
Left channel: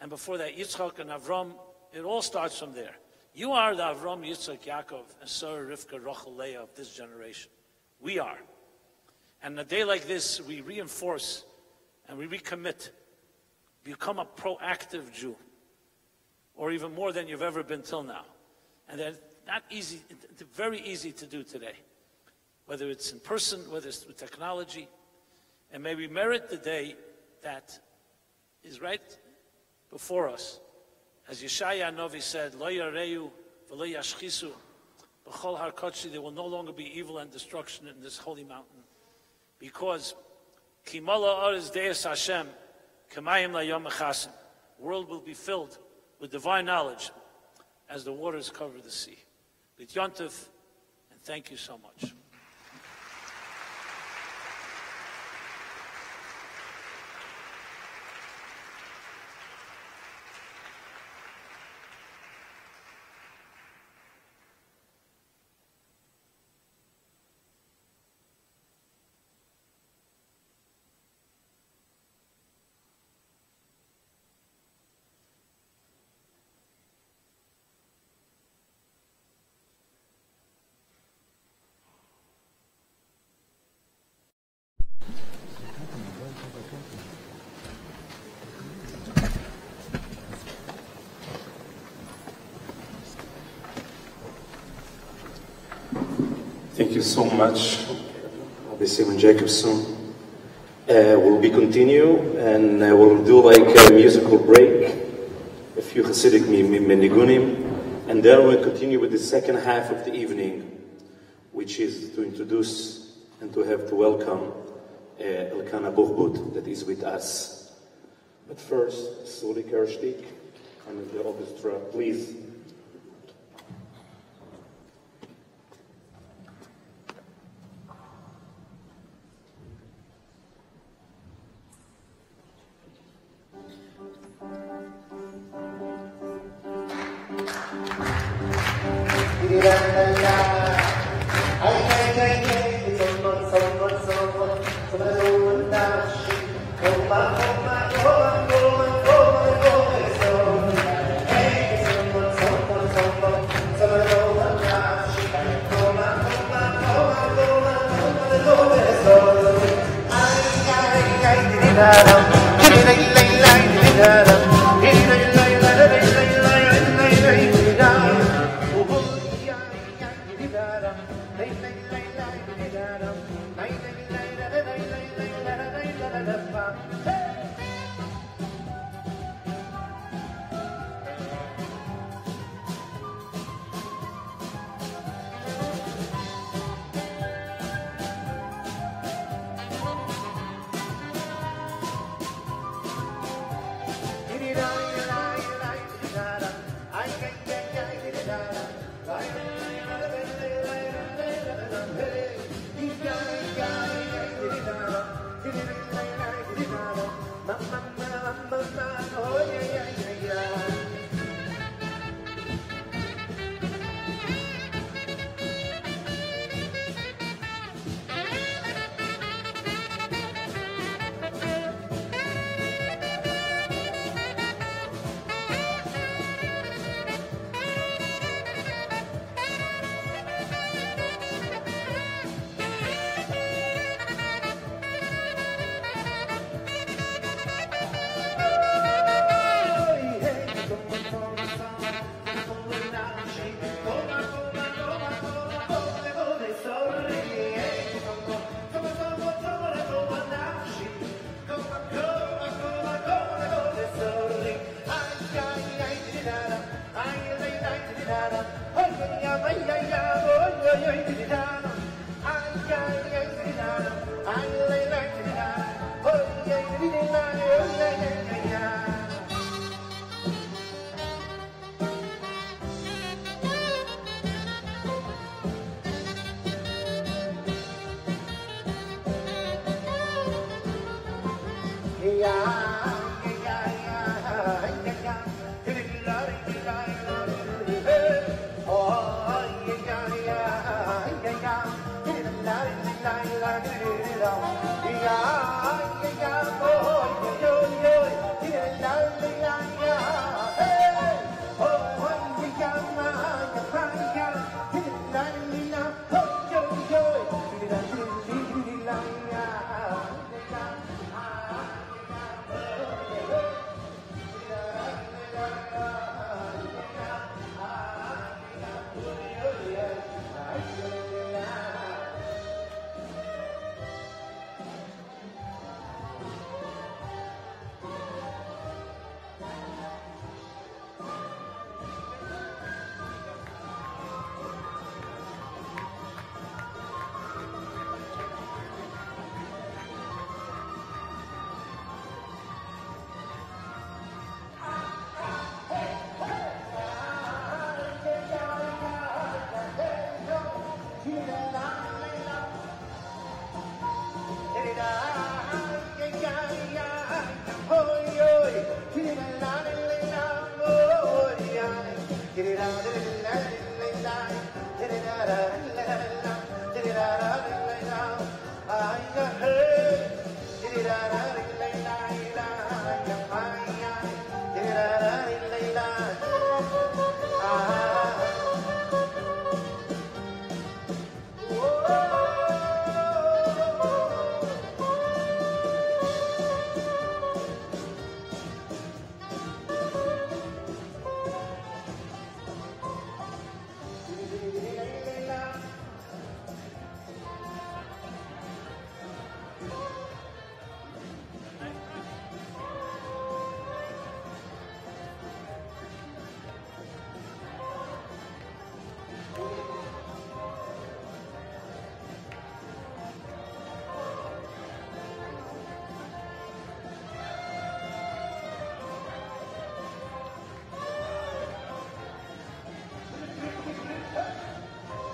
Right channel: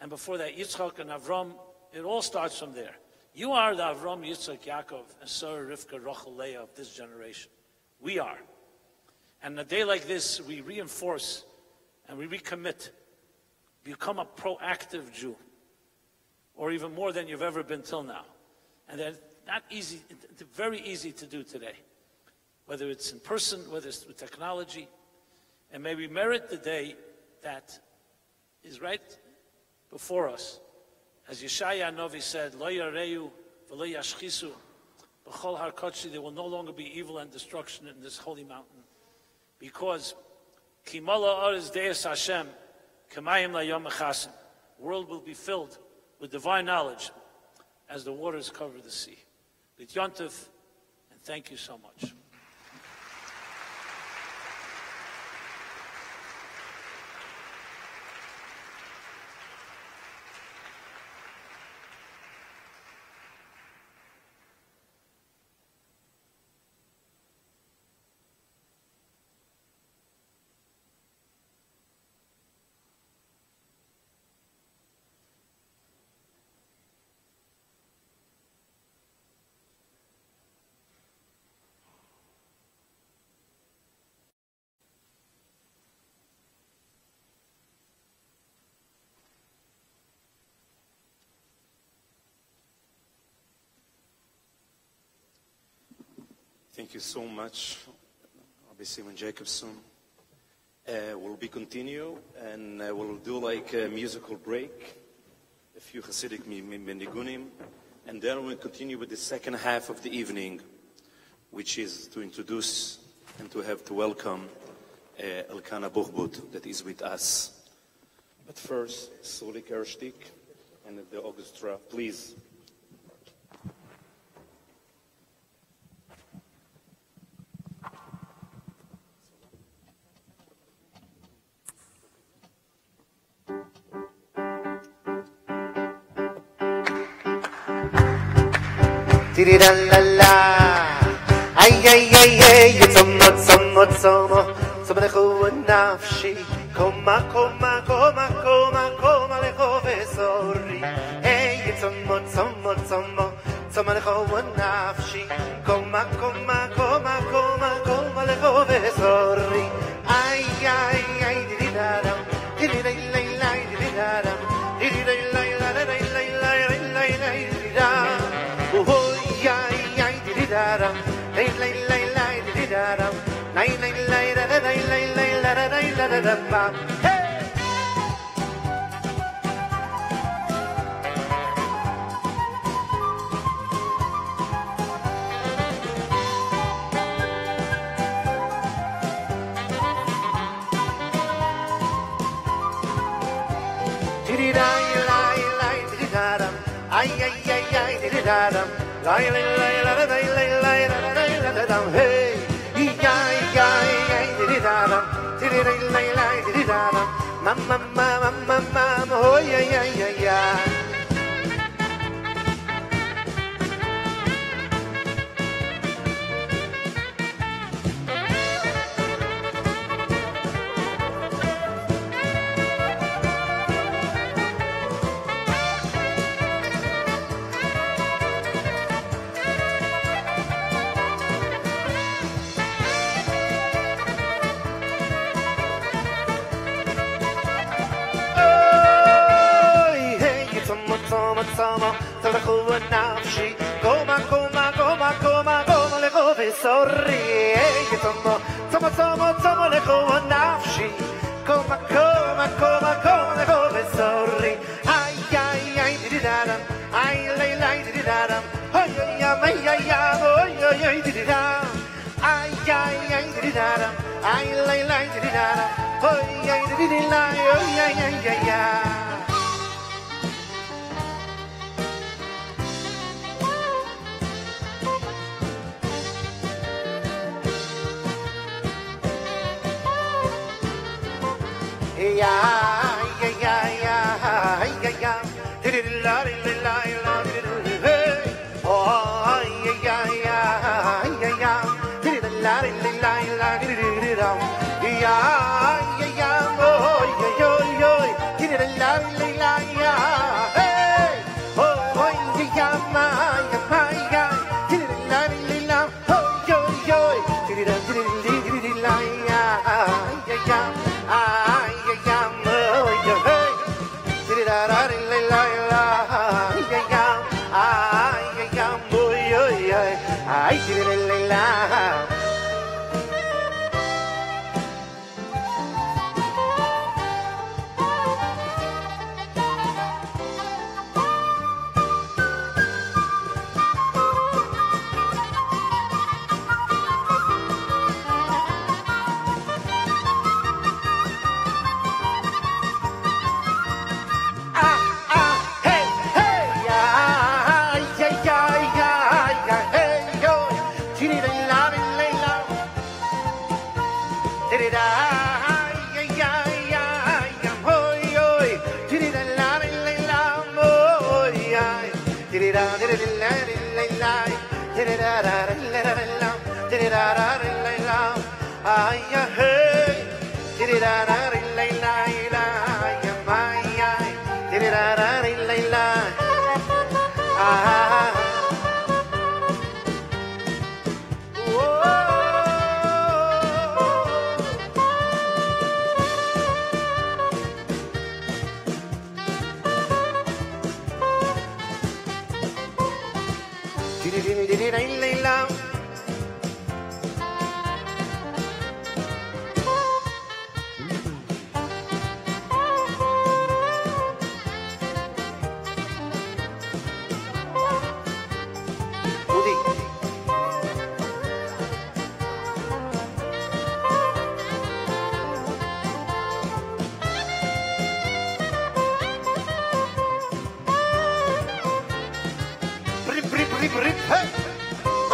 and before that Yitzchak and Avram, it all starts from there. You are the Avram, Yitzchak, Yaakov, and Sarah, Rivka, Rachel, Leah of this generation. We are. And a day like this, we reinforce and we recommit. Become a proactive Jew, or even more than you've ever been till now. And that's not easy, it's very easy to do today, whether it's in person, whether it's through technology. And may we merit the day that is right before us. As Yeshaya Novi said, Lo yareyu v'lo yashchisu b'chol har kodshi, there will no longer be evil and destruction in this holy mountain. Because Ki mala aretz deis Hashem k'mayim layom echasim. The world will be filled with divine knowledge as the waters cover the sea. B'it Yontif, and thank you so much. Thank you so much. I'll be seeing Jacob soon. We'll be continue and we'll do like a musical break, a few Hasidic menigunim, and then we'll continue with the second half of the evening, which is to introduce and to have to welcome Elkana Bochbut that is with us. But first, Suli Kerstik and the orchestra, please. Di-di-da-la-la. Ay, ay, ay, ay, Tzoma, lecho nafshi. Koma, koma, koma, koma, koma, lecho vesori. Hey, Tzoma, lecho nafshi. Koma, koma, koma, koma, koma, lecho vesori. Ay, ay, ay, di-di-da-dam. Di-di-da-la-la, di-di-da-dam.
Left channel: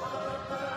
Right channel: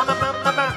Mama, mama, mama.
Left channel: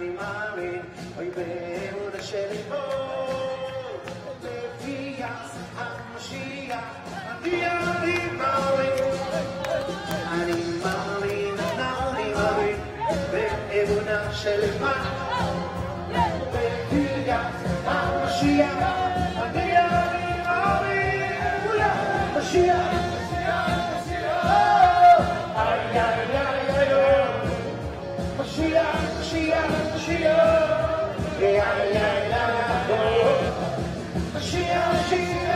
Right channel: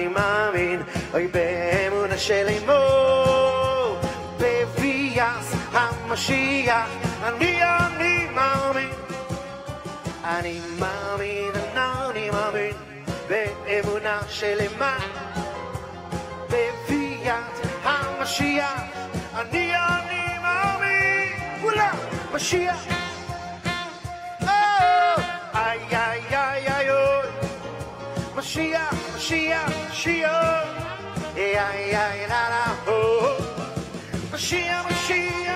אני מאמין, אוי באמונה שלמו, בביאת המשיח, אני מאמין, אני מאמין, באמונה שלמה, בביאת המשיח, אני מאמין, משיח, איי איי איי איי Mashiach, Mashiach, Mashiach, ay ay ay la la, oh, Mashiach, Mashiach.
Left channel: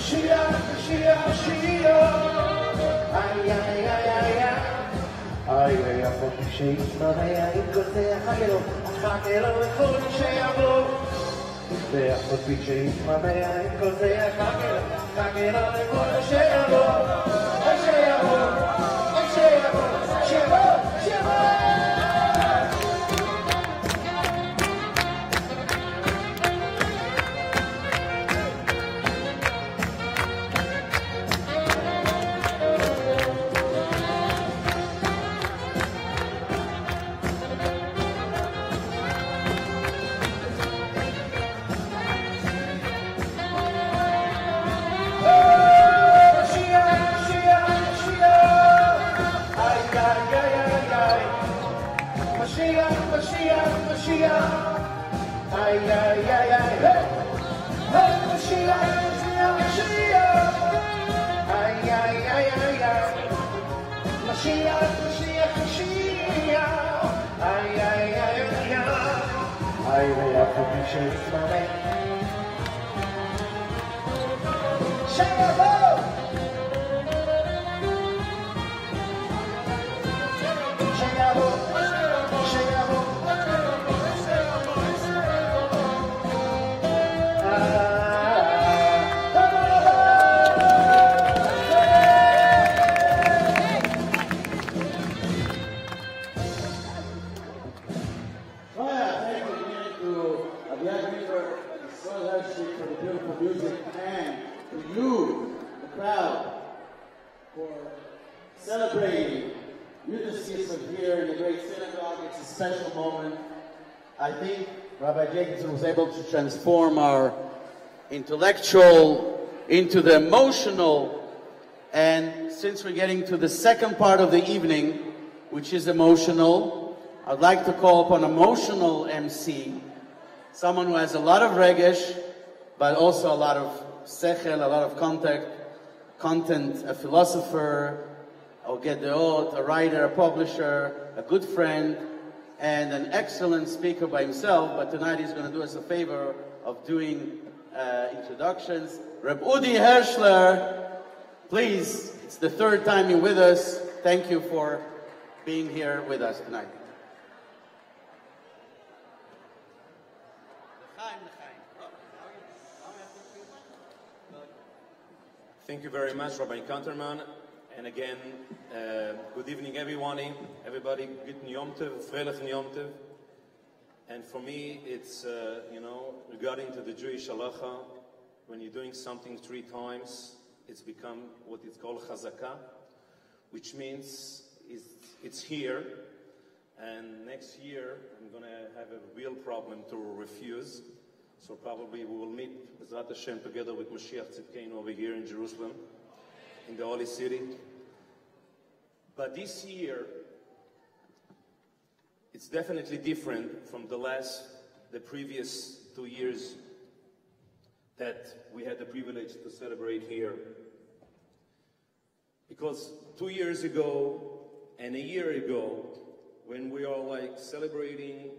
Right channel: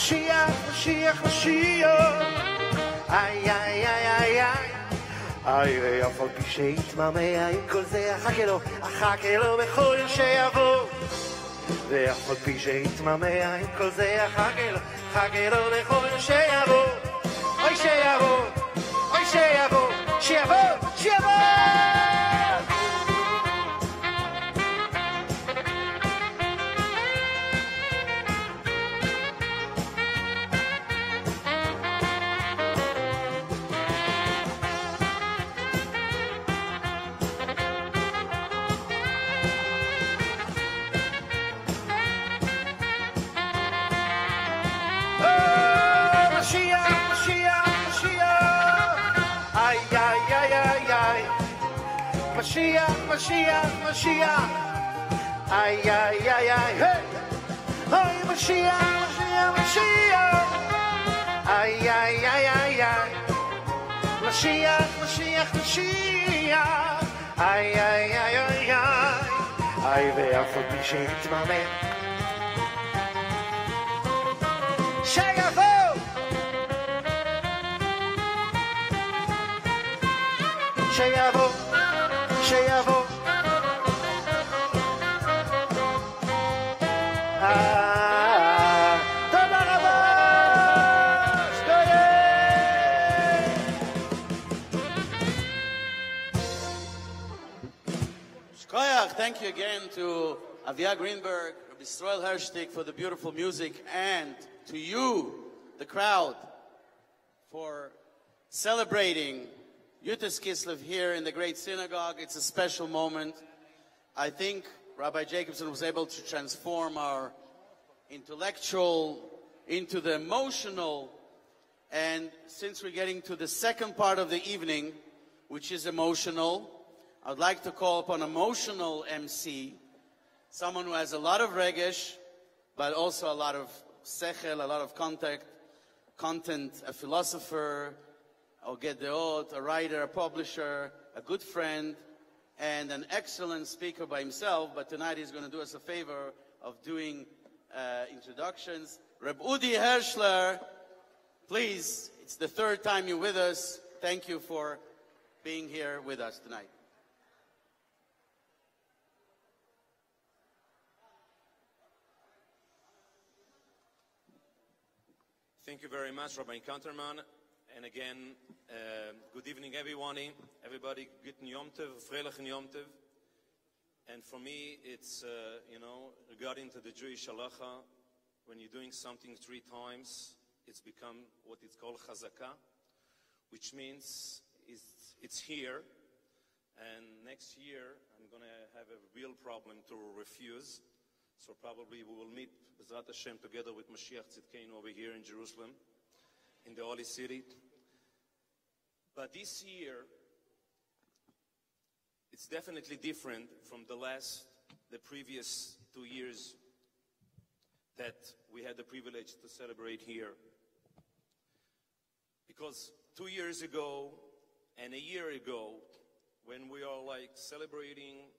Mashiach, Mashiach, Mashiach. Ay, ay, ay, ay, ay. Ay, ויופו כשיתמלא כל זה אחכה לו בכל שיבוא. ויופו כשיתמלא כל זה אחכה לו בכל שיבוא. אוי שיבוא, אוי שיבוא, שיבוא, שיבוא. Mashiach, ay, ay, ay, ay, hey, hey, Mashiach, Mashiach, ay, ay, ay, ay, ay, Mashiach, Mashiach, Mashiach, ay, ay, ay, ay, ay, ay, ואף על פי שיתמלא, שיבוא, שיבוא, שיבוא. For the beautiful music, and to you, the crowd, for celebrating YUD KISLEV here in the great synagogue. It's a special moment. I think Rabbi Jacobson was able to transform our intellectual into the emotional, and since we're getting to the second part of the evening, which is emotional, I'd like to call upon emotional MC, someone who has a lot of regesh, but also a lot of sechel, a lot of content, a philosopher, a gedeot, a writer, a publisher, a good friend, and an excellent speaker by himself. But tonight he's going to do us a favor of doing introductions. Reb Udi Hershler, please, it's the third time you're with us. Thank you for being here with us tonight. Thank you very much, Rabbi Counterman. And again, good evening, everybody. Good Yom Tov, Freilichen Yom Tov. And for me, it's, regarding to the Jewish halacha, when you're doing something 3 times, it's become what is called chazaka, which means it's here. And next year, I'm going to have a real problem to refuse. So probably we will meet Bezrat Hashem together with Mashiach Tzidkeinu over here in Jerusalem, in the Holy City. But this year, it's definitely different from the previous 2 years that we had the privilege to celebrate here. Because 2 years ago and a year ago, when we are celebrating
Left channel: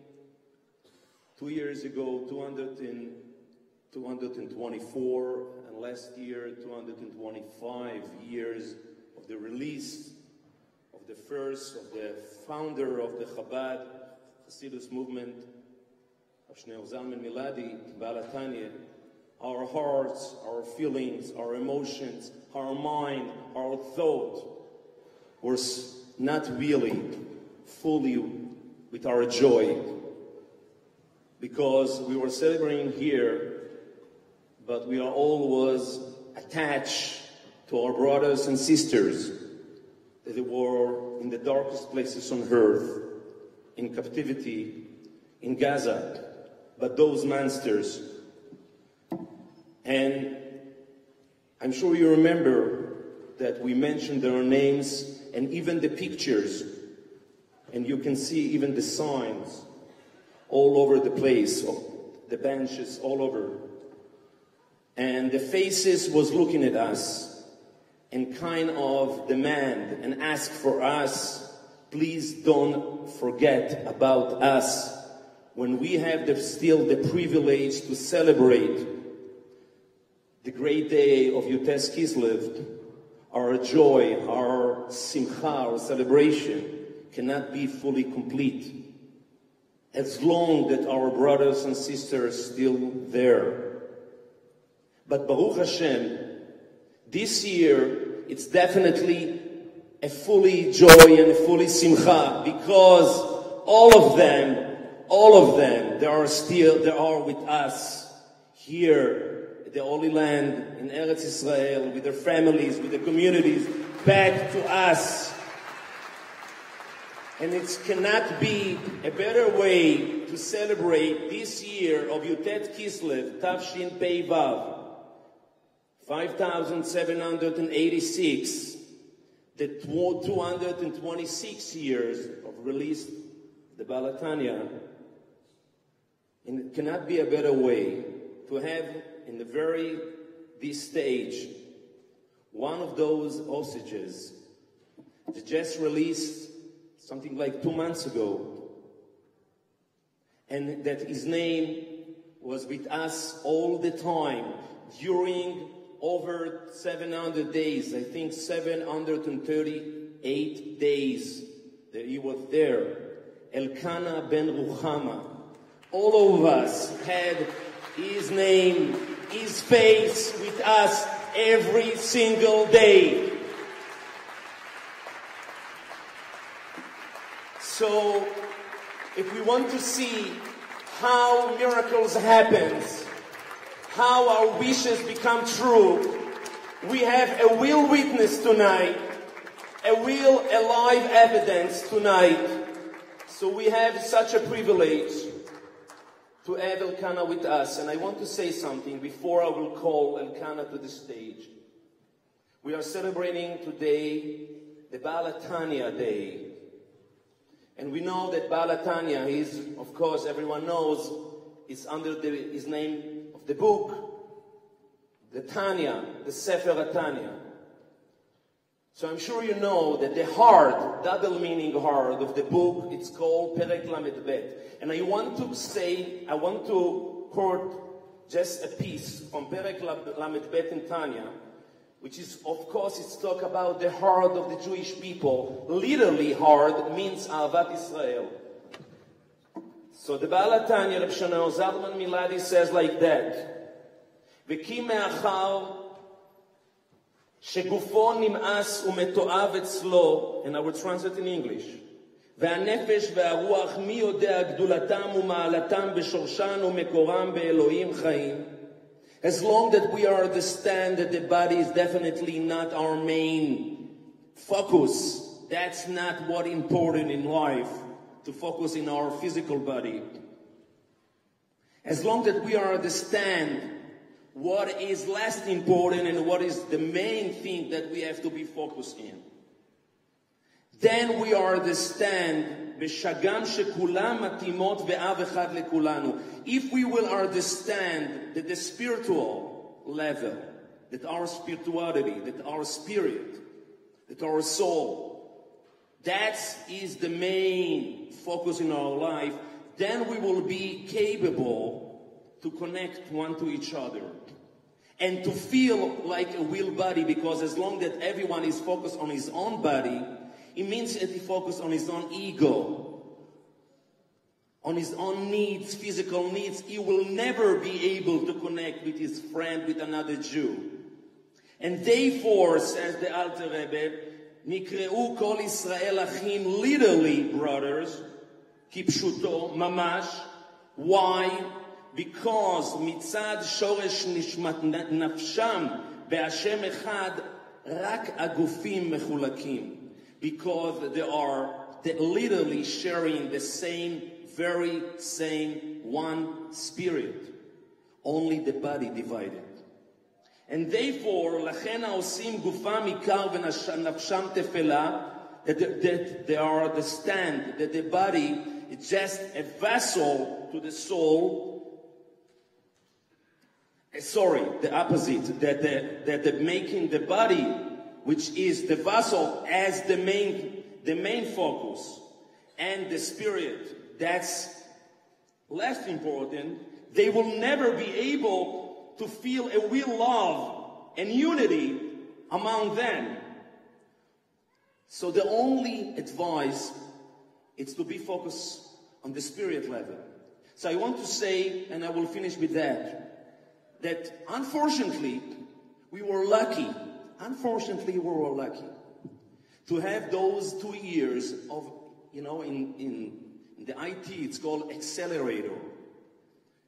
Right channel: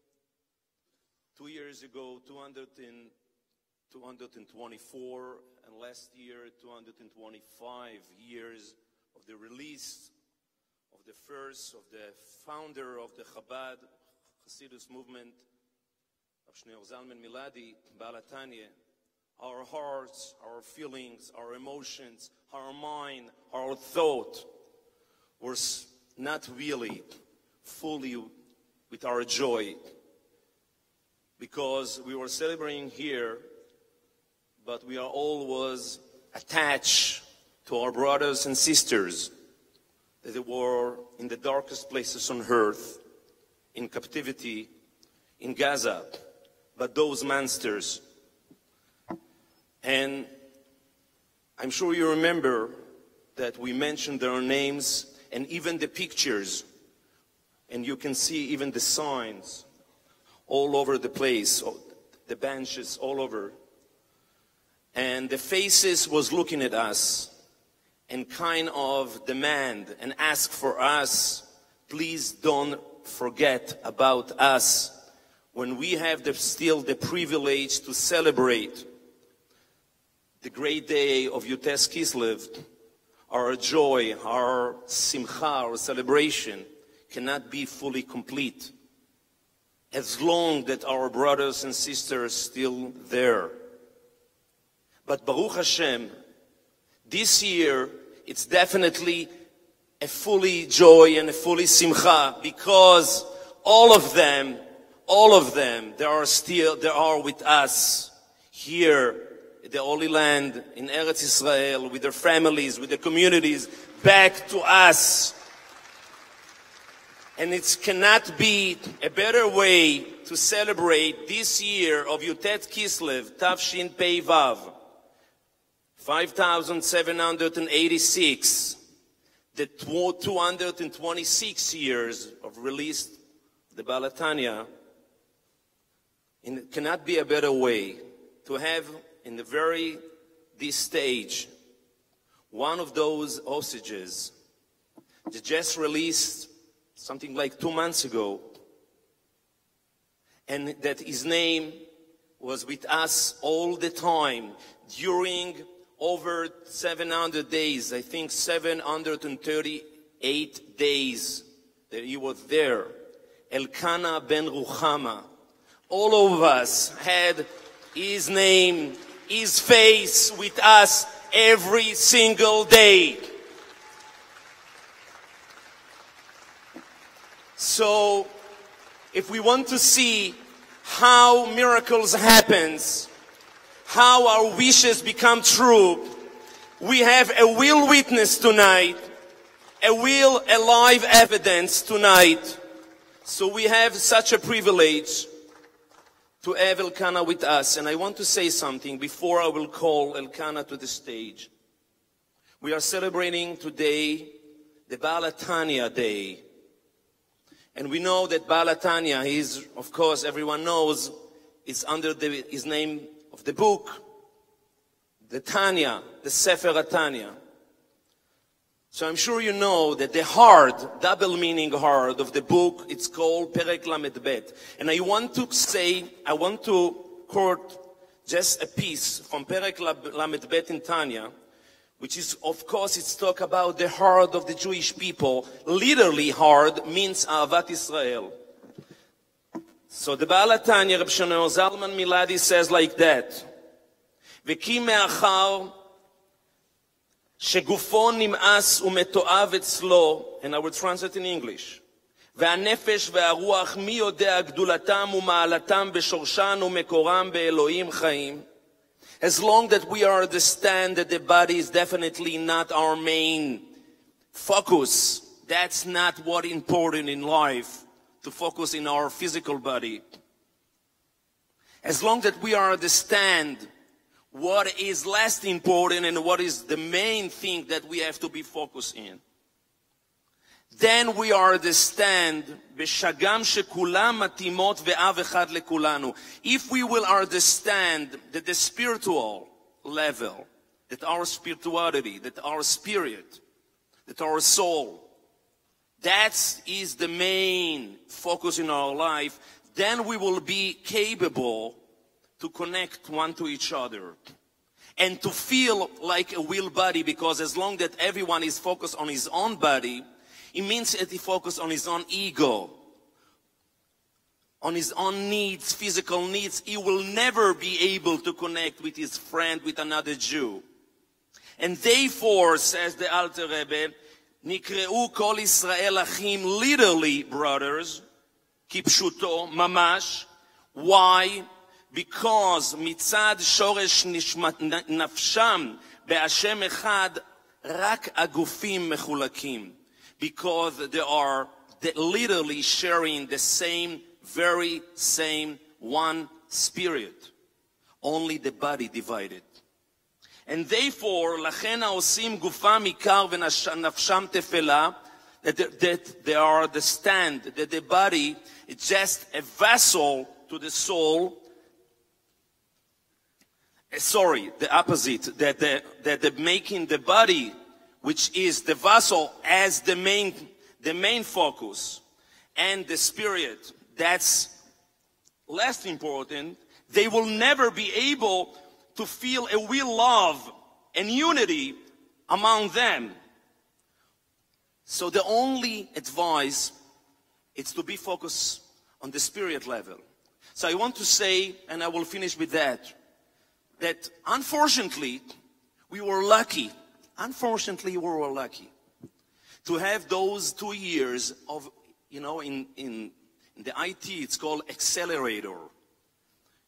2 years ago, 224, and last year, 225 years of the release of the founder of the CHABAD, Hasidus movement, of Shneur Zalman Miladi, Balatanya. Our hearts, our feelings, our emotions, our mind, our thought were not really fully with our joy, because we were celebrating here, but we are always attached to our brothers and sisters that were in the darkest places on earth, in captivity, in Gaza, but those monsters. And I'm sure you remember that we mentioned their names and even the pictures, and you can see even the signs all over the place, the benches all over. And the faces was looking at us and kind of demand and ask for us, please don't forget about us when we have still the privilege to celebrate the great day of YUD Kislev, our joy, our simcha, our celebration cannot be fully complete as long that our brothers and sisters are still there. But Baruch Hashem, this year it's definitely a fully joy and a fully simcha, because all of them, they are with us here the Holy Land, in Eretz Israel, with their families, with their communities, back to us. And it cannot be a better way to celebrate this year of YUD Kislev, Tafshin Pei Vav, 5786, the 226 years of release, the Baal HaTanya. And it cannot be a better way to have in this stage, one of those hostages that just released something like 2 months ago, and that his name was with us all the time during over 700 days, I think 738 days that he was there. Elkanah ben Ruchama. All of us had his name, his face with us every single day. So, if we want to see how miracles happen, how our wishes become true, we have a real witness tonight, a real alive evidence tonight. So we have such a privilege to have Elkanah with us. And I want to say something before I will call Elkanah to the stage. We are celebrating today the Baal HaTanya Day. And we know that Baal HaTanya is, of course, everyone knows, it's under his name of the book, the Tanya, the Sefer HaTanya. So I'm sure you know that the hard, double meaning hard of the book, it's called Perek Lamed Bet. And I want to quote just a piece from Perek Lamed Bet in Tanya, which is, of course, it's talk about the heart of the Jewish people. Literally hard means Ahavat Israel. So the Baal HaTanya, Reb Shlomo Zalman Miladi, says like that, V'ki me'achar שגופו נמאס ומתועב אצלו, and I will translate in English, והנפש והרוח מי יודע גדולתם ומעלתם בשורשן ומקורם באלוהים חיים. As long that we understand that the body is definitely not our main focus, that's not what important in life, to focus in our physical body. As long that we understand what is less important and what is the main thing that we have to be focused in, then we understand if we will understand that the spiritual level, that our spirituality, that our spirit, that our soul, that is the main focus in our life, then we will be capable to connect one to each other and to feel like a real body, because as long that everyone is focused on his own body, it means that he focuses on his own ego, on his own needs, physical needs. He will never be able to connect with his friend, with another Jew. And therefore, says the Alter Rebbe, Nikreu kol Israel achim, literally brothers, kipshuto, mamash. Why? Because mitzad shoresh nafsham be'ashem echad rak agufim mechulakim. Because they are literally sharing the very same one spirit, only the body divided. And therefore, lachen haosim gufam ikar v'nafsham tefela, that they are the stand, that the body is just a vessel to the soul. Sorry, the opposite, that making the body, which is the vessel, as the main focus, and the spirit, that's less important. They will never be able to feel a real love and unity among them. So the only advice is to be focused on the spirit level. So I want to say, and I will finish with that unfortunately, we were lucky. Unfortunately, we were lucky to have those 2 years of, in the IT, it's called accelerator.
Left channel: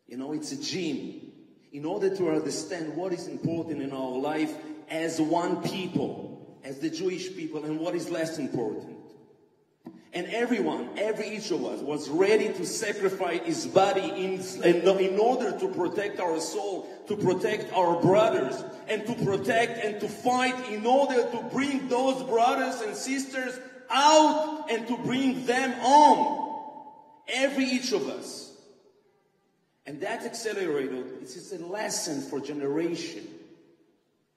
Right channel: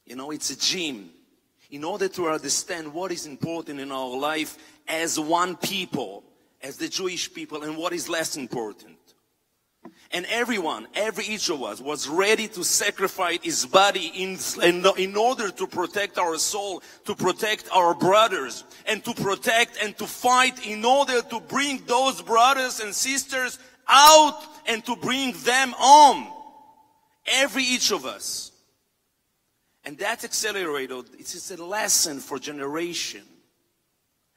It's a gym. In order to understand what is important in our life as one people, as the Jewish people, and what is less important. And each of us was ready to sacrifice his body in order to protect our soul, to protect our brothers, and to protect and to fight in order to bring those brothers and sisters out and to bring them home. Each of us. And that accelerator, it is a lesson for generation.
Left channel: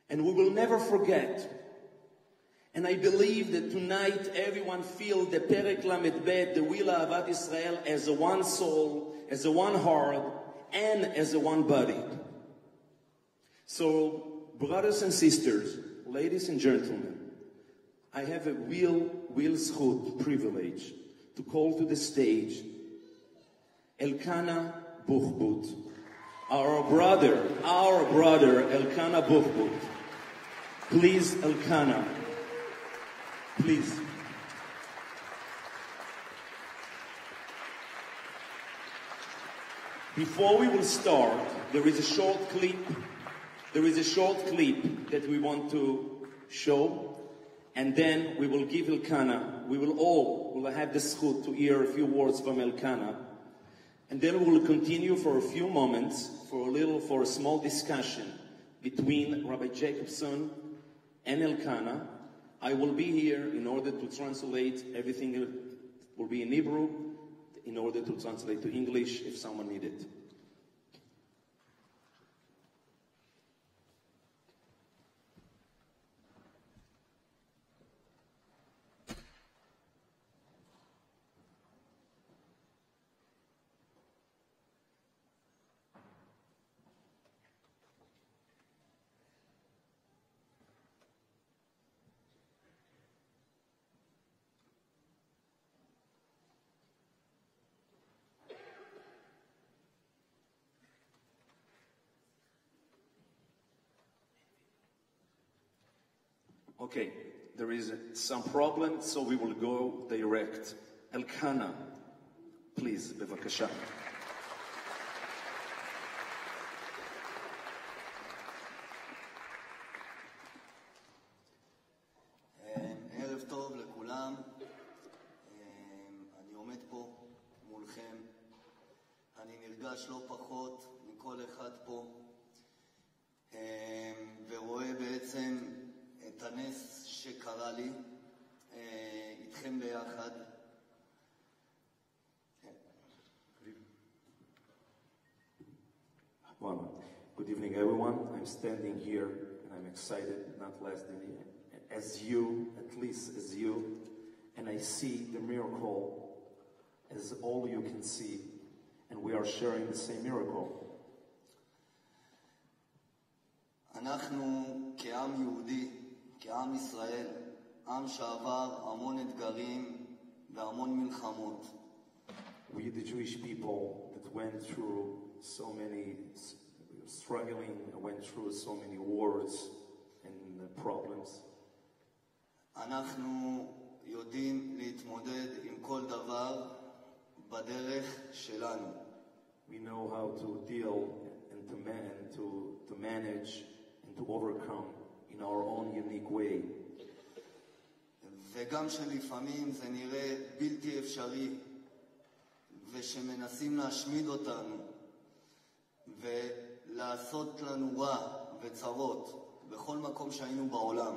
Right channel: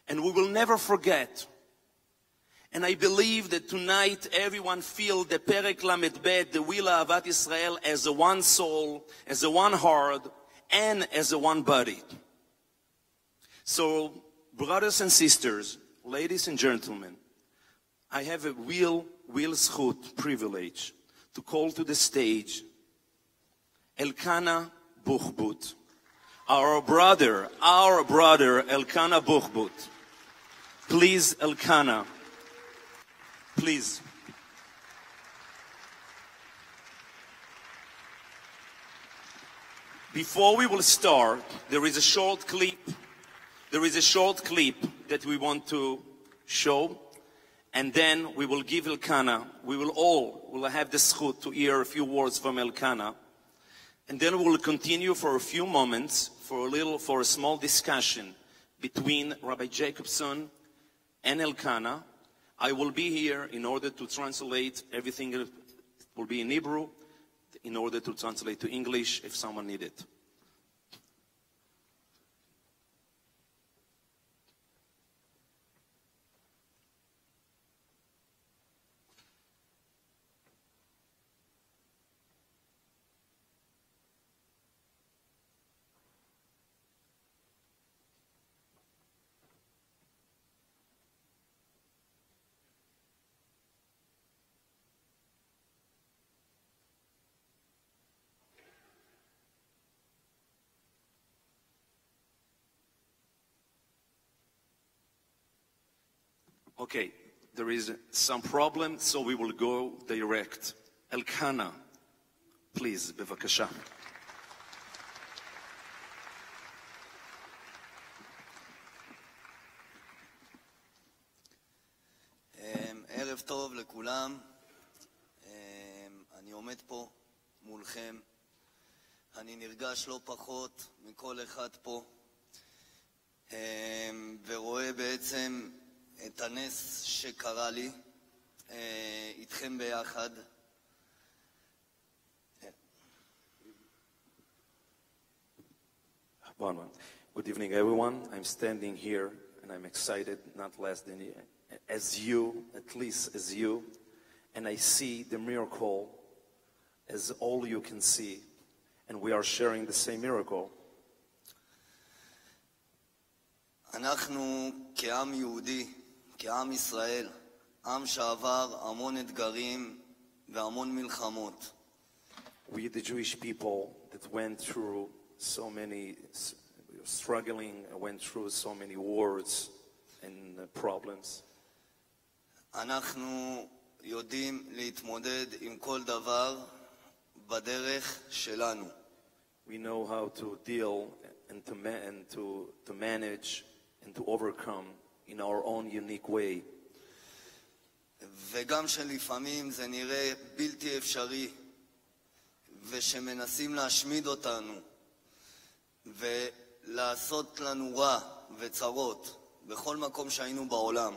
And we will never forget. And I believe that tonight everyone feel the Perek Lamed Bet, the Will Ahavat Israel, as a one soul, as a one heart, and as a one body. So, brothers and sisters, ladies and gentlemen, I have a real zchut, privilege, to call to the stage Elkanah Buchbut, our brother Elkanah Buchbut. Please, Elkanah. Please. Before we will start, there is a short clip that we want to show, and then we will give Elkanah. We will have the zchut to hear a few words from Elkanah, and then we will continue for a few moments for a small discussion between Rabbi Jacobson and Elkanah. I will be here in order to translate everything. Will be in Hebrew, in order to translate to English if someone needs it. Okay, there is some problem, so we will go direct. Elkanah, please, bevakasha. ערב טוב לכולם. אני עומד פה מולכם. אני נרגש לא פחות מכל אחד פה. ורואה בעצם את הנס שקרה לי איתכם ביחד. Good evening, everyone. I'm standing here and I'm excited, not less than as you, at least as you, and I see the miracle as all you can see, and we are sharing the same miracle. אנחנו כעם יהודי, כעם ישראל, עם שעבר המון אתגרים והמון מלחמות. We, the Jewish people that went through so many struggling, went through so many wars and problems. אנחנו יודעים להתמודד עם כל דבר בדרך שלנו. We know how to deal and to manage and to overcome in our own unique way. וגם שלפעמים זה נראה בלתי אפשרי, ושמנסים להשמיד אותנו, ולעשות לנו רע וצרות, בכל מקום שהיינו בעולם.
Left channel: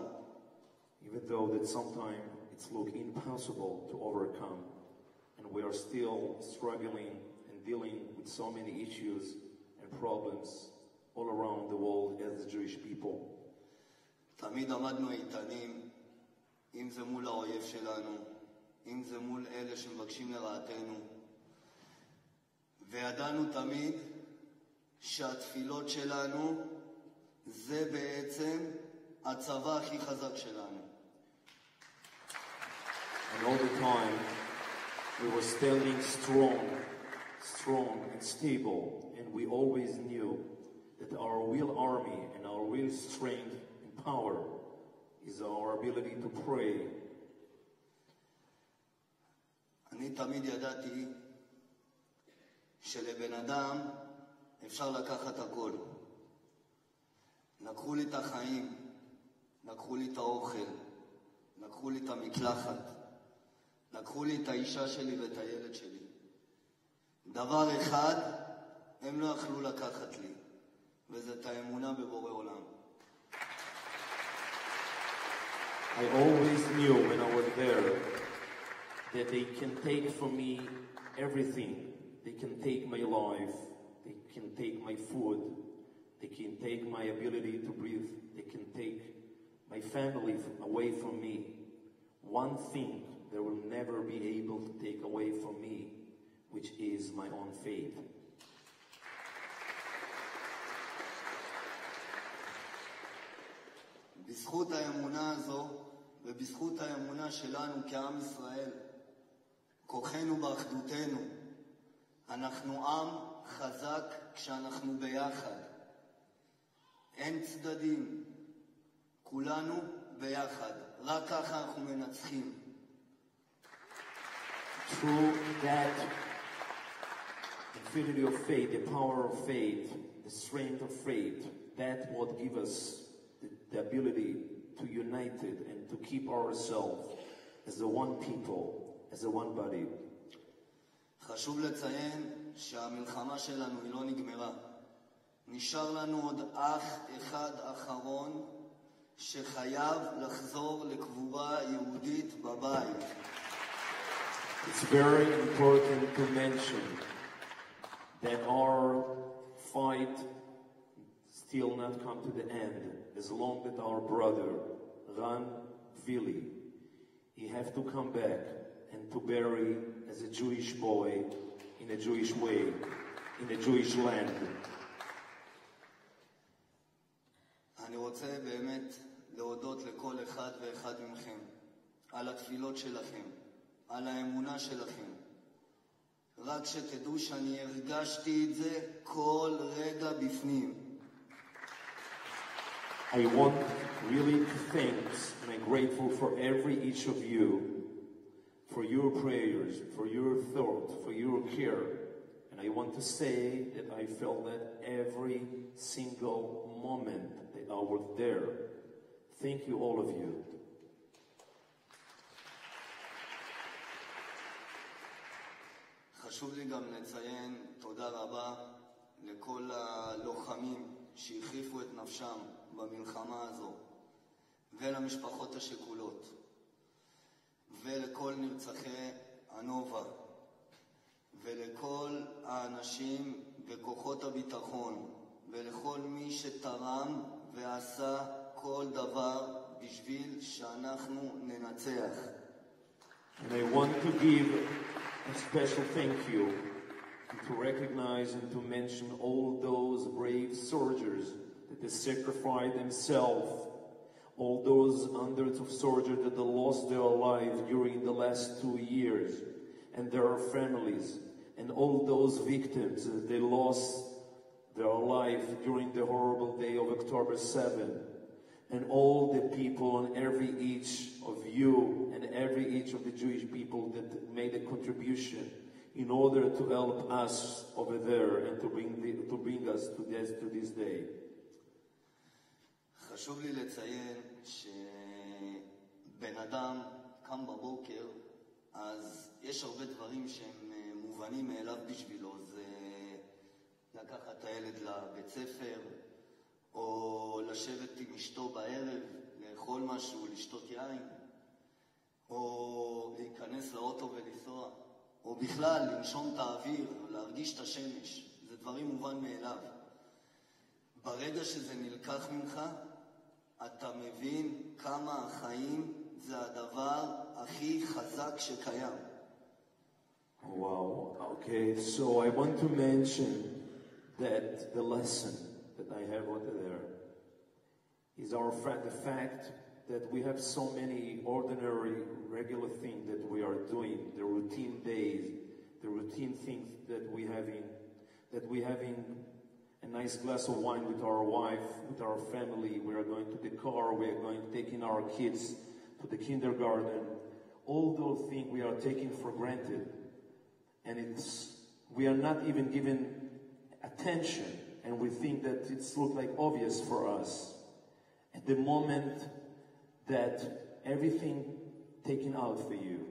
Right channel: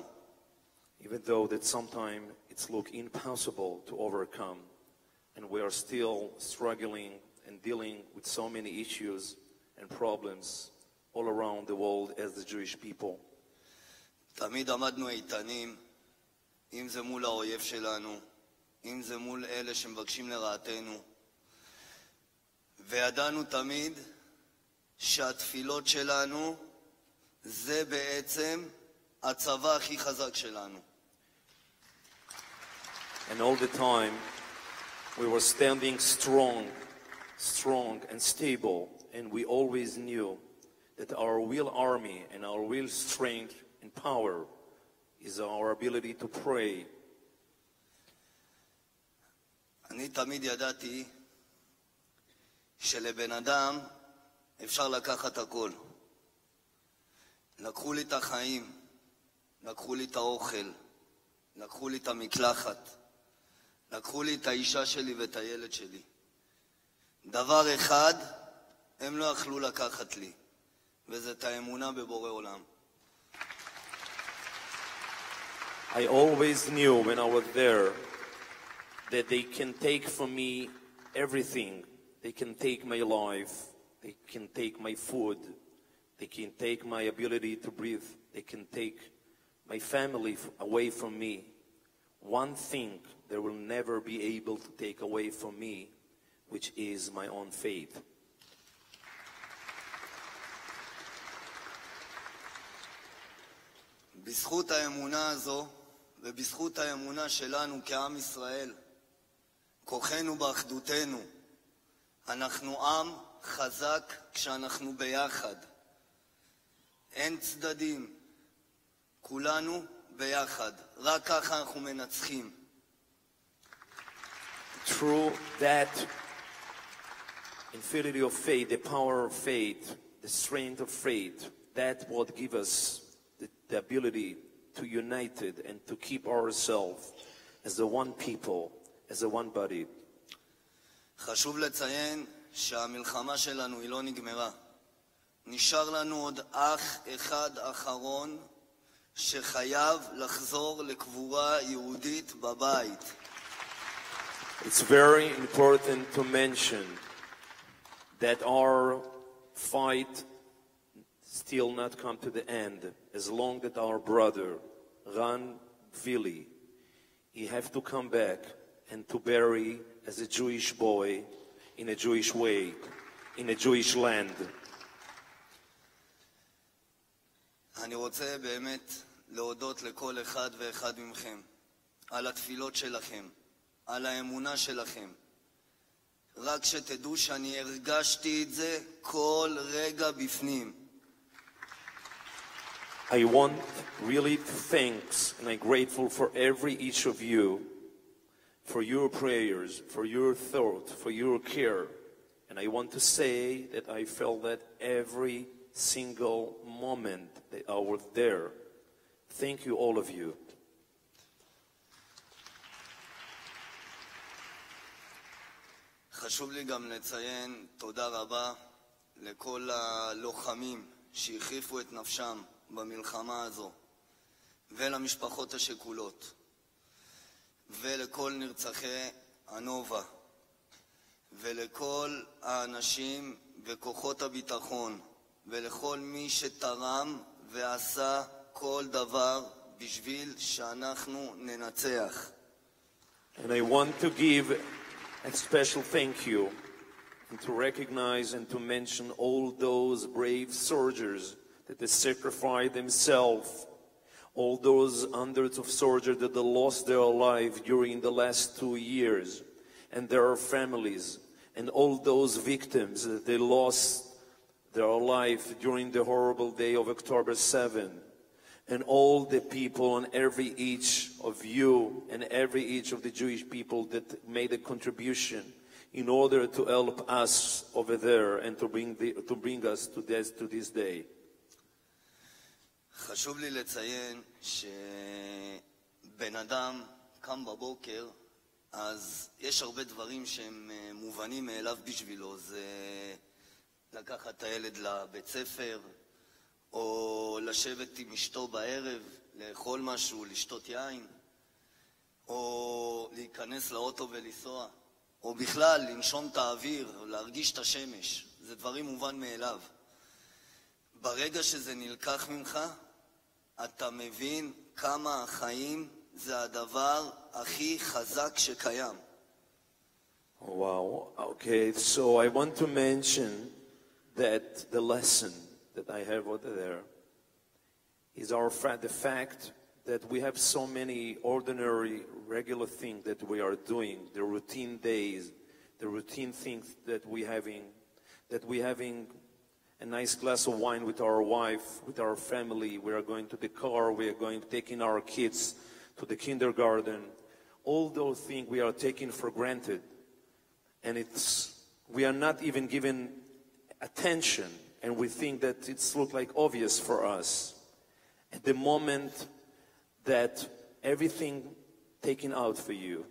Even though that sometimes it's look impossible to overcome, and we are still struggling and dealing with so many issues and problems all around the world as the Jewish people. תמיד עמדנו איתנים, אם זה מול האויב שלנו, אם זה מול אלה שמבקשים לרעתנו, וידענו תמיד שהתפילות שלנו זה בעצם הצבא הכי חזק שלנו. And all the time, we were standing strong and stable, and we always knew that our real army and our real strength and power is our ability to pray. אני תמיד ידעתי שלבן אדם אפשר לקחת הכל. לקחו לי את החיים, לקחו לי את האוכל, לקחו לי את המקלחת, לקחו לי את האישה שלי ואת הילד שלי. דבר אחד הם לא יכלו לקחת לי, וזה את האמונה בבורא עולם. I always knew when I was there that they can take from me everything. They can take my life, they can take my food, they can take my ability to breathe, they can take my family away from me. One thing they will never be able to take away from me, which is my own faith. בזכות האמונה הזו ובזכות האמונה שלנו כעם ישראל, כוחנו באחדותנו, אנחנו עם חזק כשאנחנו ביחד. אין צדדים, כולנו ביחד. רק ככה אנחנו מנצחים. Through that infinity of faith, the power of faith, the strength of faith, that what gives us the ability to unite it and to keep ourselves as the one people, as a one body. חשוב לציין שהמלחמה שלנו היא לא נגמרה. נשאר לנו עוד אח אחד אחרון שחייב לחזור לקבורה יהודית בבית. It's very important to mention that our fight still not come to the end. As long that our brother, Ran Vili, he have to come back and to bury as a Jewish boy in a Jewish way, in a Jewish land. אני רוצה באמת להודות לכל אחד ואחד מכם על התפילות שלכם, על האמונה שלכם. רק שתדעו שאני הרגשתי את זה כל רגע בפנים. I want really to thank and I'm grateful for each of you, for your prayers, for your thought, for your care. And I want to say that I felt that every single moment that I was there. Thank you, all of you. חשוב לי גם לציין תודה רבה לכל הלוחמים שהחריפו את נפשם במלחמה הזו, ולמשפחות השכולות, ולכל נרצחי הנובה, ולכל האנשים וכוחות הביטחון, ולכל מי שתרם ועשה כל דבר בשביל שאנחנו ננצח. And I want to give a special thank you and to recognize and to mention all those brave soldiers that they sacrificed themselves, all those hundreds of soldiers that they lost their life during the last 2 years, and their families, and all those victims that they lost their life during the horrible day of October 7, and all the people and every each of you and every each of the Jewish people that made a contribution in order to help us over there and to bring us to this day. חשוב לי לציין שבן אדם קם בבוקר, אז יש הרבה דברים שהם מובנים מאליו בשבילו. זה לקחת את הילד לבית ספר, או לשבת עם אשתו בערב, לאכול משהו, לשתות יין, או להיכנס לאוטו ולנסוע, או בכלל לנשום את האוויר, להרגיש את השמש. זה דברים מובן מאליו. ברגע שזה נלקח ממך, אתה מבין כמה החיים זה הדבר הכי חזק שקיים. Wow, okay, so I want to mention that the lesson that I have over there is the fact that we have so many ordinary, regular things that we are doing, the routine days, the routine things that we having a nice glass of wine with our wife, with our family, we are going to the car, we are going taking our kids to the kindergarten. All those things we are taking for granted. And we are not even given attention, and we think that it's look like obvious for us. At the moment that everything taken out for you,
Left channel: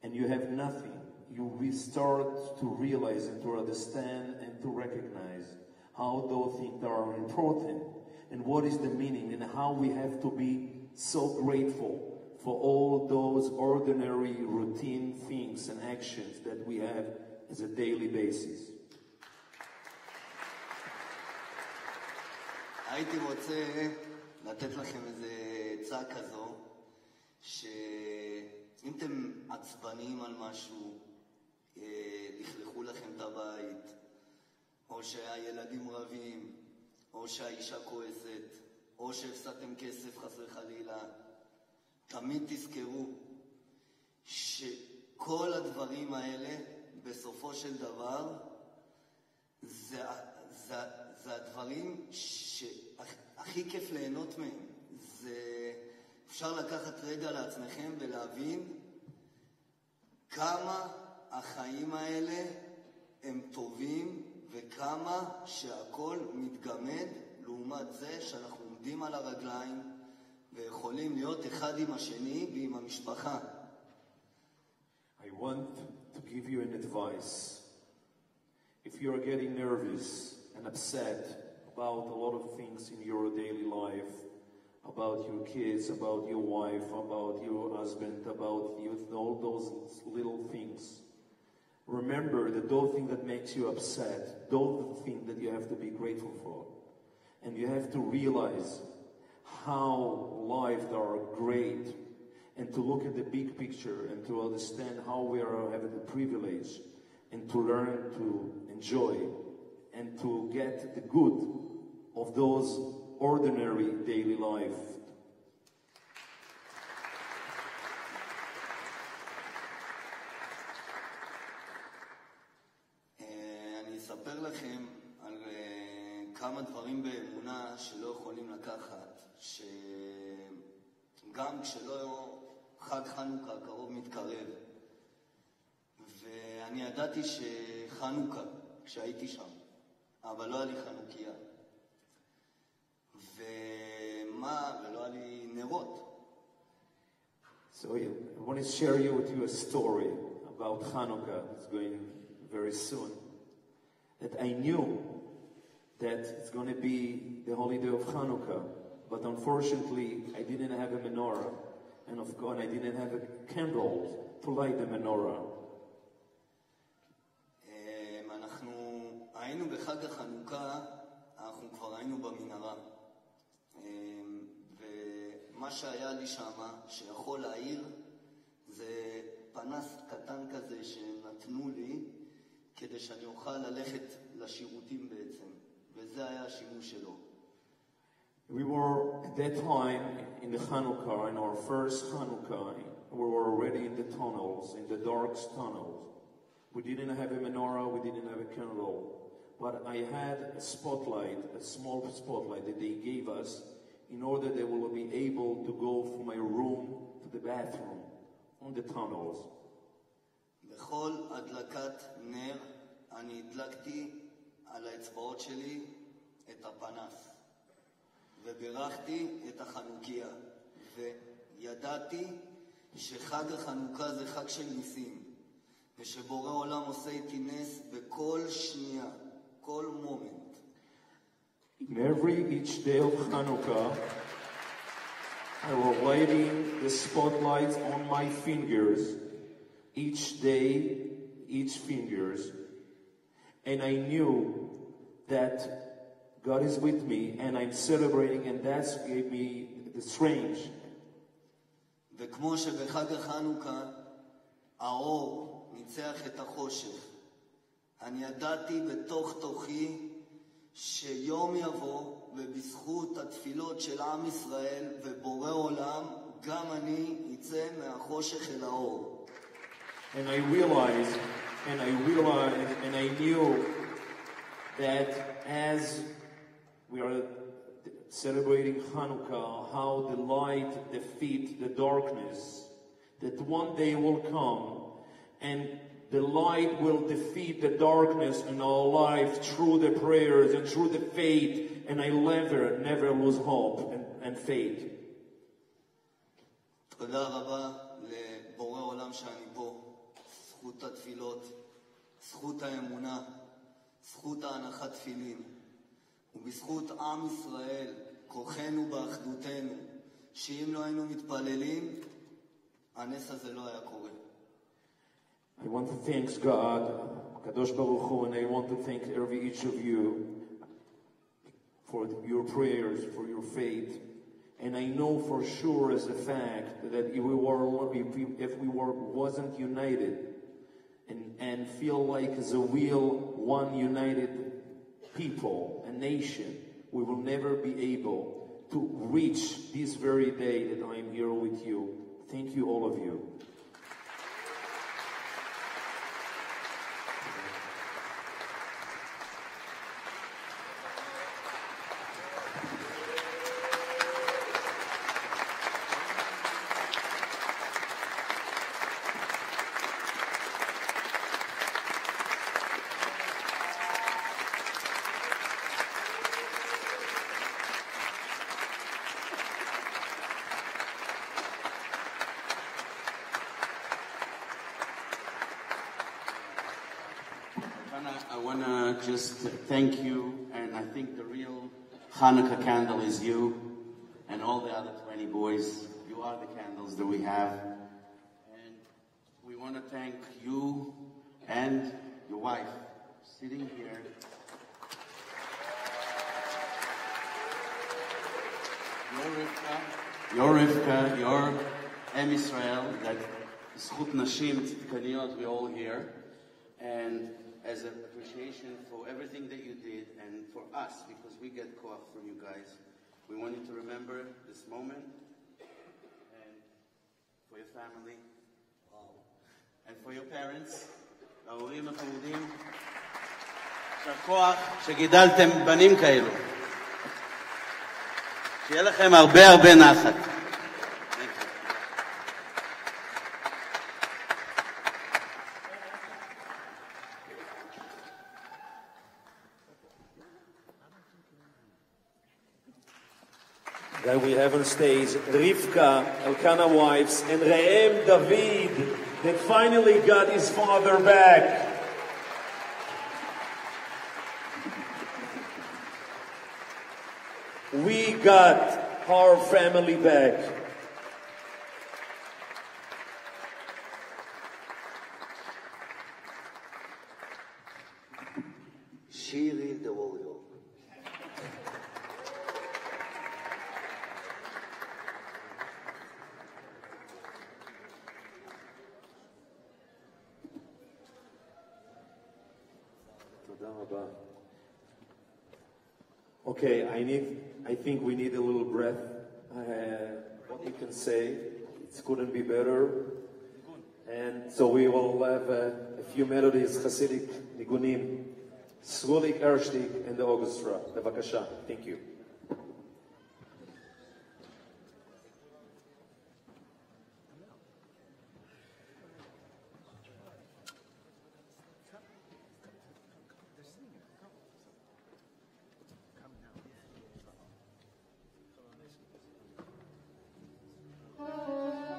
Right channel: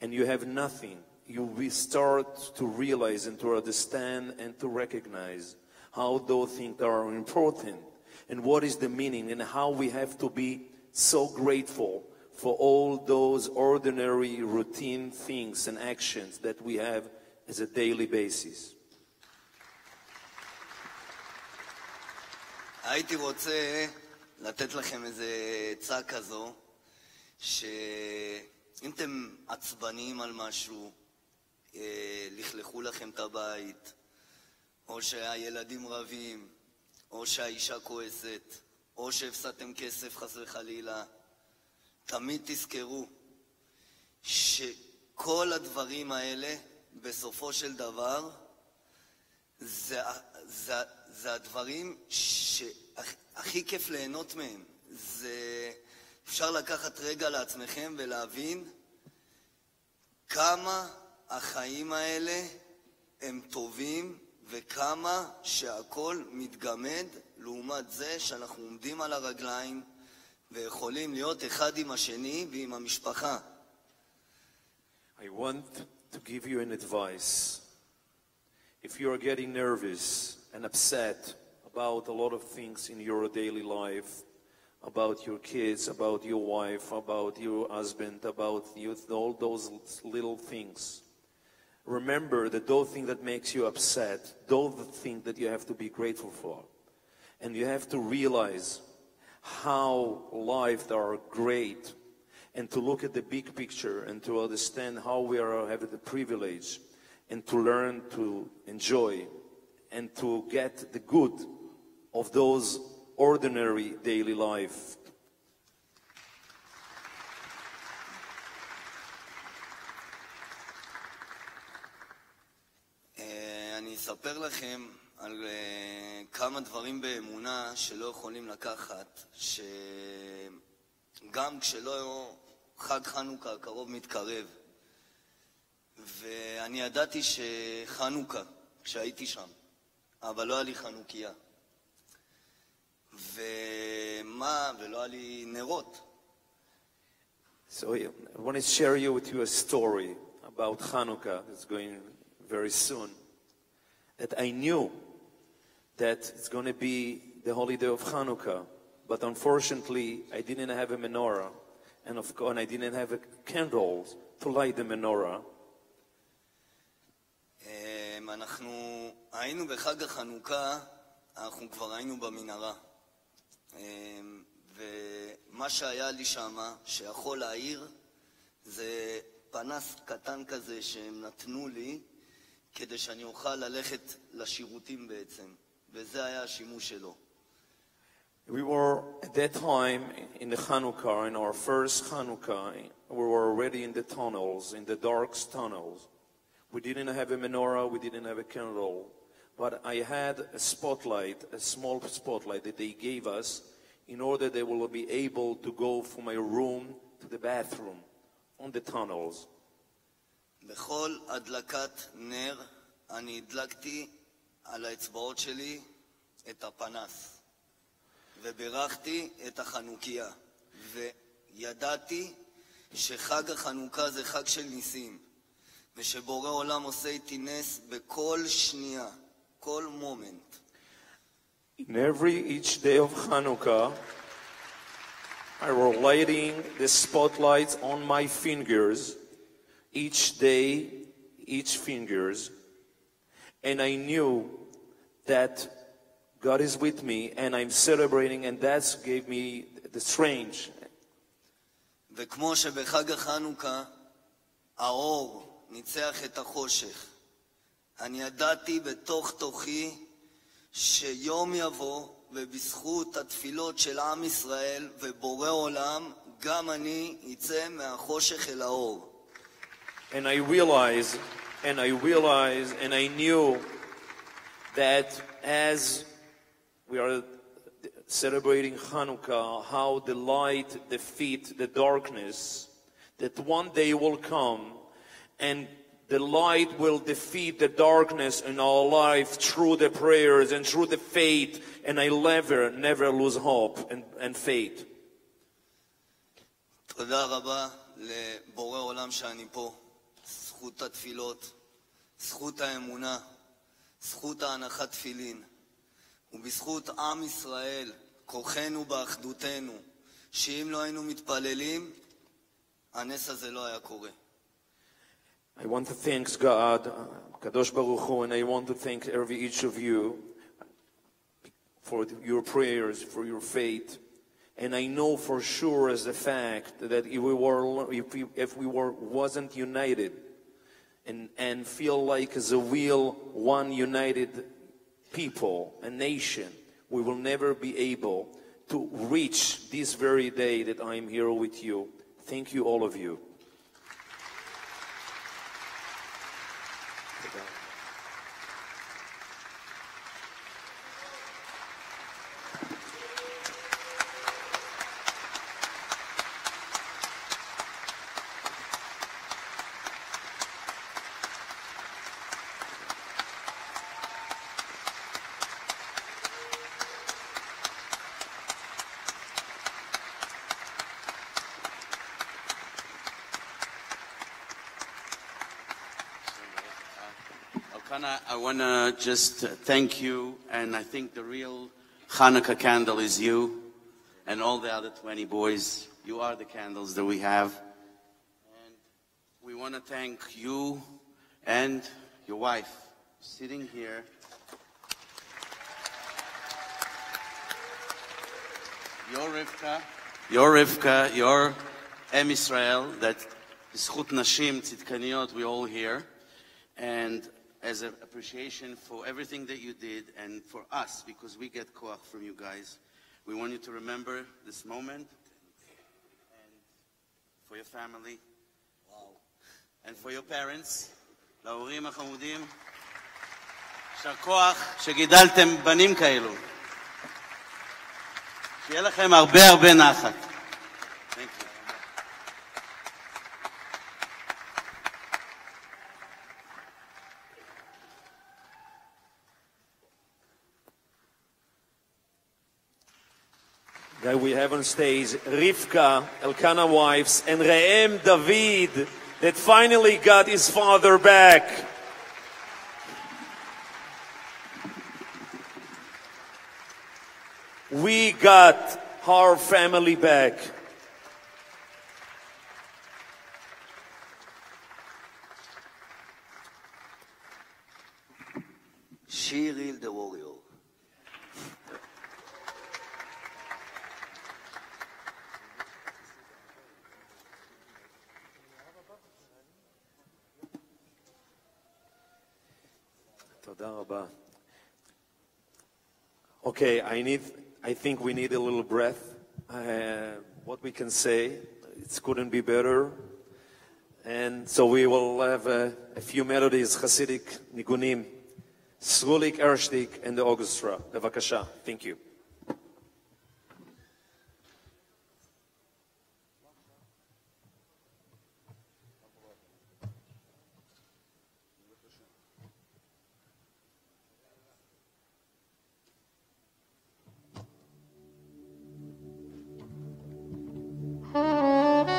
and you have nothing, you will start to realize and to understand and to recognize how those things are important and what is the meaning and how we have to be so grateful for all those ordinary routine things and actions that we have as a daily basis. הייתי רוצה לתת לכם איזה עצה כזו, שאם אתם עצבניים על משהו, לכלכו לכם את הבית, או שהילדים רבים, או שהאישה כועסת, או שהפסדתם כסף חס וחלילה, תמיד תזכרו שכל הדברים האלה בסופו של דבר זה הדברים שהכי כיף ליהנות מהם. אפשר לקחת רגע לעצמכם ולהבין כמה החיים האלה הם טובים וכמה שהכל מתגמד לעומת זה שאנחנו עומדים על הרגליים ויכולים להיות אחד עם השני ועם המשפחה. I want to give you an advice. If you are getting nervous and upset about a lot of things in your daily life, about your kids, about your wife, about your husband, about all those little things, remember that those things that makes you upset, those things that you have to be grateful for. And you have to realize how life are great, and to look at the big picture and to understand how we are having the privilege and to learn to enjoy and to get the good of those ordinary daily life. אני אספר לכם על כמה דברים באמונה שלא יכולים לקחת, שגם כשלא חג חנוכה הקרוב מתקרב, ואני ידעתי שחנוכה, כשהייתי שם, אבל לא היה לי חנוכיה. ולא היה לי נרות. So I want to share with you a story about Hanukkah that's going very soon. That I knew that it's going to be the holiday of Hanukkah, but unfortunately I didn't have a menorah, and of course I didn't have a candle to light the menorah. אנחנו היינו בחג החנוכה, אנחנו כבר היינו במנהרה. ומה שהיה לי שם, שיכול להעיר, זה פנס קטן כזה שהם נתנו לי, כדי שאני אוכל ללכת לשירותים בעצם. וזה היה השימוש שלו. We were at that time in the Hanukkah, in our first Hanukkah, we were already in the tunnels, in the dark tunnels. We didn't have a menorah, we didn't have a candle, but I had a spotlight, a small spotlight that they gave us in order that we will be able to go from my room to the bathroom on the tunnels. בכל הדלקת נר אני הדלקתי על האצבעות שלי את הפנס וברכתי את החנוכיה וידעתי שחג החנוכה זה חג של ניסים ושבורא עולם עושה איתי נס בכל שנייה, כל מומנט. In each day of Hanukkah, I was lighting the spotlights on my fingers, each day, each fingers, and I knew that God is with me, and I'm celebrating, and that gave me the strength. וכמו שבחג החנוכה האור ניצח את החושך, אני ידעתי בתוך תוכי יום יבוא, ובזכות התפילות של עם ישראל ובורא עולם, גם אני יצא מהחושך אל האור. And I realized, and I knew that as we are celebrating Hanukkah, how the light defeats the darkness, that one day will come and the light will defeat the darkness in our life through the prayers and through the faith, and I never lose hope and faith. תודה רבה לבורא עולם שאני פה. זכות התפילות, זכות האמונה, זכות ההנחת תפילין, ובזכות עם ישראל, כוחנו באחדותנו, שאם לא היינו מתפללים, הנס הזה לא היה קורה. I want to thank God, Kadosh Baruch Hu, and I want to thank each of you for your prayers, for your faith. And I know for sure as a fact that if we wasn't united and feel like as a one united people, a nation, we will never be able to reach this very day that I am here with you. Thank you, all of you. I want to just thank you, and I think the real Hanukkah candle is you and all the other 20 boys. You are the candles that we have. And we want to thank you and your wife sitting here. Your Rivka, your Em Israel, that Zchut Nashim Tzidkaniyot, we're all here. And as an appreciation for everything that you did and for us, because we get koach from you guys, we want you to remember this moment, and for your family, and for your parents, להורים החמודים, שהכוח שגידלתם בנים כאלו. שיהיה לכם הרבה נחת. That we have on stage Rivka, Elkanah wives, and Re'em David, that finally got his father back. We got our family back. Shiri the warrior. Okay, I think we need a little breath. What we can say, it couldn't be better. And so we will have a few melodies, Hasidic, Nigunim, Srulik, Ershtik, and the orchestra. Bevakasha. Thank you. Thank you.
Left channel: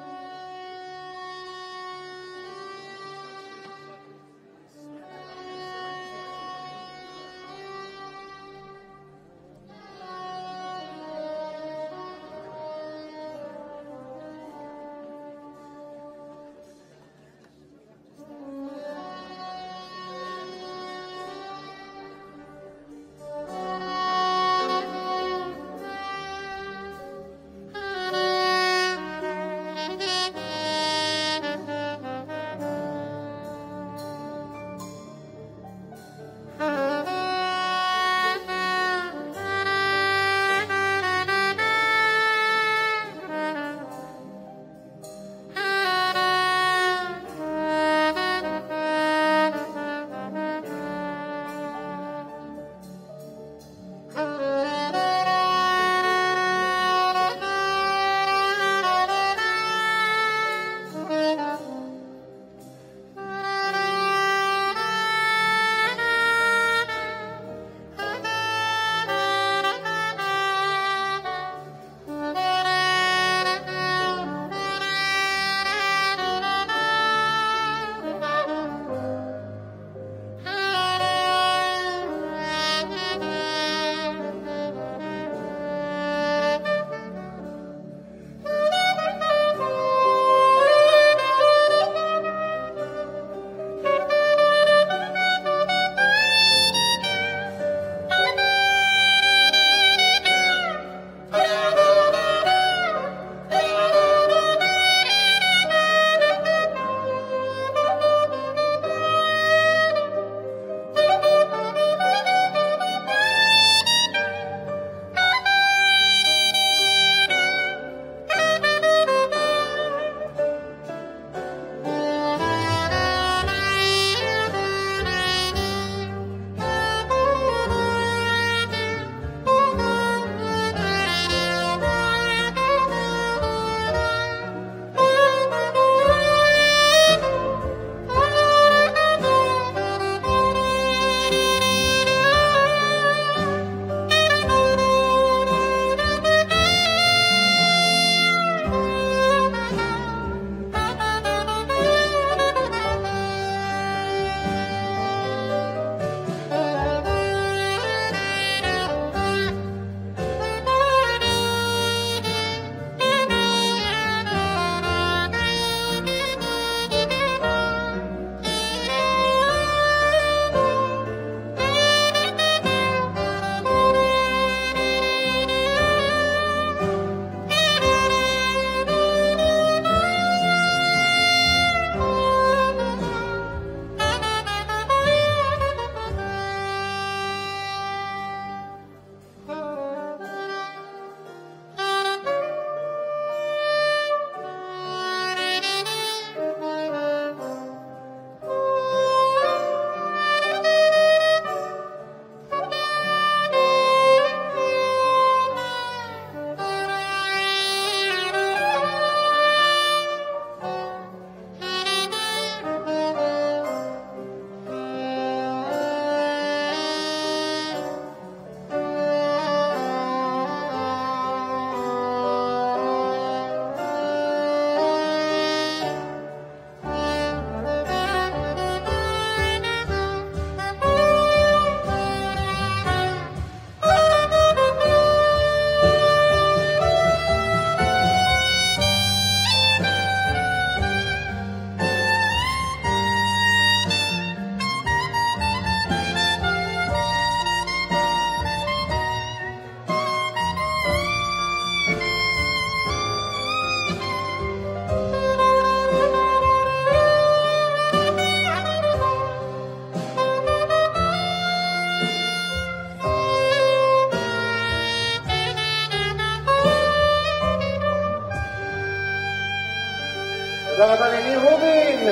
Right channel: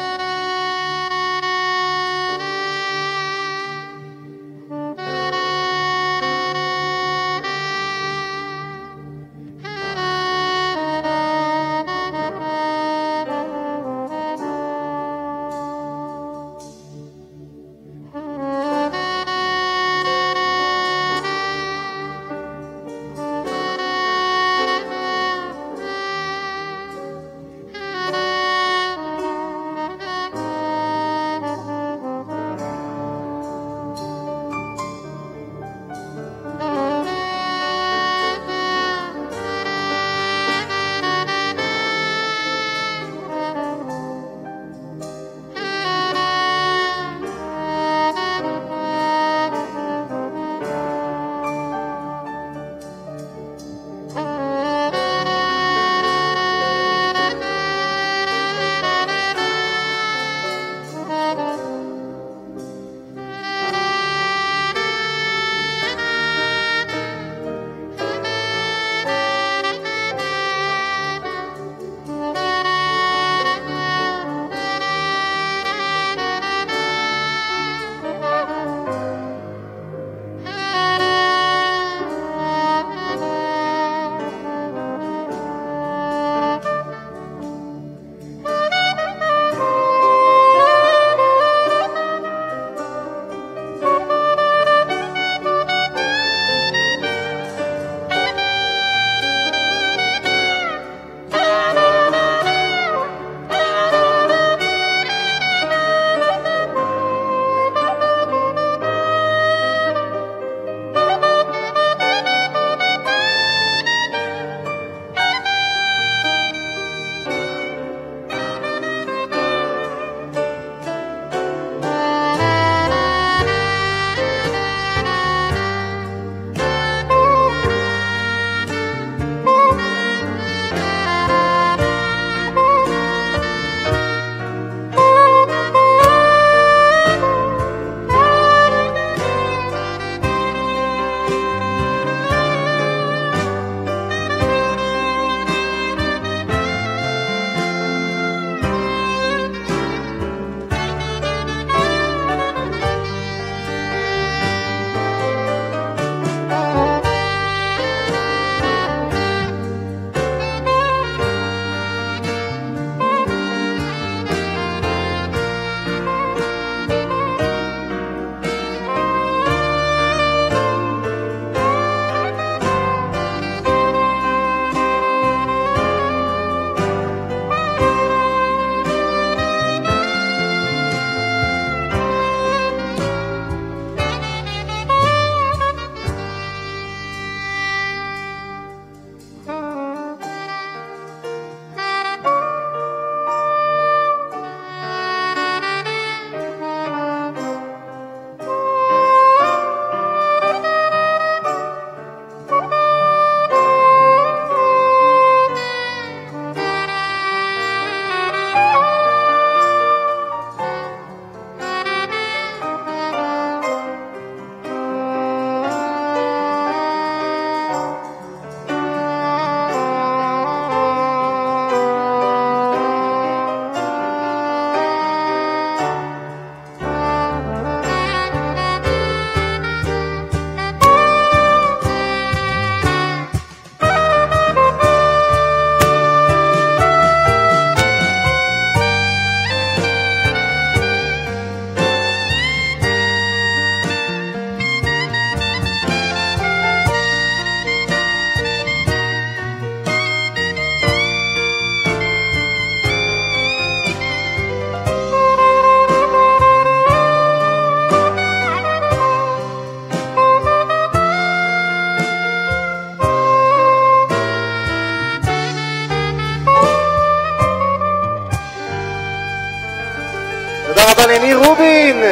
רובין.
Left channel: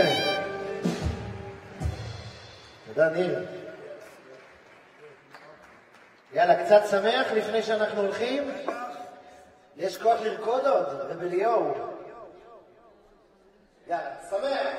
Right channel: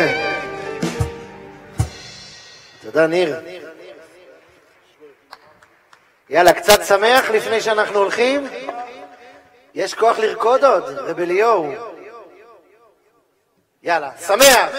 תודה, ניר. יאללה, קצת שמח לפני שאנחנו הולכים? יש כוח לרקוד עוד, רבליהו. יאללה, שמח.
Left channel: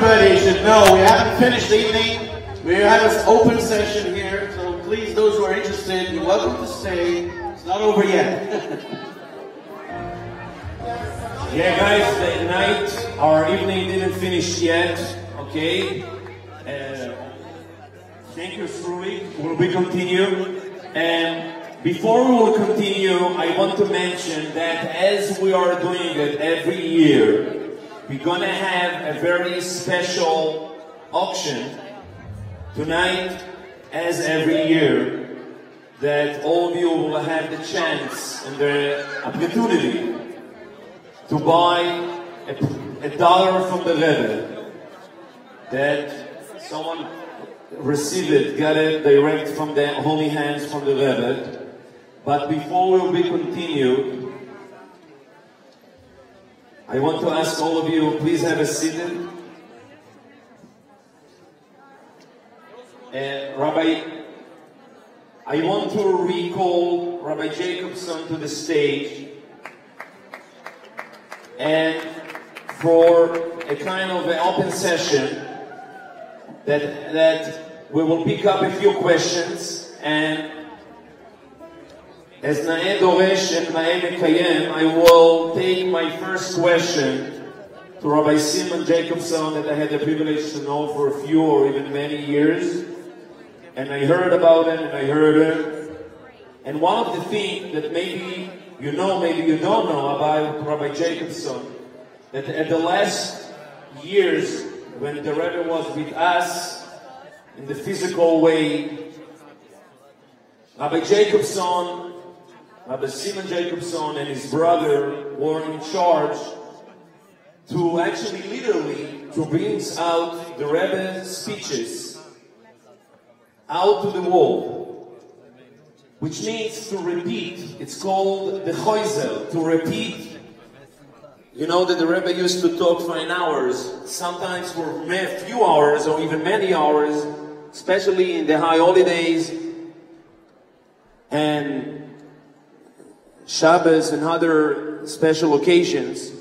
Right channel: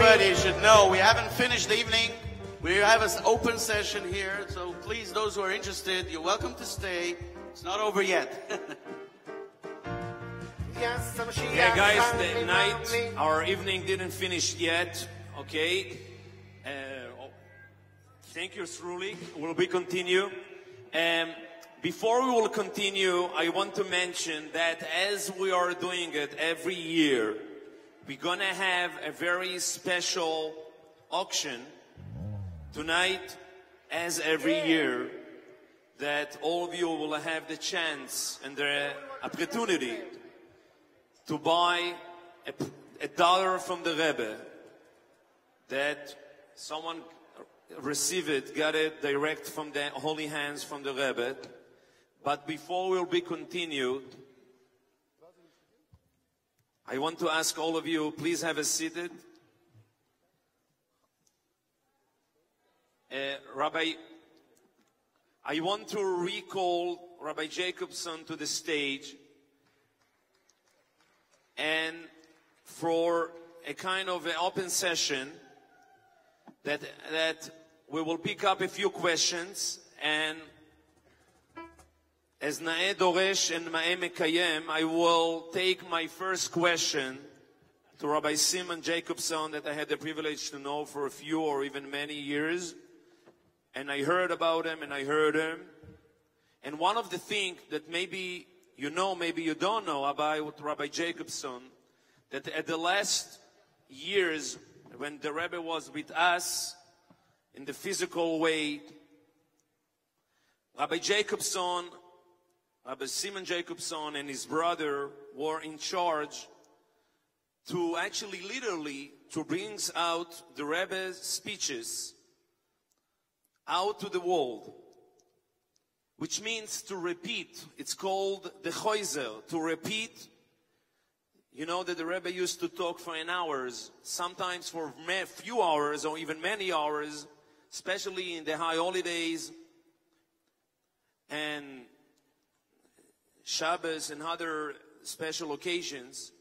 Everybody should know we haven't finished the evening. We have an open session here, so please, those who are interested, you're welcome to stay. It's not over yet. Yeah, guys, tonight our evening didn't finish yet. Okay. Thank you, truly. Will we continue? And before we will continue, I want to mention that as we are doing it every year, we're gonna have a very special auction tonight as every year, that all of you will have the chance and the opportunity to buy a dollar from the Rebbe, that someone received it, got it direct from the holy hands from the Rebbe. But before we continue, I want to ask all of you, please have a seat. Rabbi, I want to recall Rabbi Jacobson to the stage, and for a kind of an open session that we will pick up a few questions, and as Na'eh Doresh and Na'eh Mekayem, I will take my first question to Rabbi Simon Jacobson, that I had the privilege to know for a few or even many years. And I heard about it, and I heard it. And one of the things that maybe you know, maybe you don't know about Rabbi Jacobson, that at the last years, when the Rebbe was with us in the physical way, Rabbi Jacobson, Rabbi Simon Jacobson and his brother were in charge to actually literally to bring out the Rebbe's speeches out to the world, which means to repeat. It's called the choizel, to repeat. You know that the Rebbe used to talk for an hour, sometimes for a few hours or even many hours, especially in the high holidays and Shabbos and other special occasions.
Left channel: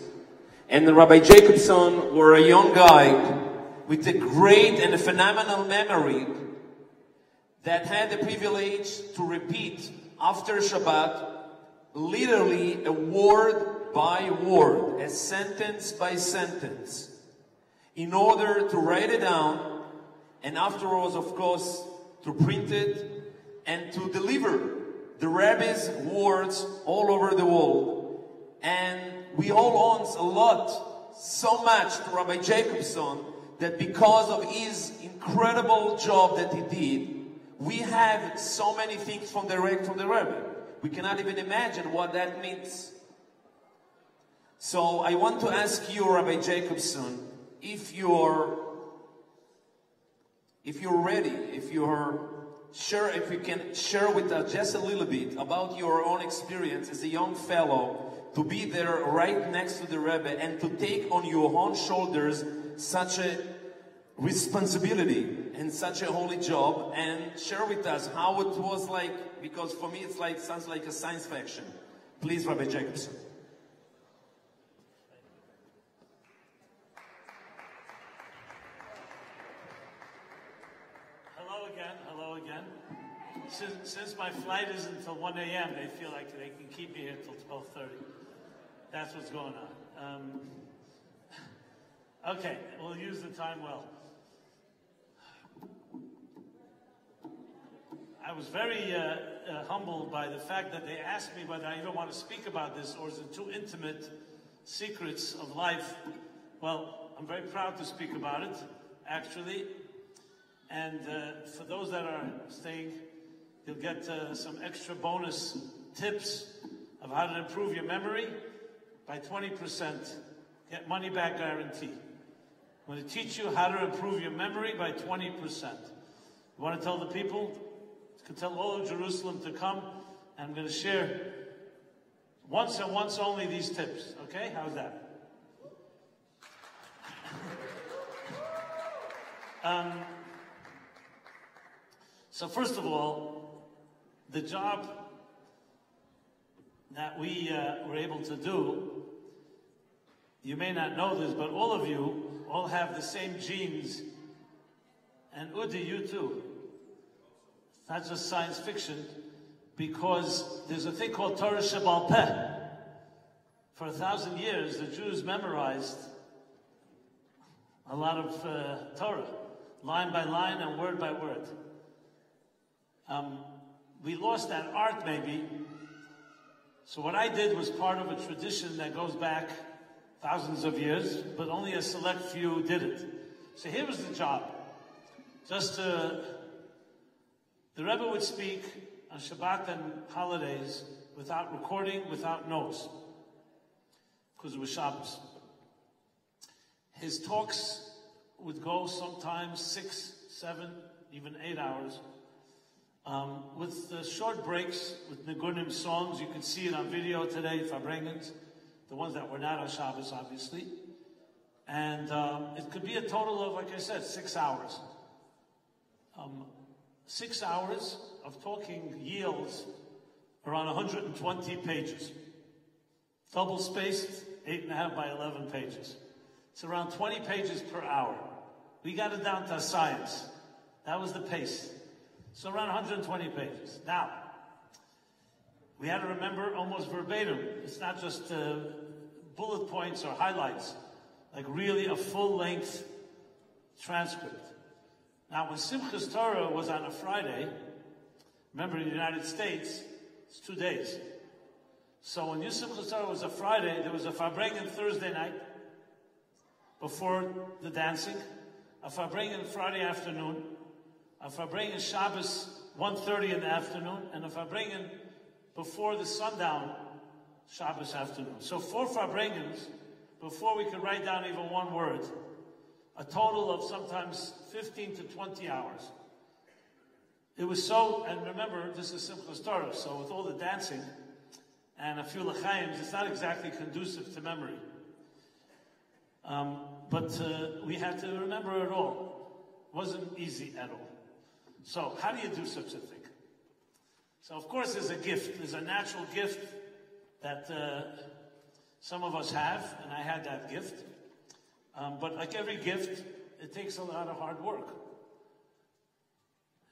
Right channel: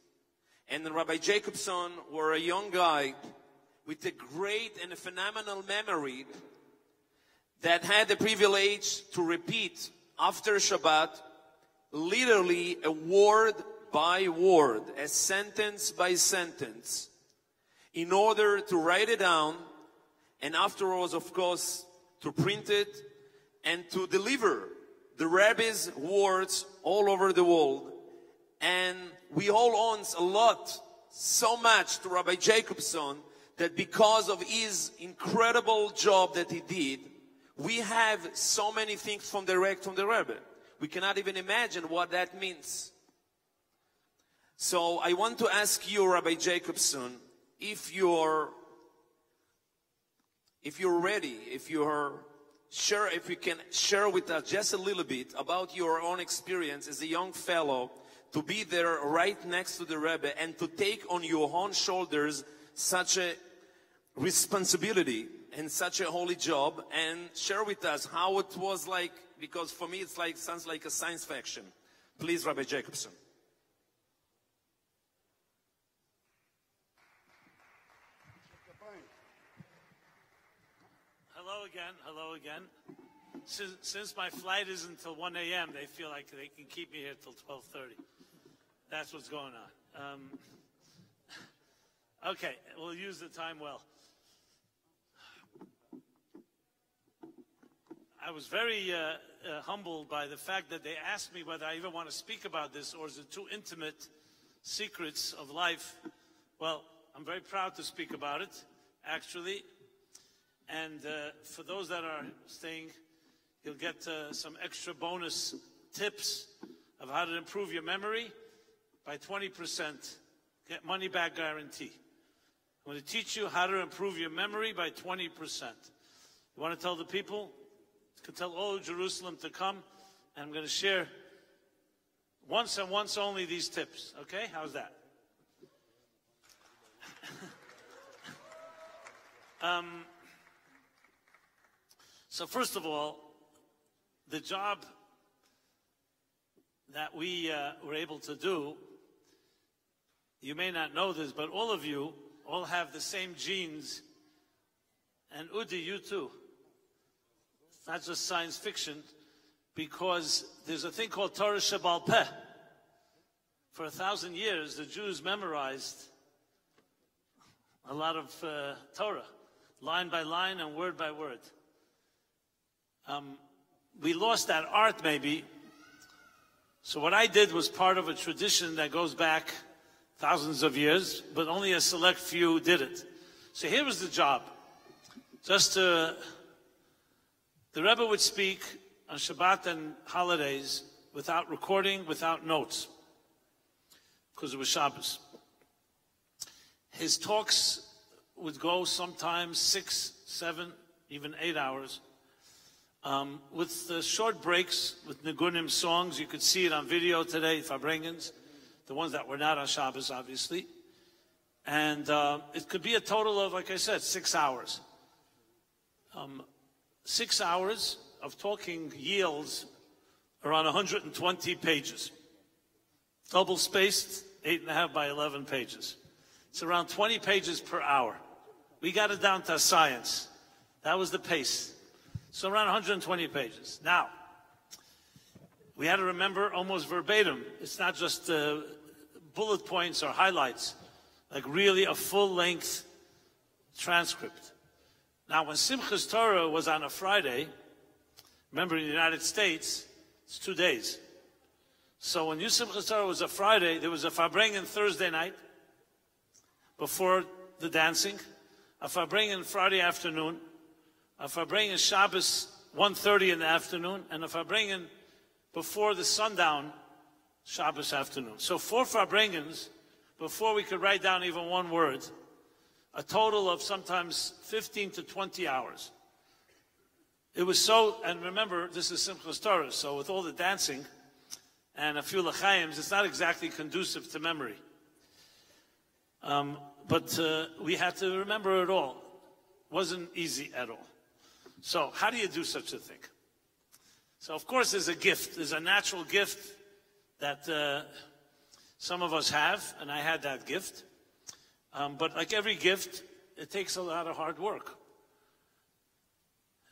And the Rabbi Jacobson were a young guy with a great and a phenomenal memory that had the privilege to repeat after Shabbat, literally a word by word, a sentence by sentence, in order to write it down, and afterwards, of course, to print it and to deliver the Rebbe's words all over the world. And we all owe a lot, so much to Rabbi Jacobson, that because of his incredible job that he did, we have so many things from the Rebbe. We cannot even imagine what that means. So I want to ask you, Rabbi Jacobson, if you're ready, if you're sure, if you can share with us just a little bit about your own experience as a young fellow, to be there right next to the Rebbe and to take on your own shoulders such a responsibility and such a holy job, and share with us how it was like, because for me it's like, sounds like a science fiction. Please, Rabbi Jacobson. Hello again. Since my flight is until 1 a.m., they feel like they can keep me here till 12:30. That's what's going on. Okay, we'll use the time well. I was very humbled by the fact that they asked me whether I even want to speak about this, or is it too intimate, secrets of life. Well, I'm very proud to speak about it, actually. And for those that are staying, you'll get some extra bonus tips of how to improve your memory by 20%. Get money back guarantee. I'm going to teach you how to improve your memory by 20%. You want to tell the people? You can tell all of Jerusalem to come, and I'm going to share once and once only these tips. Okay? How's that? So first of all, the job that we were able to do, you may not know this, but all of you all have the same genes, and Udi, you too. It's not just science fiction, because there's a thing called Torah Shebal Peh. For 1,000 years, the Jews memorized a lot of Torah, line by line and word by word. We lost that art, maybe. So what I did was part of a tradition that goes back thousands of years, but only a select few did it. So here was the job. Just to The Rebbe would speak on Shabbat and holidays without recording, without notes, because it was Shabbos. His talks would go sometimes 6, 7, even 8 hours, with the short breaks, with Nigunim songs. You can see it on video today, Farbrengens, the ones that were not on Shabbos, obviously. And it could be a total of, like I said, 6 hours. 6 hours of talking yields around 120 pages. Double spaced, 8.5 by 11 pages. It's around 20 pages per hour. We got it down to science. That was the pace. So around 120 pages. Now, we had to remember almost verbatim. It's not just bullet points or highlights, like really a full-length transcript. Now, when Simchas Torah was on a Friday, remember in the United States, it's 2 days. So when Simchas Torah was a Friday, there was a Farbrengen Thursday night before the dancing, a Farbrengen Friday afternoon, a Farbrengen Shabbos 1:30 in the afternoon, and a Farbrengen before the sundown Shabbos afternoon. So 4 Farbrengens before we could write down even one word. A total of sometimes 15 to 20 hours. It was so, and remember, this is Simchas Torah, so with all the dancing and a few l'chaims, it's not exactly conducive to memory. But we had to remember it all. It wasn't easy at all. So how do you do such a thing? So of course there's a gift. There's a natural gift that some of us have, and I had that gift. But like every gift, it takes a lot of hard work.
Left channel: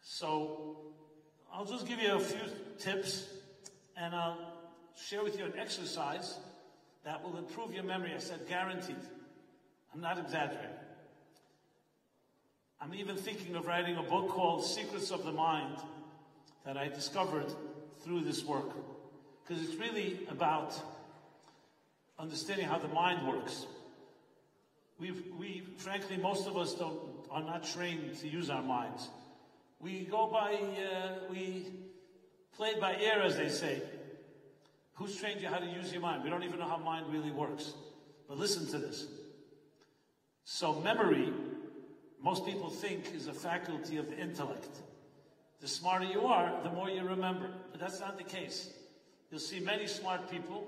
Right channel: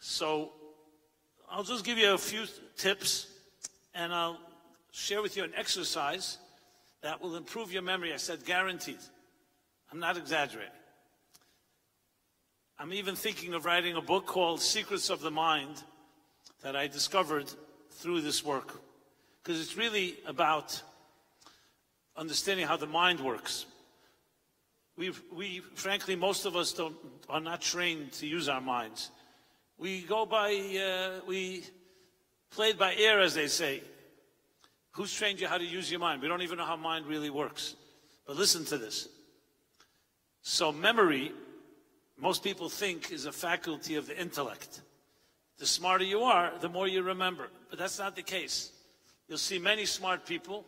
So I'll just give you a few tips, and I'll share with you an exercise that will improve your memory. I said guaranteed. I'm not exaggerating. I'm even thinking of writing a book called Secrets of the Mind that I discovered through this work. Because it's really about understanding how the mind works. We frankly, most of us are not trained to use our minds. We go by, we play it by ear, as they say. Who's trained you how to use your mind? We don't even know how mind really works. But listen to this. So memory, most people think, is a faculty of the intellect. The smarter you are, the more you remember. But that's not the case. You'll see many smart people.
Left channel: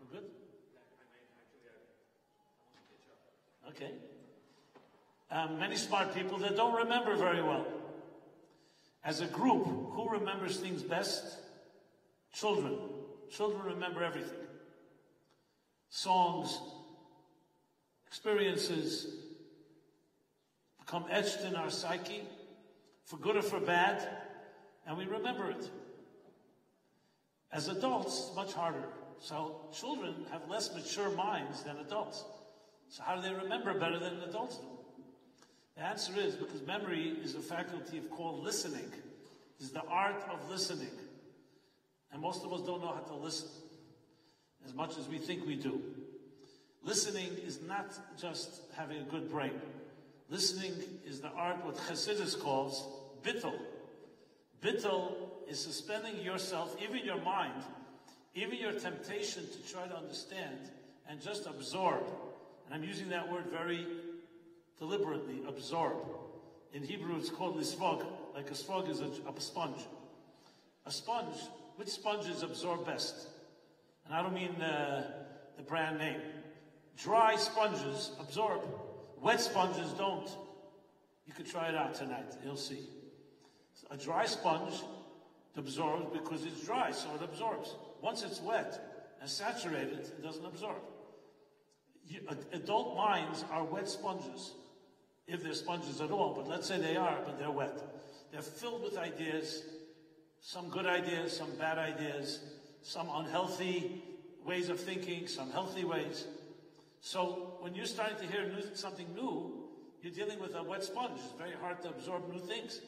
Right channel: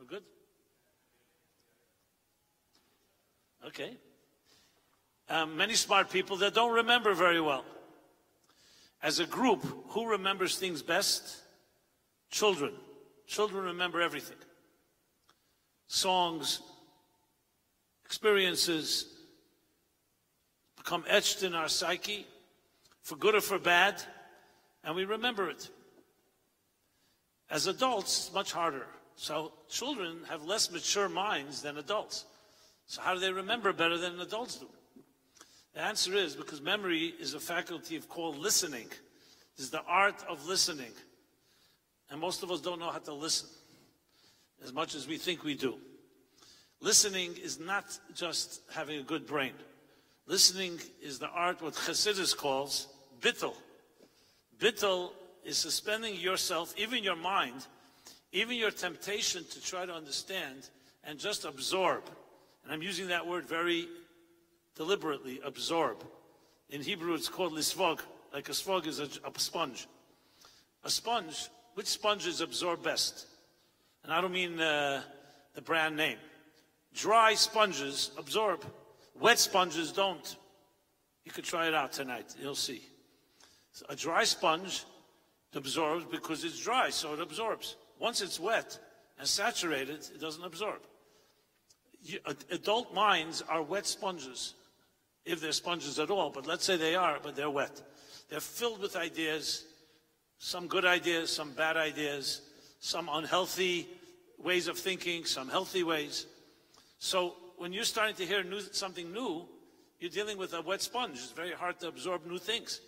We're good? Okay. Many smart people that don't remember very well. As a group, who remembers things best? Children. Children remember everything. Songs, experiences become etched in our psyche, for good or for bad, and we remember it. As adults, it's much harder. So children have less mature minds than adults. So how do they remember better than adults do? The answer is because memory is a faculty called listening. It's the art of listening. And most of us don't know how to listen as much as we think we do. Listening is not just having a good brain. Listening is the art what Chassidus calls bittul. Bittul is suspending yourself, even your mind, even your temptation to try to understand and just absorb. And I'm using that word very deliberately, absorb. In Hebrew it's called lisvog, like a svog is a sponge. A sponge, which sponges absorb best? And I don't mean the brand name. Dry sponges absorb. Wet sponges don't. You could try it out tonight, you'll see. So a dry sponge absorbs because it's dry, so it absorbs. Once it's wet and saturated, it doesn't absorb. Adult minds are wet sponges, if they're sponges at all, but let's say they are, but they're wet. They're filled with ideas, some good ideas, some bad ideas, some unhealthy ways of thinking, some healthy ways. So when you're starting to hear something new, you're dealing with a wet sponge. It's very hard to absorb new things.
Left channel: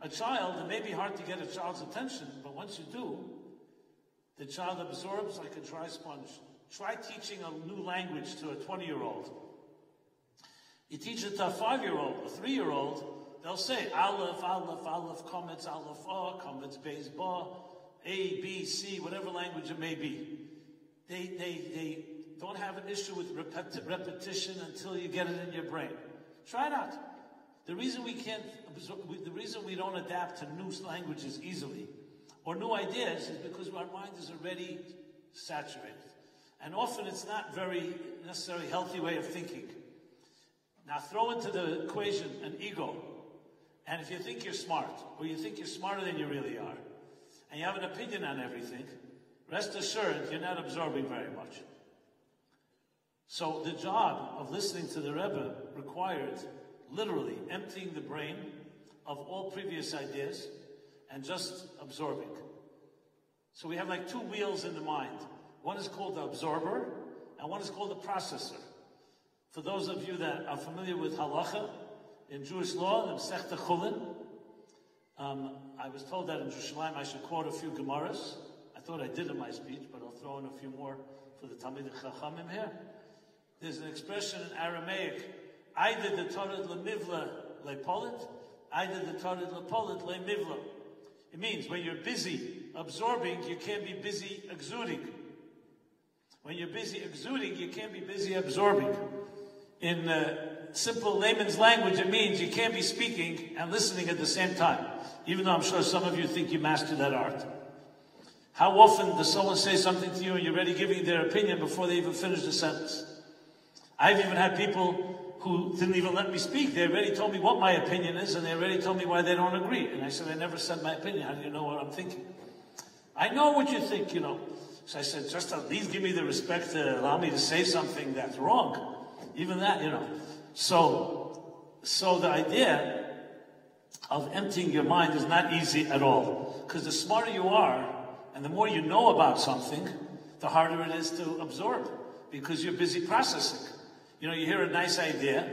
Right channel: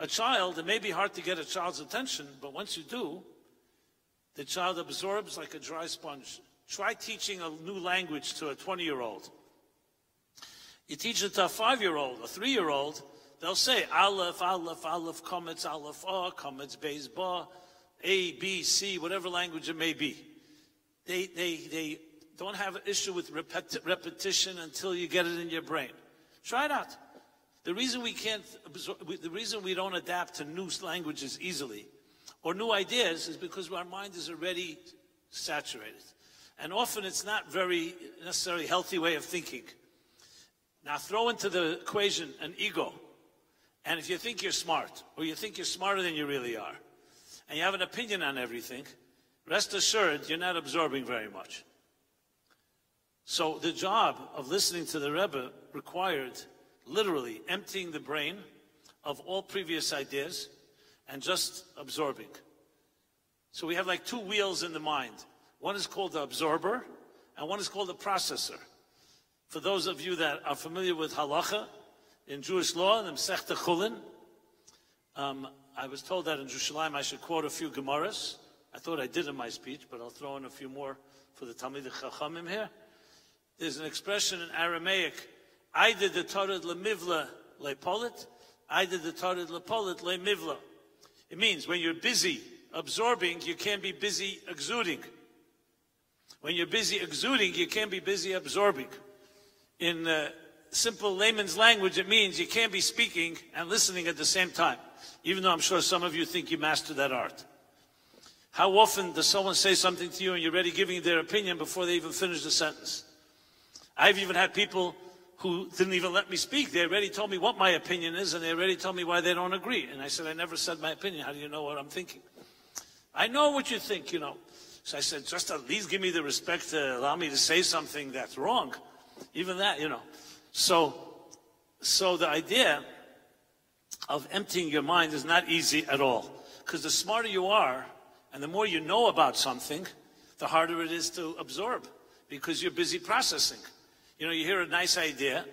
A child, it may be hard to get a child's attention, but once you do, the child absorbs like a dry sponge. Try teaching a new language to a 20-year-old. You teach it to a 5-year-old, a 3-year-old, they'll say Aleph, Aleph, Aleph, Kometz, Aleph, A, Kometz, Beis, Ba, A, B, C, whatever language it may be. They don't have an issue with repetition until you get it in your brain. Try it out. The reason we can't absorb, the reason we don't adapt to new languages easily or new ideas is because our mind is already saturated. And often it's not very necessarily healthy way of thinking. Now throw into the equation an ego. And if you think you're smart, or you think you're smarter than you really are, and you have an opinion on everything, rest assured you're not absorbing very much. So the job of listening to the Rebbe required literally emptying the brain of all previous ideas and just absorbing. So we have like two wheels in the mind. One is called the absorber, and one is called the processor. For those of you that are familiar with halacha, in Jewish law, the Masechta Chulin, I was told that in Jerusalem I should quote a few Gemaras. I thought I did in my speech, but I'll throw in a few more for the Talmidei Chachamim here. There's an expression in Aramaic, I did the Torah lemivla lepolit, I did the Torah lepolit lemivla. It means when you're busy absorbing, you can't be busy exuding. When you're busy exuding, you can't be busy absorbing. In simple layman's language, it means you can't be speaking and listening at the same time, even though I'm sure some of you think you mastered that art. How often does someone say something to you and you're already giving their opinion before they even finish the sentence? I've even had people who didn't even let me speak. They already told me what my opinion is, and they already told me why they don't agree. And I said, I never said my opinion. How do you know what I'm thinking? I know what you think, you know. So I said, just at least give me the respect to allow me to say something that's wrong. Even that, you know. So the idea of emptying your mind is not easy at all. Because the smarter you are, and the more you know about something, the harder it is to absorb. Because you're busy processing. You know, you hear a nice idea,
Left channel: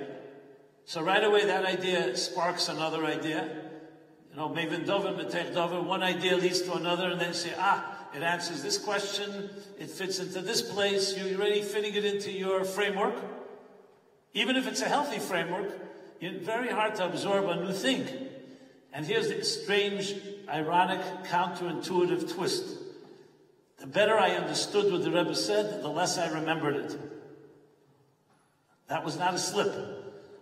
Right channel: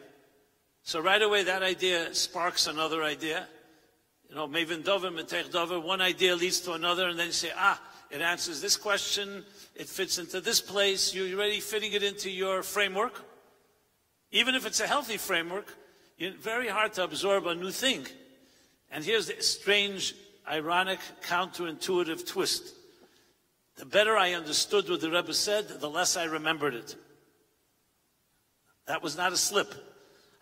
so right away that idea sparks another idea. You know, Mevin Dover, Metech Dover, one idea leads to another, and then you say, it answers this question, it fits into this place, you're already fitting it into your framework. Even if it's a healthy framework, it's very hard to absorb a new thing. And here's the strange, ironic, counterintuitive twist. The better I understood what the Rebbe said, the less I remembered it. That was not a slip.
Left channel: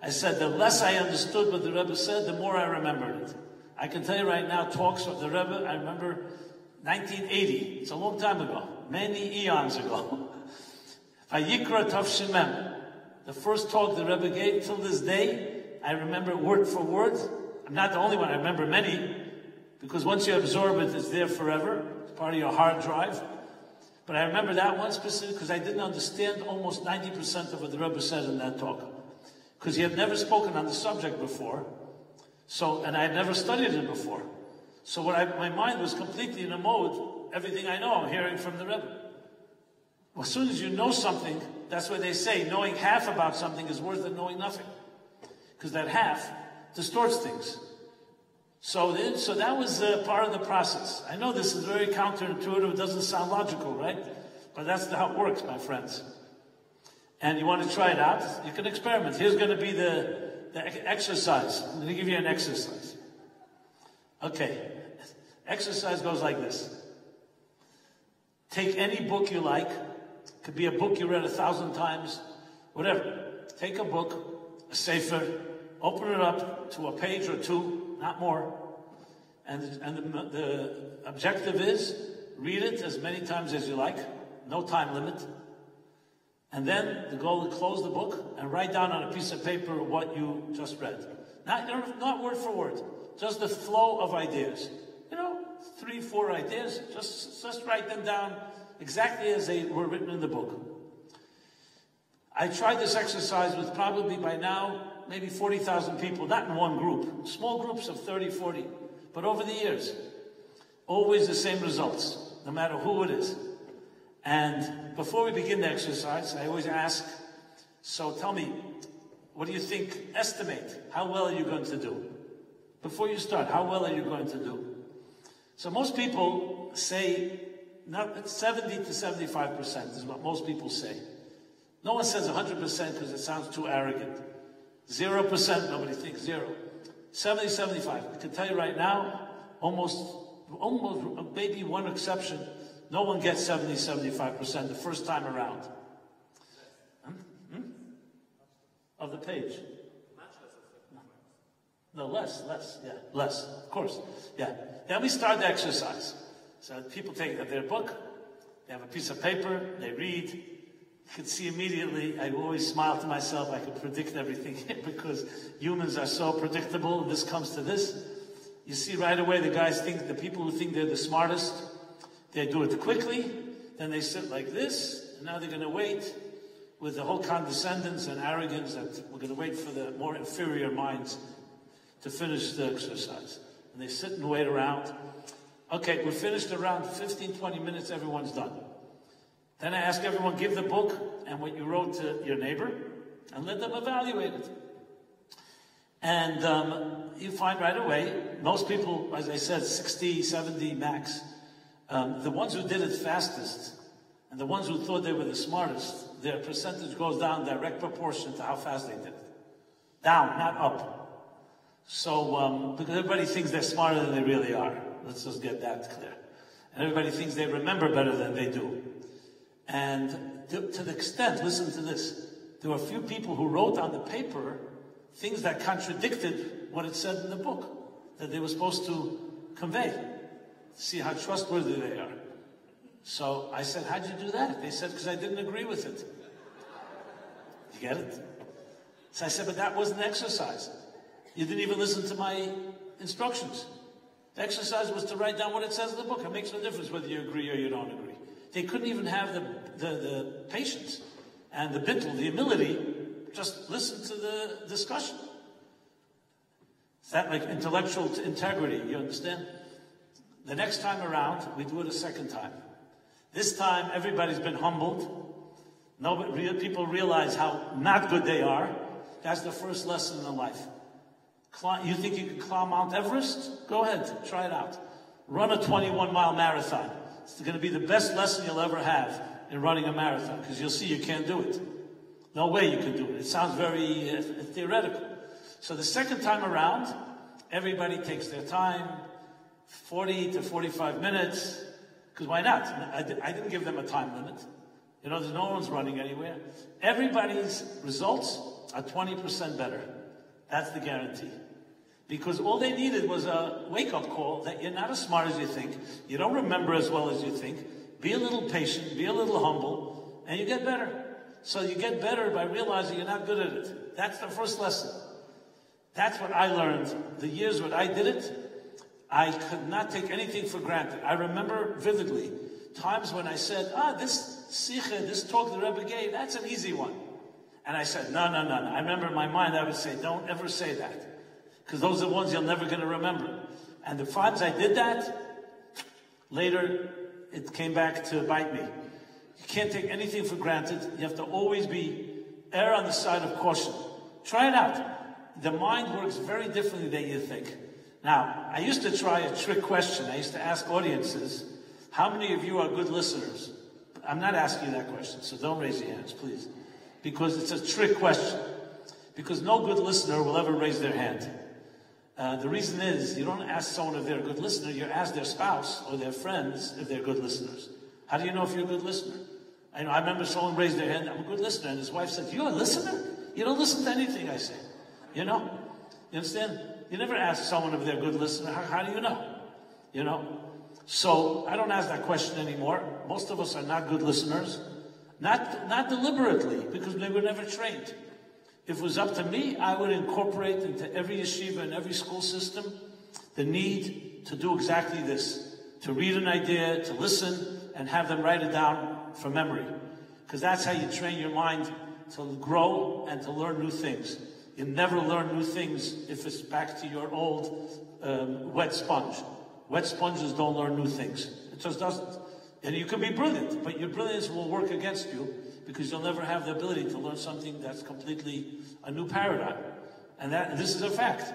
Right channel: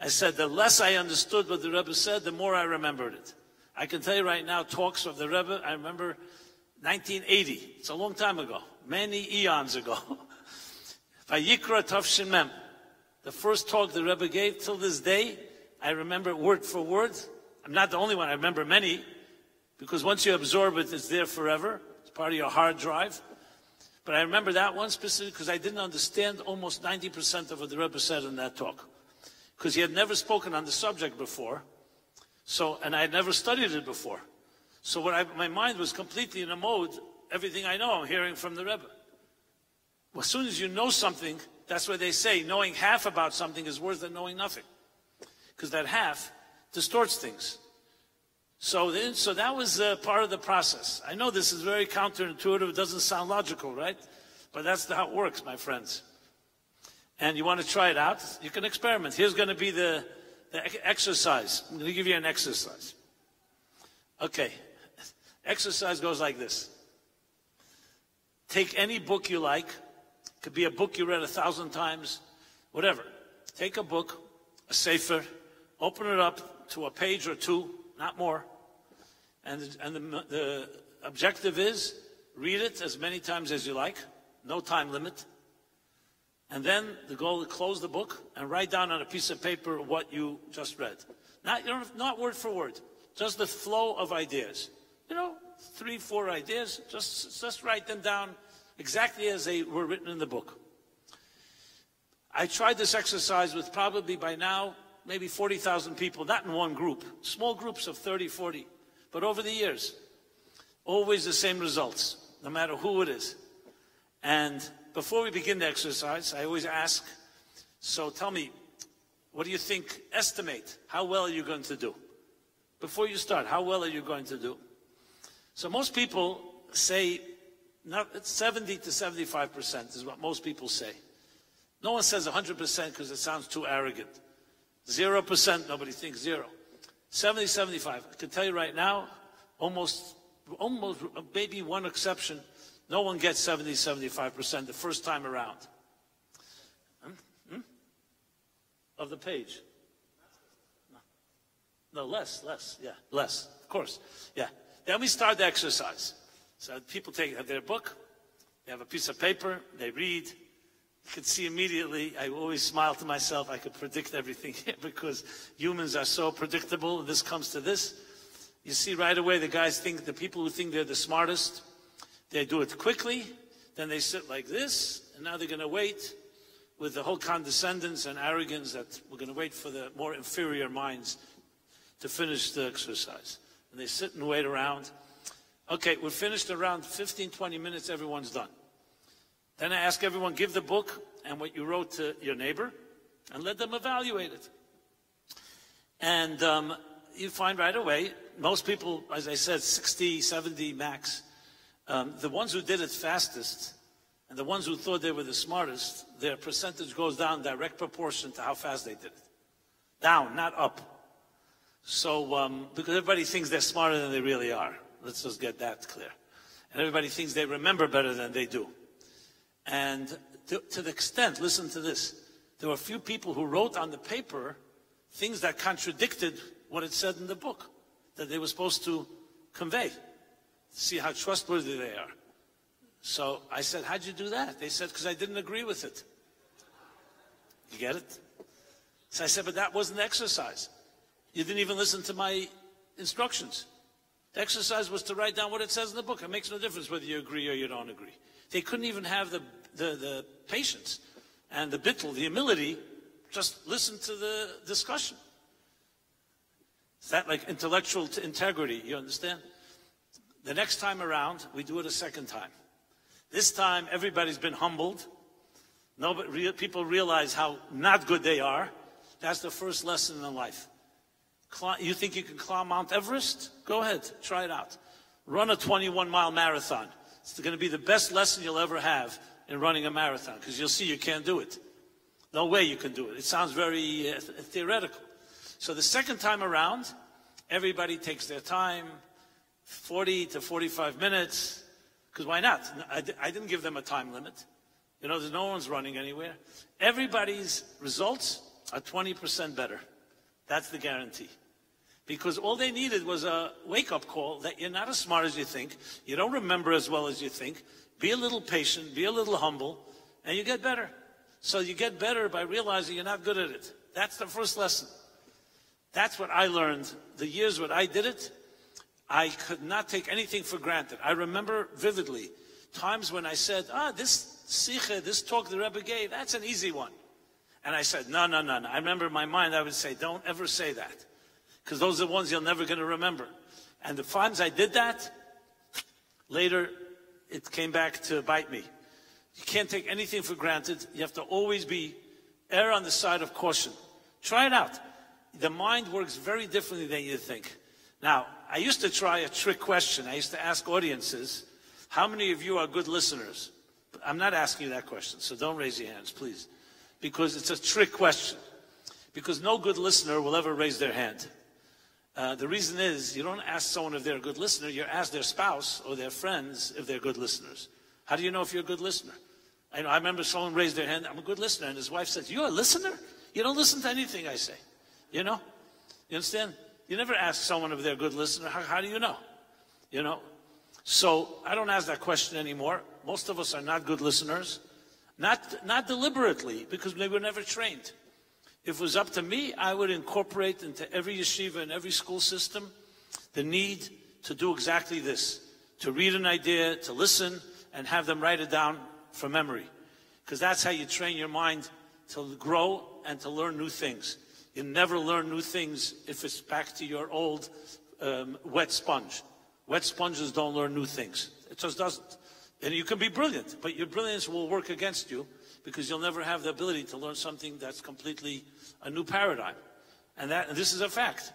I said, the less I understood what the Rebbe said, the more I remembered it. I can tell you right now, talks of the Rebbe, I remember 1980. It's a long time ago. Many eons ago. Vayikra Tavshin Mem. The first talk the Rebbe gave till this day, I remember word for word. I'm not the only one. I remember many. Because once you absorb it, it's there forever. It's part of your hard drive. But I remember that one specifically because I didn't understand almost 90% of what the Rebbe said in that talk. Because he had never spoken on the subject before. And I had never studied it before. So my mind was completely in a mode, everything I know, I'm hearing from the Rebbe. Well, as soon as you know something, that's what they say, knowing half about something is worse than knowing nothing. Because that half distorts things. So that was part of the process. I know this is very counterintuitive, it doesn't sound logical, right? But that's how it works, my friends. And you want to try it out? You can experiment. Here's going to be the exercise. I'm going to give you an exercise. Okay. Exercise goes like this. Take any book you like. It could be a book you read 1,000 times, whatever. Take a book, a sefer, open it up to a page or two, not more. And the objective is, read it as many times as you like, no time limit. And then the goal is to close the book and write down on a piece of paper what you just read. Not word for word, just the flow of ideas. 3, 4 ideas, just write them down exactly as they were written in the book. I tried this exercise with probably by now, maybe 40,000 people, not in one group, small groups of 30, 40, but over the years, always the same results, no matter who it is. And before we begin the exercise, I always ask, so tell me, what do you think, estimate, how well are you going to do? Before you start, how well are you going to do? So most people say, 70 to 75% is what most people say. No one says 100% because it sounds too arrogant. 0%, nobody thinks 0. 70, 75. I can tell you right now, almost maybe one exception, no one gets 70, 75% the first time around. Of the page. No, less, yeah, less, of course, yeah. Then we start the exercise. So people take their book, they have a piece of paper, they read. You can see immediately, I always smile to myself, I can predict everything because humans are so predictable, this comes to this. You see right away the guys think, the people who think they're the smartest, they do it quickly, then they sit like this, and now they're going to wait with the whole condescendence and arrogance that we're going to wait for the more inferior minds to finish the exercise. And they sit and wait around. Okay, we're finished around 15, 20 minutes, everyone's done. Then I ask everyone, give the book and what you wrote to your neighbor, and let them evaluate it. And you find right away, most people, as I said, 60, 70 max, the ones who did it fastest, and the ones who thought they were the smartest, their percentage goes down direct proportion to how fast they did it. Down, not up. So, because everybody thinks they're smarter than they really are. Let's just get that clear. And everybody thinks they remember better than they do. And to the extent, listen to this, there were a few people who wrote on the paper things that contradicted what it said in the book, that they were supposed to convey. See how trustworthy they are. So I said, how'd you do that? They said, because I didn't agree with it. You get it? So I said, but that wasn't exercise. You didn't even listen to my instructions. The exercise was to write down what it says in the book. It makes no difference whether you agree or you don't agree. They couldn't even have the patience and the bittul, the humility, just listen to the discussion. Is that like intellectual integrity? You understand? The next time around, we do it a second time. This time, everybody's been humbled. People realize how not good they are. That's the first lesson in life. You think you can climb Mount Everest? Go ahead, try it out. Run a 21-mile marathon. It's going to be the best lesson you'll ever have in running a marathon, because you'll see you can't do it. No way you can do it. It sounds very theoretical. So the second time around, everybody takes their time, 40 to 45 minutes, because why not? I didn't give them a time limit. You know, there's no one's running anywhere. Everybody's results are 20% better. That's the guarantee. Because all they needed was a wake-up call that you're not as smart as you think, you don't remember as well as you think, be a little patient, be a little humble, and you get better. So you get better by realizing you're not good at it. That's the first lesson. That's what I learned. The years when I did it, I could not take anything for granted. I remember vividly times when I said, this sikha, this talk the Rebbe gave, that's an easy one. And I said, no. I remember in my mind I would say, don't ever say that. Because those are the ones you're never going to remember. And the times I did that, later it came back to bite me. You can't take anything for granted. You have to always err on the side of caution. Try it out. The mind works very differently than you think. Now, I used to try a trick question. I used to ask audiences, how many of you are good listeners? I'm not asking you that question, so don't raise your hands, please. Because it's a trick question. Because no good listener will ever raise their hand. The reason is, you don't ask someone if they're a good listener, you ask their spouse or their friends if they're good listeners. How do you know if you're a good listener? I remember someone raised their hand, I'm a good listener, and his wife said, you're a listener? You don't listen to anything I say. You know? You understand? You never ask someone if they're a good listener. How do you know? You know? So, I don't ask that question anymore. Most of us are not good listeners. Not deliberately, because we were never trained. If it was up to me, I would incorporate into every yeshiva and every school system the need to do exactly this. To read an idea, to listen, and have them write it down from memory. Because that's how you train your mind to grow and to learn new things. You never learn new things if it's back to your old wet sponge. Wet sponges don't learn new things. It just doesn't. And you can be brilliant, but your brilliance will work against you because you'll never have the ability to learn something that's completely a new paradigm. And this is a fact.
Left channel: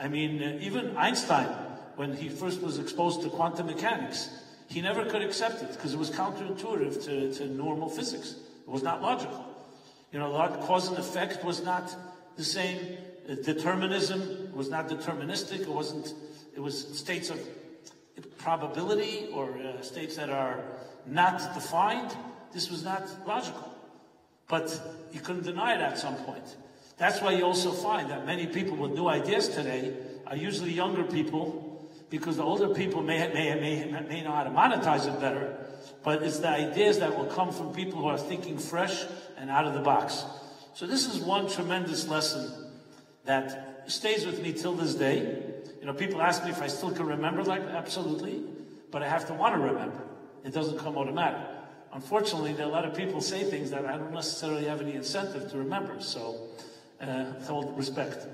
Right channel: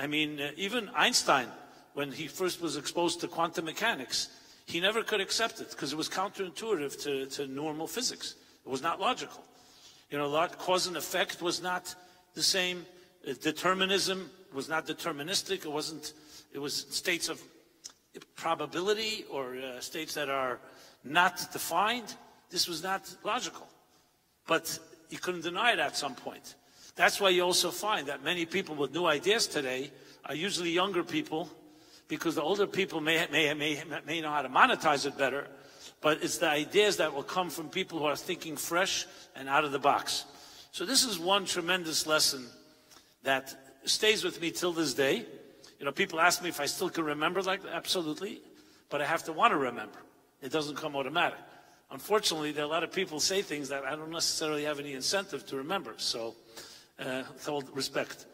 I mean, even Einstein, when he first was exposed to quantum mechanics, he never could accept it because it was counterintuitive to normal physics. It was not logical. You know, cause and effect was not the same determinism was not deterministic. It wasn't. It was states of probability or states that are not defined. This was not logical. But you couldn't deny it at some point. That's why you also find that many people with new ideas today are usually younger people, because the older people may know how to monetize it better, but it's the ideas that will come from people who are thinking fresh and out of the box. So this is one tremendous lesson that stays with me till this day. You know, people ask me if I still can remember, like, absolutely, but I have to want to remember. It doesn't come automatic. Unfortunately, there are a lot of people say things that I don't necessarily have any incentive to remember, so with all respect.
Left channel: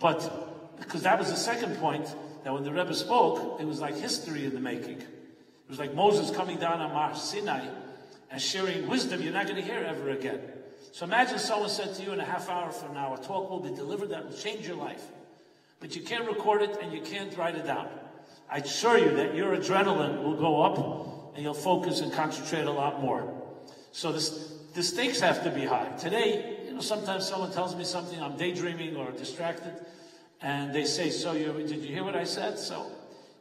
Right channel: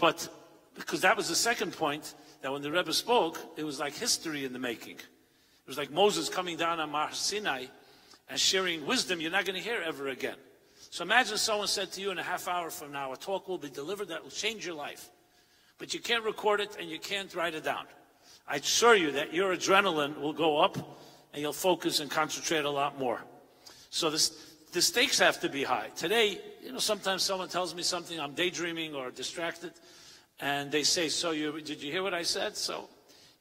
But because that was the second point, that when the Rebbe spoke, it was like history in the making. It was like Moses coming down on Mount Sinai and sharing wisdom you're not going to hear ever again. So imagine someone said to you in a half hour from now, a talk will be delivered that will change your life. But you can't record it and you can't write it down. I assure you that your adrenaline will go up and you'll focus and concentrate a lot more. So the stakes have to be high. Today, you know, sometimes someone tells me something, I'm daydreaming or distracted, and they say, so did you hear what I said? So,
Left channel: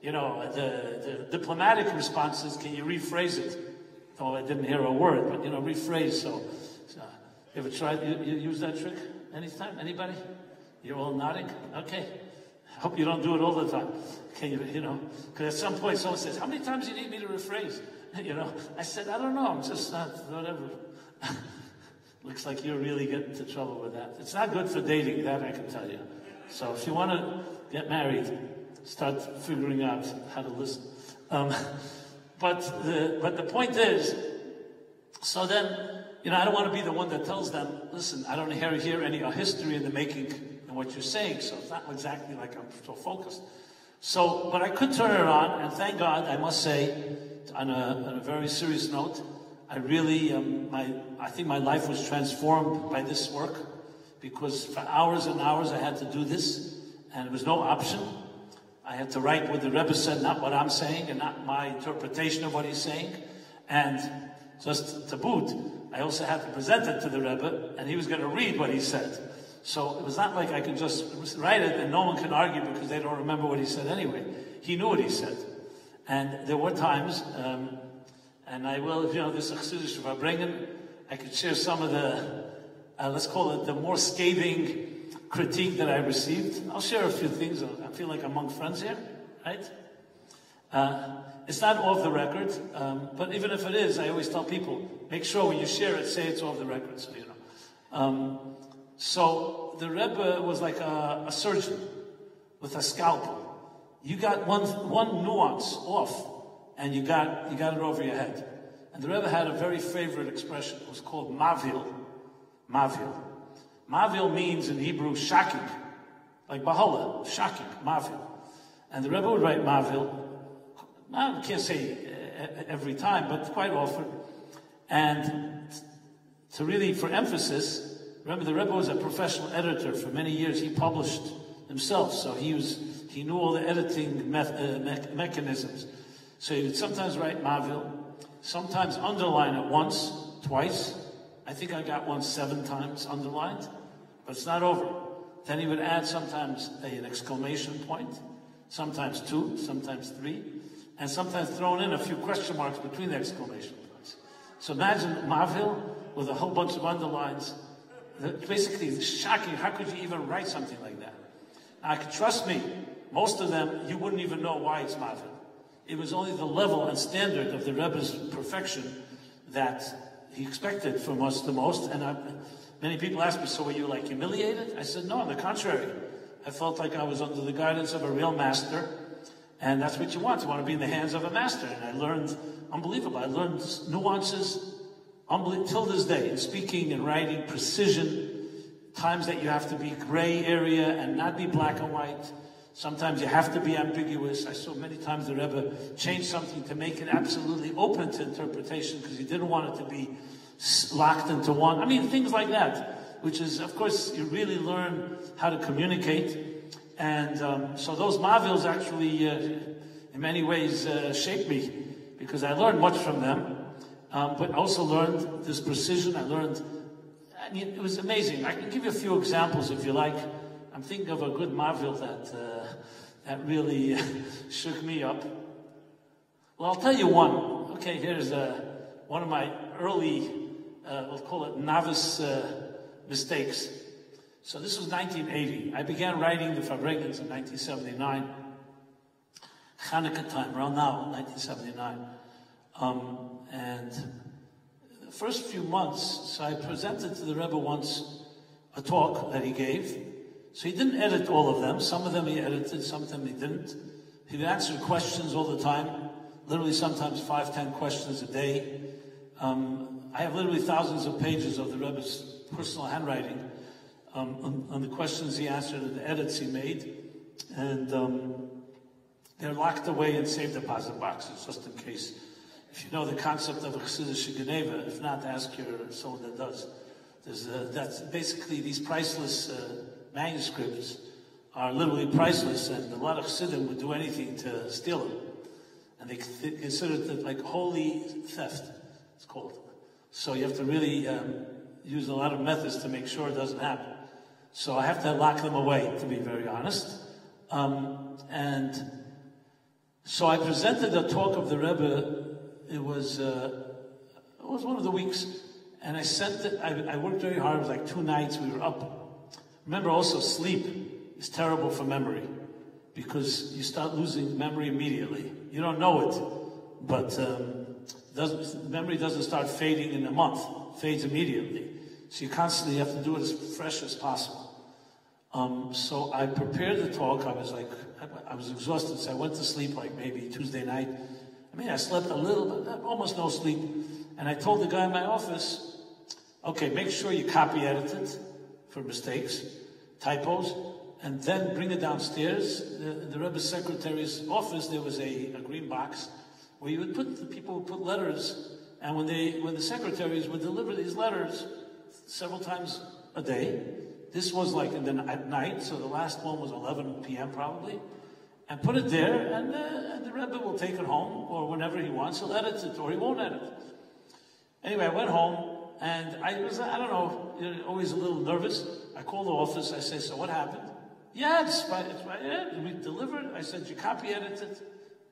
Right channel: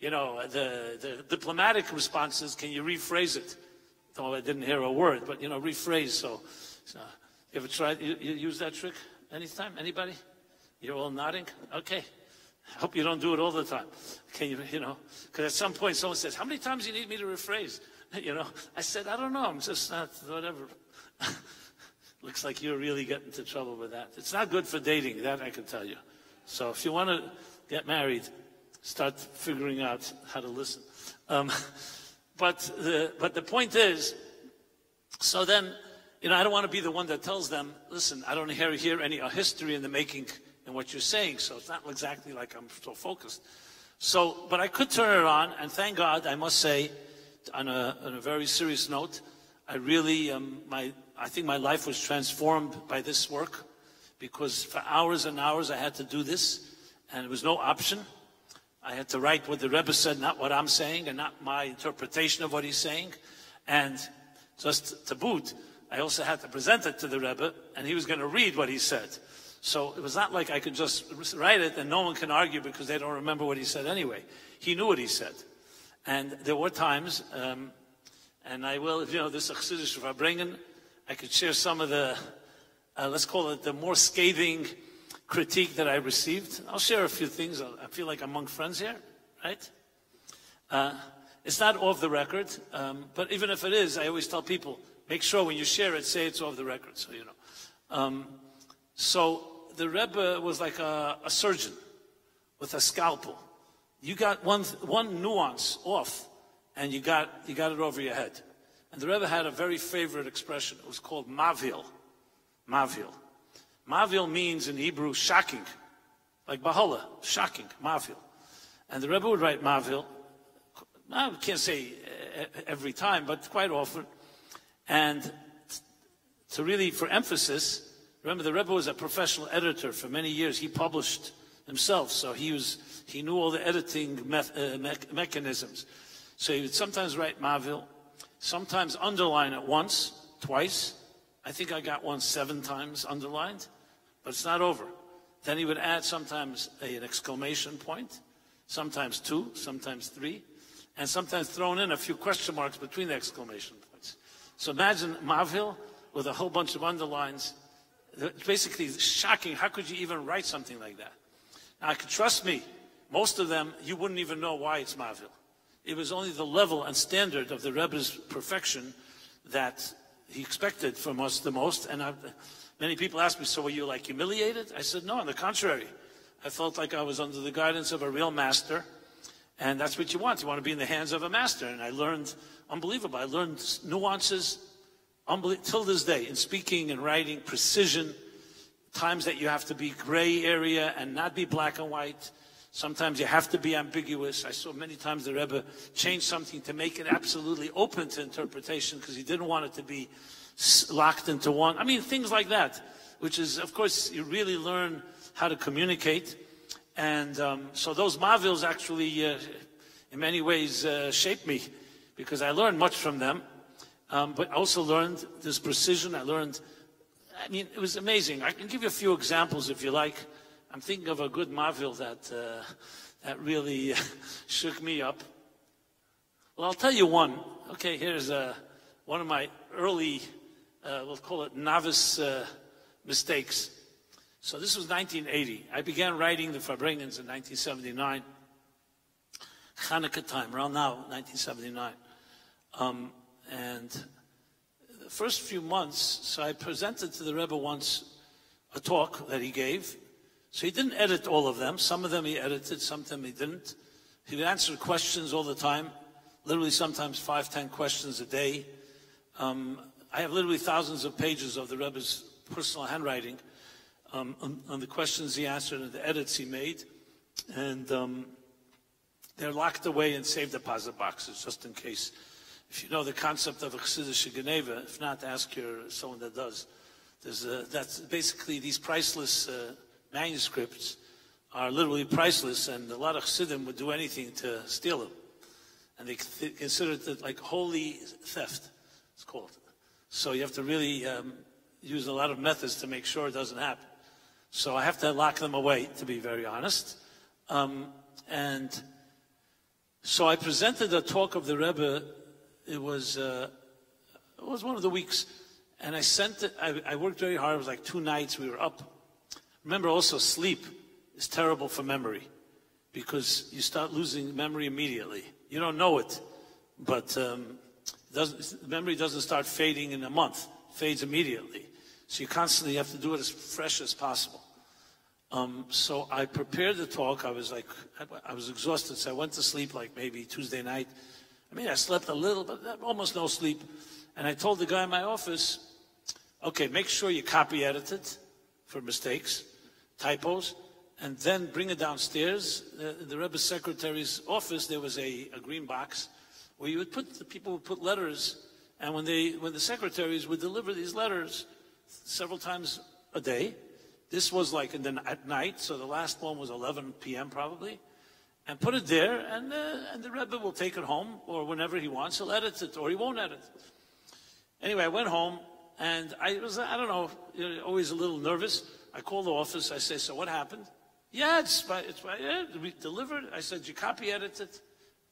you know, the diplomatic response is, can you rephrase it? Oh, I didn't hear a word, but, you know, rephrase. So you ever tried, you use that trick anytime? Anybody? You're all nodding? Okay. I hope you don't do it all the time. Can you know, because at some point someone says, how many times do you need me to rephrase? You know, I said, I don't know, I'm just not, whatever. Looks like you're really getting into trouble with that. It's not good for dating, that I can tell you. So if you want to get married, start figuring out how to listen. But the point is, so then, you know, I don't want to be the one that tells them, listen, I don't hear any history in the making in what you're saying, so it's not exactly like I'm so focused. So, but I could turn it on, and thank God, I must say, on a very serious note, I really, I think my life was transformed by this work, because for hours and hours I had to do this, and there was no option. I had to write what the Rebbe said, not what I'm saying, and not my interpretation of what he's saying. And just to boot, I also had to present it to the Rebbe, and he was going to read what he said. So it was not like I could just write it and no one can argue because they don't remember what he said anyway. He knew what he said. And there were times, and I will, if you know, this Chassidish Verbringen, I could share some of the, let's call it the more scathing critique that I received. I'll share a few things. I feel like I'm among friends here, right? It's not off the record, but even if it is, I always tell people, make sure when you share it, say it's off the record, so you know. So the Rebbe was like a surgeon with a scalpel. You got one nuance off, and you got it over your head. And the Rebbe had a very favorite expression. It was called mavil. Mavil. Mavil means in Hebrew shocking, like Bahala, shocking, mavil. And the Rebbe would write mavil. I can't say every time, but quite often. And to really, for emphasis, remember the Rebbe was a professional editor for many years. He published himself, so he knew all the editing mechanisms. So he would sometimes write mavil, sometimes underline it once, twice. I think I got one 7 times underlined, but it's not over. Then he would add sometimes an exclamation point, sometimes 2, sometimes 3, and sometimes thrown in a few question marks between the exclamation points. So imagine mavil with a whole bunch of underlines. Basically, it's shocking. How could you even write something like that? Now, trust me, most of them, you wouldn't even know why it's mavil. It was only the level and standard of the Rebbe's perfection that he expected from us the most. And many people ask me, so were you like humiliated? I said, no, on the contrary. I felt like I was under the guidance of a real master. And that's what you want. You want to be in the hands of a master. And I learned, unbelievable, I learned nuances till this day, in speaking and writing, precision, times that you have to be gray area and not be black and white. Sometimes you have to be ambiguous. I saw many times the Rebbe change something to make it absolutely open to interpretation because he didn't want it to be locked into one. I mean, things like that, which is, of course, you really learn how to communicate. And so those mavils actually, in many ways, shaped me because I learned much from them. But I also learned this precision. I learned I mean, it was amazing. I can give you a few examples if you like. I'm thinking of a good marvel that really shook me up. Well, I'll tell you one. Okay, here's one of my early, we'll call it novice mistakes. So this was 1980. I began writing the Fabregans in 1979. Hanukkah time, around now, 1979. And the first few months, so I presented to the Rebbe once a talk that he gave. So he didn't edit all of them. Some of them he edited, some of them he didn't. He'd answer questions all the time, literally sometimes 5-10 questions a day. I have literally thousands of pages of the Rebbe's personal handwriting on the questions he answered and the edits he made. And they're locked away in safe deposit boxes, just in case. If you know the concept of a Chassidish Geneva, if not, ask someone that does. That's basically these priceless manuscripts are literally priceless, and a lot of Chassidim would do anything to steal them. And they consider it like holy theft, it's called. So you have to really use a lot of methods to make sure it doesn't happen. So I have to lock them away, to be very honest. And so I presented a talk of the Rebbe. It was one of the weeks, and I sent it. I worked very hard. It was like 2 nights. We were up. Remember, also sleep is terrible for memory because you start losing memory immediately. You don't know it, but memory doesn't start fading in a month. It fades immediately. So you constantly have to do it as fresh as possible. So I prepared the talk. I was exhausted, so I went to sleep like maybe Tuesday night. I mean, I slept a little, but almost no sleep. And I told the guy in my office, okay, make sure you copy edit it for mistakes, typos, and then bring it downstairs. The Rebbe's secretary's office, there was a green box where you would put, the people would put letters, and when the secretaries would deliver these letters several times a day, this was like at night, so the last one was 11 p.m. probably, and put it there, and the Rebbe will take it home, or whenever he wants, he'll edit it, or he won't edit it. Anyway, I went home, and I don't know, always a little nervous. I called the office, I said, so what happened? Yeah, it's we delivered. I said, you copy edited?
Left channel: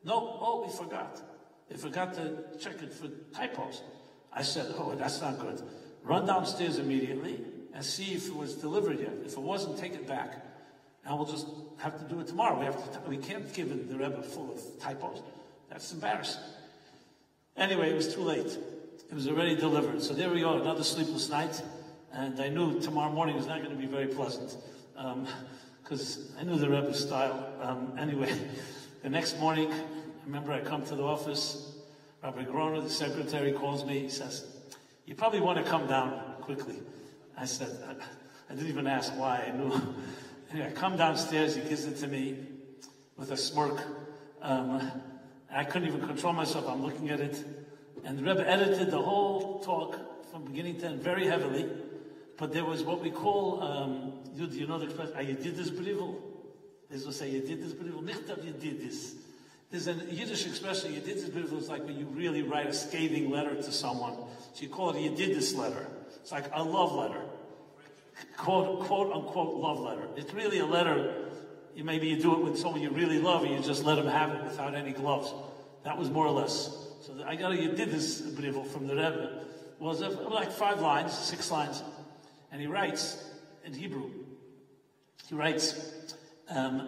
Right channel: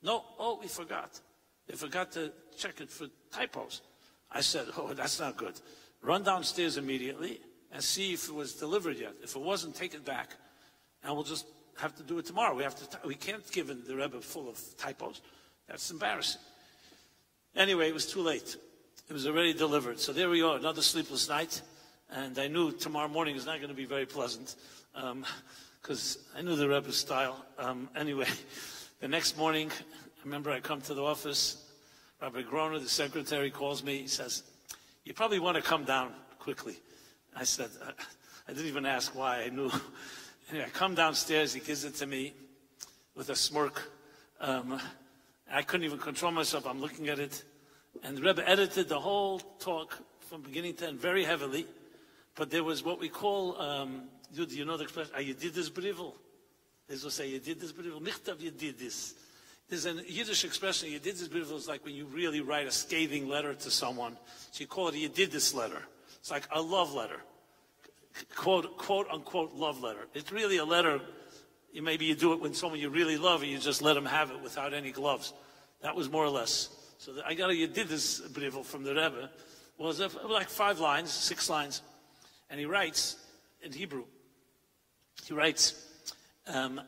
No, oh, we forgot. They forgot to check it for typos. I said, oh, that's not good. Run downstairs immediately and see if it was delivered yet. If it wasn't, take it back. And we'll just have to do it tomorrow. We can't give the Rebbe full of typos. That's embarrassing. Anyway, it was too late. It was already delivered. So there we are, another sleepless night. And I knew tomorrow morning was not going to be very pleasant because I knew the Rebbe's style. Anyway, the next morning, I remember I come to the office. Rabbi Groner, the secretary, calls me. He says, you probably want to come down quickly. I said, I didn't even ask why. I knew. Anyway, I come downstairs. He gives it to me with a smirk. I couldn't even control myself. I'm looking at it. And the Rebbe edited the whole talk from beginning to end very heavily. But there was what we call, YUD, you know the expression, Yedidus Brivel. They will say, Yedidus Brivel, Michtav Yedidus. There's a Yiddish expression, Yedidus Brivel is like when you really write a scathing letter to someone. So you call it a Yedidus letter. It's like a love letter. Quote unquote love letter. It's really a letter, maybe you do it with someone you really love and you just let them have it without any gloves. That was more or less. So I got a Yedidus Brivel from the Rebbe. It was like 5 lines, 6 lines. And he writes in Hebrew, he writes, I'm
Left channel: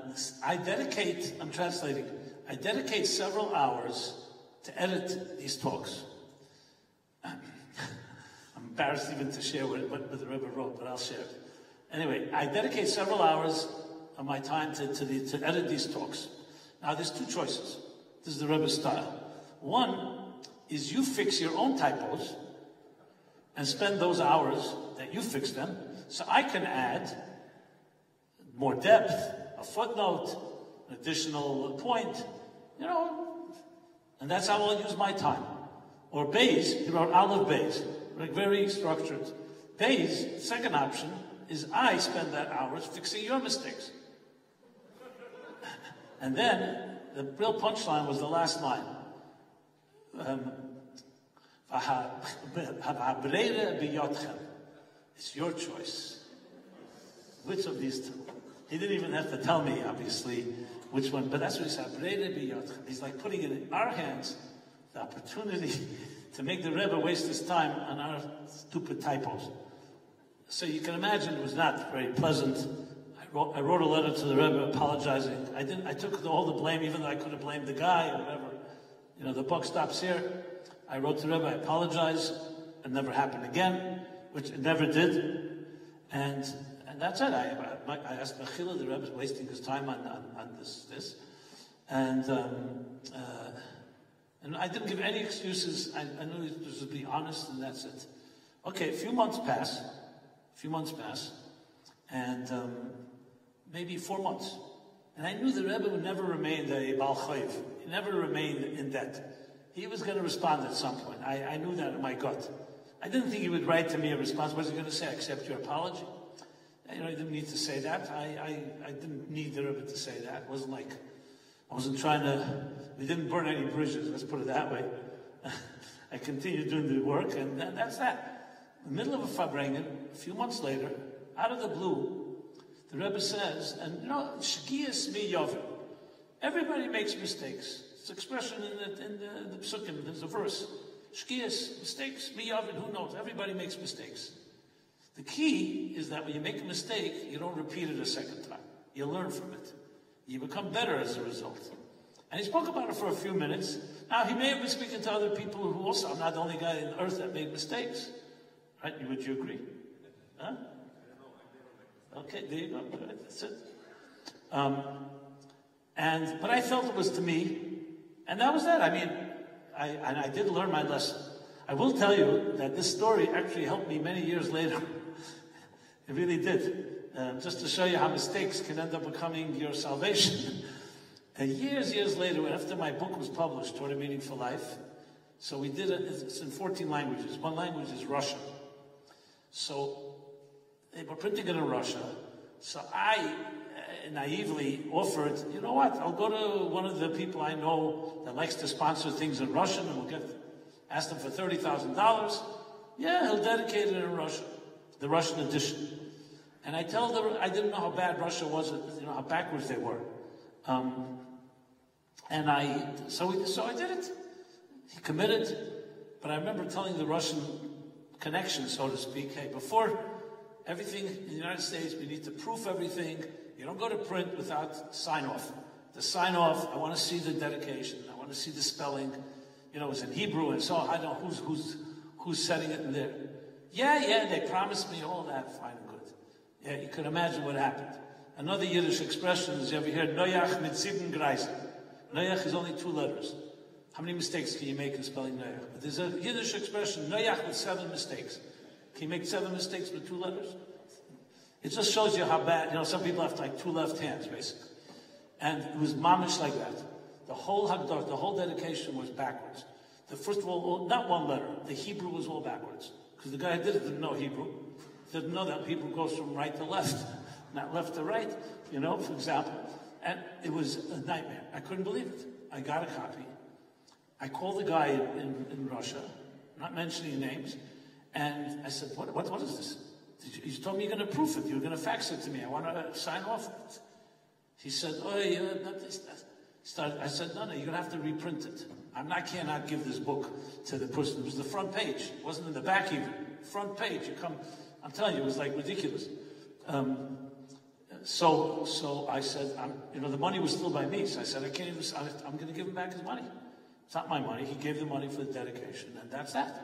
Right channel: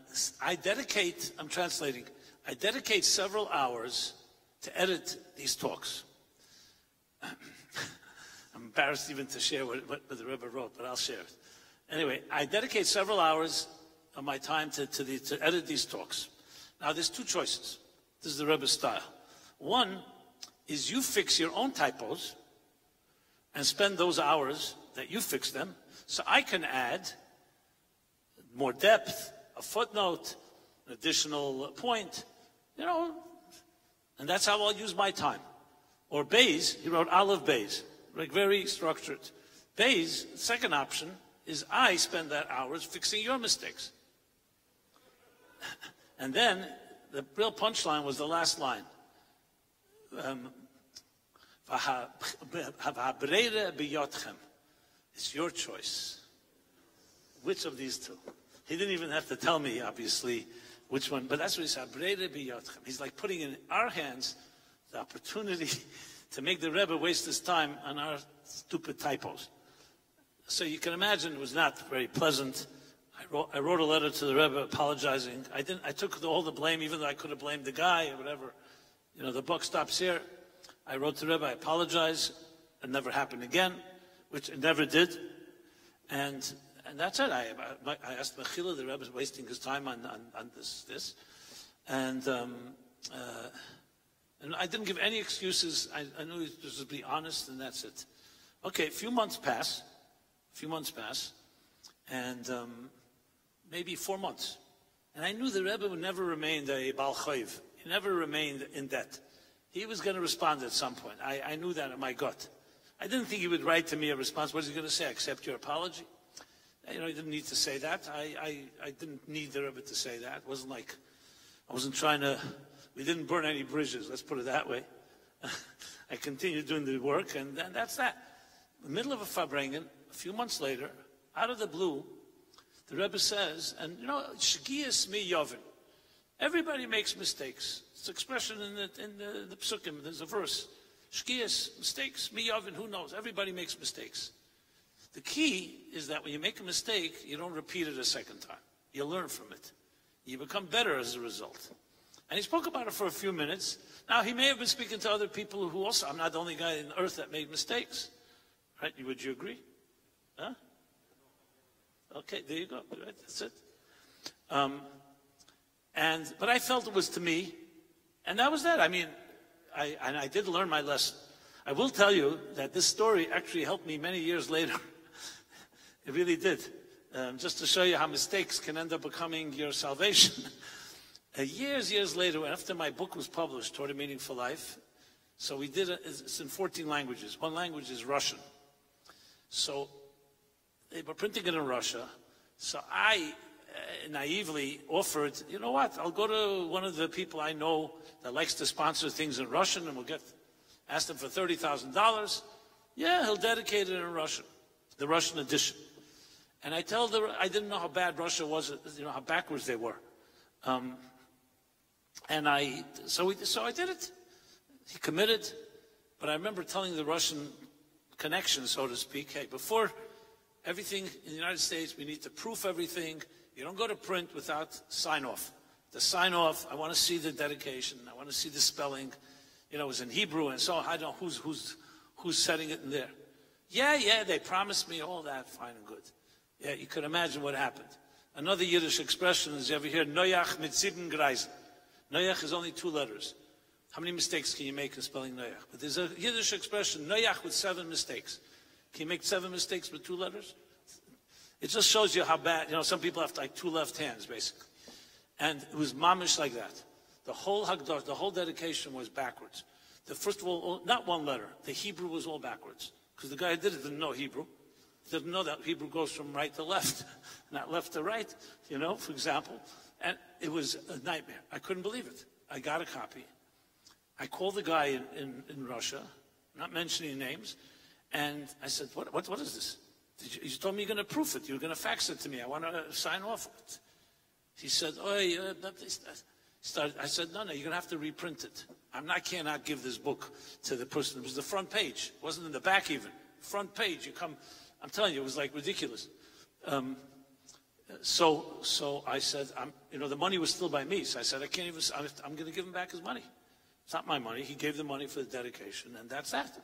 translating, I dedicate several hours to edit these talks. I'm embarrassed even to share what the Rebbe wrote, but I'll share it. Anyway, I dedicate several hours of my time to edit these talks. Now, there's 2 choices. This is the Rebbe's style. One is you fix your own typos and spend those hours that you fix them, so I can add more depth, a footnote, an additional point, and that's how I'll use my time. Or Bays, he wrote Aleph Bays, like very structured. Bays, second option, is I spend that hours fixing your mistakes. And then, the real punchline was the last line. It's your choice. Which of these two? He didn't even have to tell me, obviously, which one, but that's what he said. He's like putting it in our hands, the opportunity to make the Rebbe waste his time on our stupid typos. So you can imagine it was not very pleasant. I wrote a letter to the Rebbe apologizing. I took all the blame, even though I could have blamed the guy or whatever. You know, the buck stops here. I wrote to the Rebbe, I apologize. It never happened again, which it never did. And that's it. I asked Mechila, the Rebbe's wasting his time on this. And I didn't give any excuses. I knew he was to be honest, and that's it. Okay, a few months pass, and maybe 4 months. And I knew the Rebbe would never remain a Baal Chayv. He never remained in debt. He was going to respond at some point. I knew that in my gut. I didn't think he would write to me a response. What was he going to say? Accept your apology? You know, he didn't need to say that. I didn't need the Rebbe to say that. It wasn't like, I wasn't trying to, we didn't burn any bridges, let's put it that way. I continued doing the work, and that's that. In the middle of a Farbrengen, a few months later, out of the blue, the Rebbe says, and you know, Shkiyas mi yovin. Everybody makes mistakes. It's an expression in the Psukim, there's a verse. Shkiyas, mistakes, mi yovin, who knows? Everybody makes mistakes. The key is that when you make a mistake, you don't repeat it a second time. You learn from it. You become better as a result. And he spoke about it for a few minutes. Now, he may have been speaking to other people who also, I'm not the only guy on earth that made mistakes. Right? Would you agree? Huh? Okay, there you go. Right, that's it. But I felt it was to me, and that was that. I mean, I did learn my lesson. I will tell you that this story actually helped me many years later. It really did. Just to show you how mistakes can end up becoming your salvation. Years later, after my book was published, Torah Meaningful Life, so we did it, it's in 14 languages. One language is Russian. So they were printing it in Russia. So I naively offered, you know what, I'll go to one of the people I know that likes to sponsor things in Russian, and we'll ask them for $30,000. Yeah, he'll dedicate it in Russian, the Russian edition. And I told them I didn't know how bad Russia was, you know, how backwards they were. So I did it. He committed, but I remember telling the Russian connection, so to speak, hey, before everything in the United States, we need to proof everything. You don't go to print without sign-off. The sign-off, I want to see the dedication. I want to see the spelling. You know, it was in Hebrew, and so I don't know who's setting it in there. Yeah, they promised me all that, fine and good. Yeah, you can imagine what happened. Another Yiddish expression is, you ever hear, Noyach mit 7 Greisen. Noyach is only 2 letters. How many mistakes can you make in spelling Noyach? But there's a Yiddish expression, Noyach with 7 mistakes. Can you make 7 mistakes with 2 letters? It just shows you how bad, you know, some people have like 2 left hands, basically. And it was mamish like that. The whole Haggadah, the whole dedication was backwards. First of all, not 1 letter. The Hebrew was all backwards. Because the guy who did it didn't know Hebrew. Didn't know that Hebrew goes from right to left, not left to right, you know, for example. And it was a nightmare. I couldn't believe it. I got a copy. I called the guy in Russia, not mentioning names, and I said, what is this? You told me you're going to proof it. You're going to fax it to me. I want to sign off on it. He said, not this. I said, no, you're going to have to reprint it. I cannot give this book to the person. It was the front page. It wasn't in the back even. Front page. I'm telling you, it was like ridiculous. So I said, you know, the money was still by me. So I said, I'm going to give him back his money. It's not my money. He gave the money for the dedication, and that's that.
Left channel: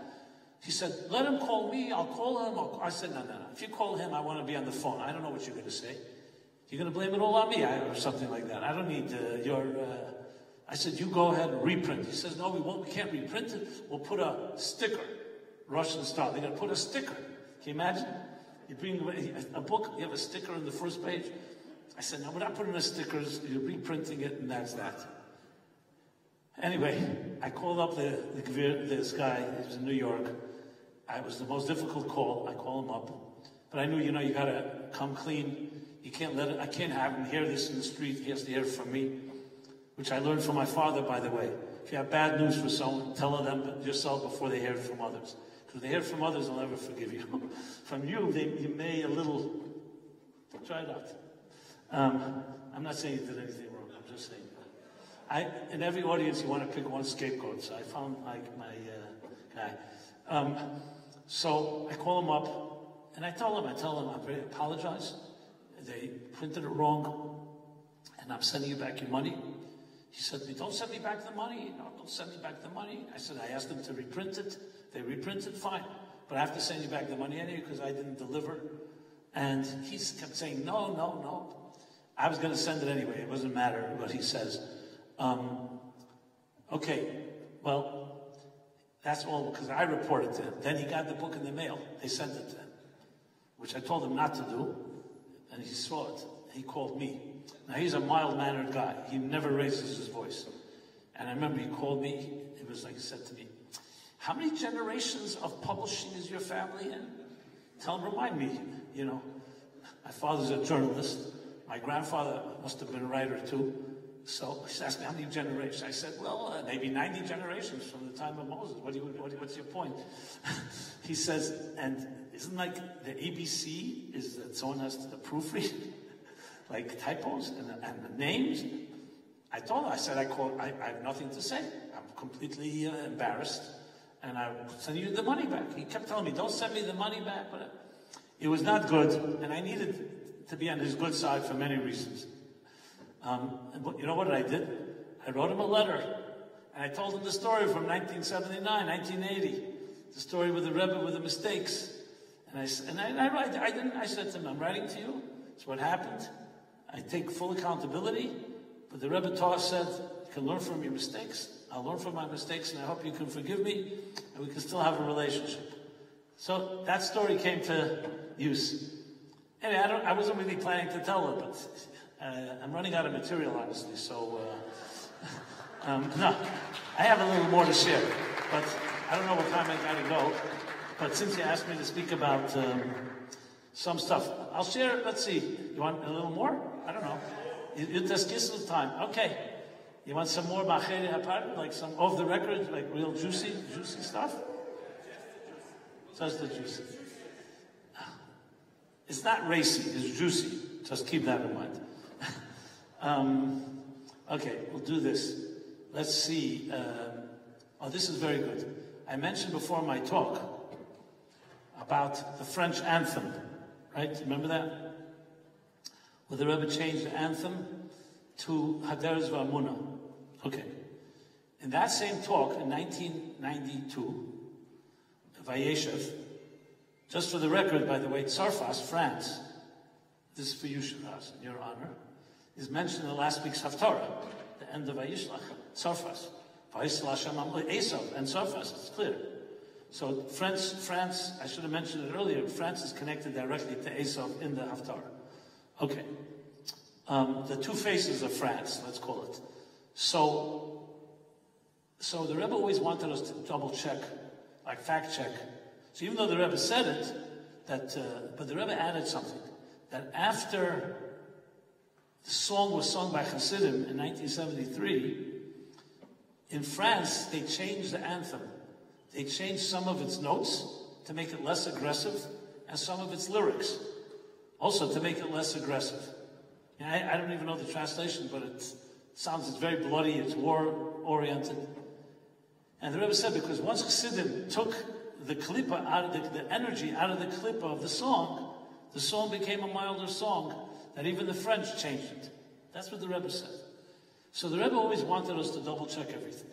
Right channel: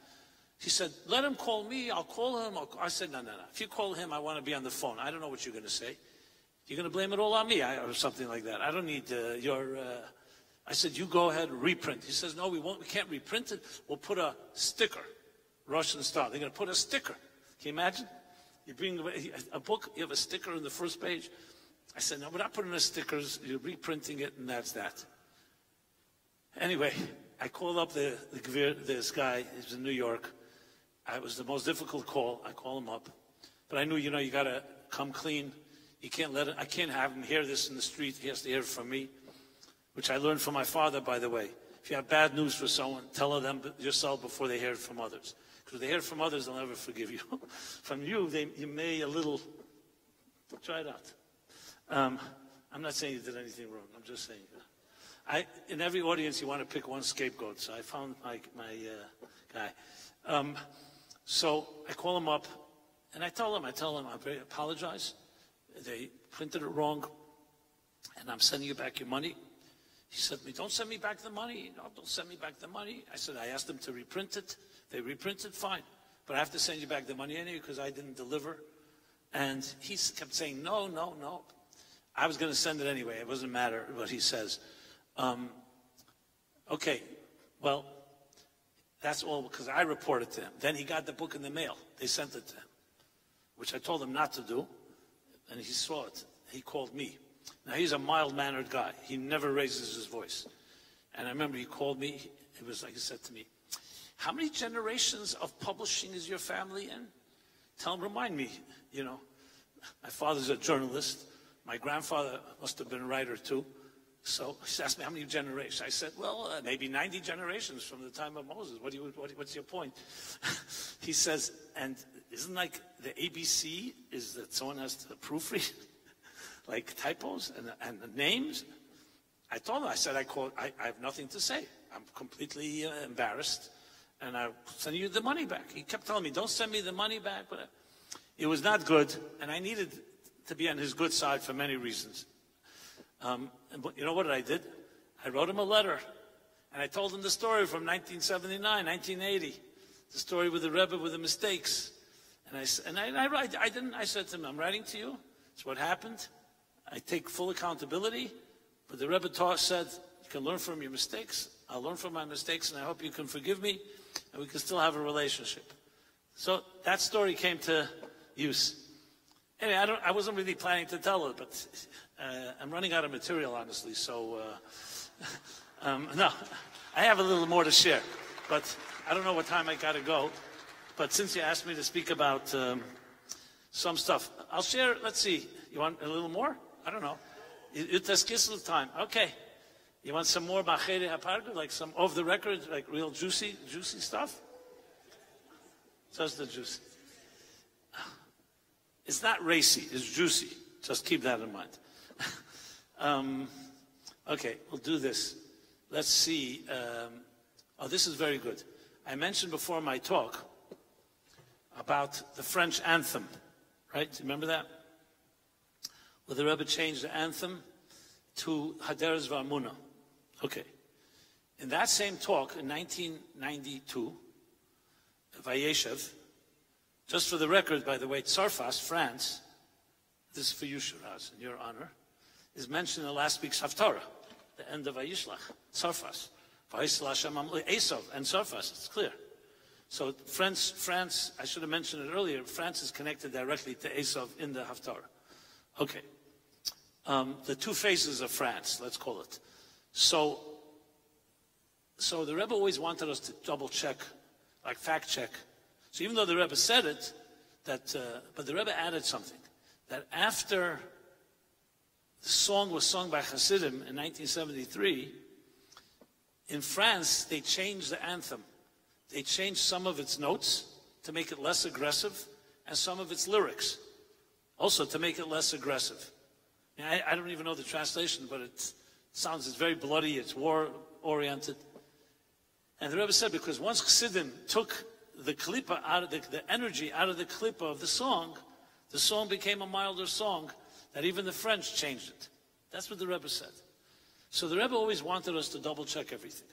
He said, let him call me. I'll call him. I said, no. If you call him, I want to be on the phone. I don't know what you're going to say. You're going to blame it all on me, or something like that. I don't need I said, you go ahead and reprint. He says, no, we can't reprint it. We'll put a sticker, Russian style. They're going to put a sticker. Can you imagine? You bring a book, you have a sticker on the first page. I said, no, we're not putting the stickers. You're reprinting it, and that's that. Anyway, I called up this guy. He was in New York. It was the most difficult call. I called him up. But I knew, you know, you got to come clean. You can't I can't have him hear this in the street. He has to hear it from me, which I learned from my father, by the way. If you have bad news for someone, tell them yourself before they hear it from others. Because they hear from others, they'll never forgive you. From you, you may a little, try it out. I'm not saying you did anything wrong, I'm just saying. In every audience, you want to pick one scapegoat, so I found my guy. So I call him up, and I tell him, I apologize. They printed it wrong, and I'm sending you back your money. He said to me, don't send me back the money. No, don't send me back the money. I said, I asked them to reprint it. They reprinted, fine. But I have to send you back the money anyway because I didn't deliver. And he kept saying, no. I was going to send it anyway. It doesn't matter what he says. Okay, well, that's all because I reported to him. Then he got the book in the mail. They sent it to him, which I told him not to do. And he saw it. He called me. Now, he's a mild-mannered guy. He never raises his voice. And I remember he called me. It was like he said to me, how many generations of publishing is your family in? Remind me, you know. My father's a journalist. My grandfather must have been a writer, too. So he asked me, how many generations? I said, well, maybe 90 generations from the time of Moses. What's your point? He says, and isn't like the ABC is that someone has to proofread? Like typos and the names? I told him, I said, I have nothing to say. I'm completely embarrassed, and I'm sending you the money back. He kept telling me, don't send me the money back, but it was not good, and I needed to be on his good side for many reasons. You know what I did? I wrote him a letter, and I told him the story from 1979, 1980, the story with the Rebbe with the mistakes. And I said to him, I'm writing to you. It's what happened. I take full accountability. But the Rebbe said, you can learn from your mistakes. I'll learn from my mistakes, and I hope you can forgive me, and we can still have a relationship. So that story came to use. Anyway, I wasn't really planning to tell it, but I'm running out of material, honestly. So, no, I have a little more to share, but I don't know what time I got to go. But since you asked me to speak about some stuff, I'll share. Let's see. You want a little more? I don't know. It's Kislev time. Okay. You want some more Bachere Haparga, like some off the record, like real juicy stuff? Just the juicy. It's not racy, it's juicy. Just keep that in mind. Okay, we'll do this. Let's see. Oh, this is very good. I mentioned before my talk about the French anthem, right? Remember that? Well, the Rebbe changed the anthem to Haderes V'Amuna. Okay. In that same talk in 1992, Vayeshev, just for the record, by the way, Tsarfas, France, this is for you, Shiraz, in your honor, is mentioned in last week's Haftarah, the end of Vayishlach, Tsarfas. Esav and Tsarfas, it's clear. So France, I should have mentioned it earlier, France is connected directly to Esav in the Haftarah. Okay. The two faces of France, let's call it. So the Rebbe always wanted us to double check, like fact check. So even though the Rebbe said it, but the Rebbe added something, that after the song was sung by Hasidim in 1973, in France, they changed the anthem. They changed some of its notes to make it less aggressive, and some of its lyrics also to make it less aggressive. And I don't even know the translation, but it sounds, it's very bloody, it's war-oriented. And the Rebbe said, because once Chassidim took the klippa out of the energy out of the klippa of the song became a milder song, that even the French changed it. That's what the Rebbe said. So the Rebbe always wanted us to double-check everything.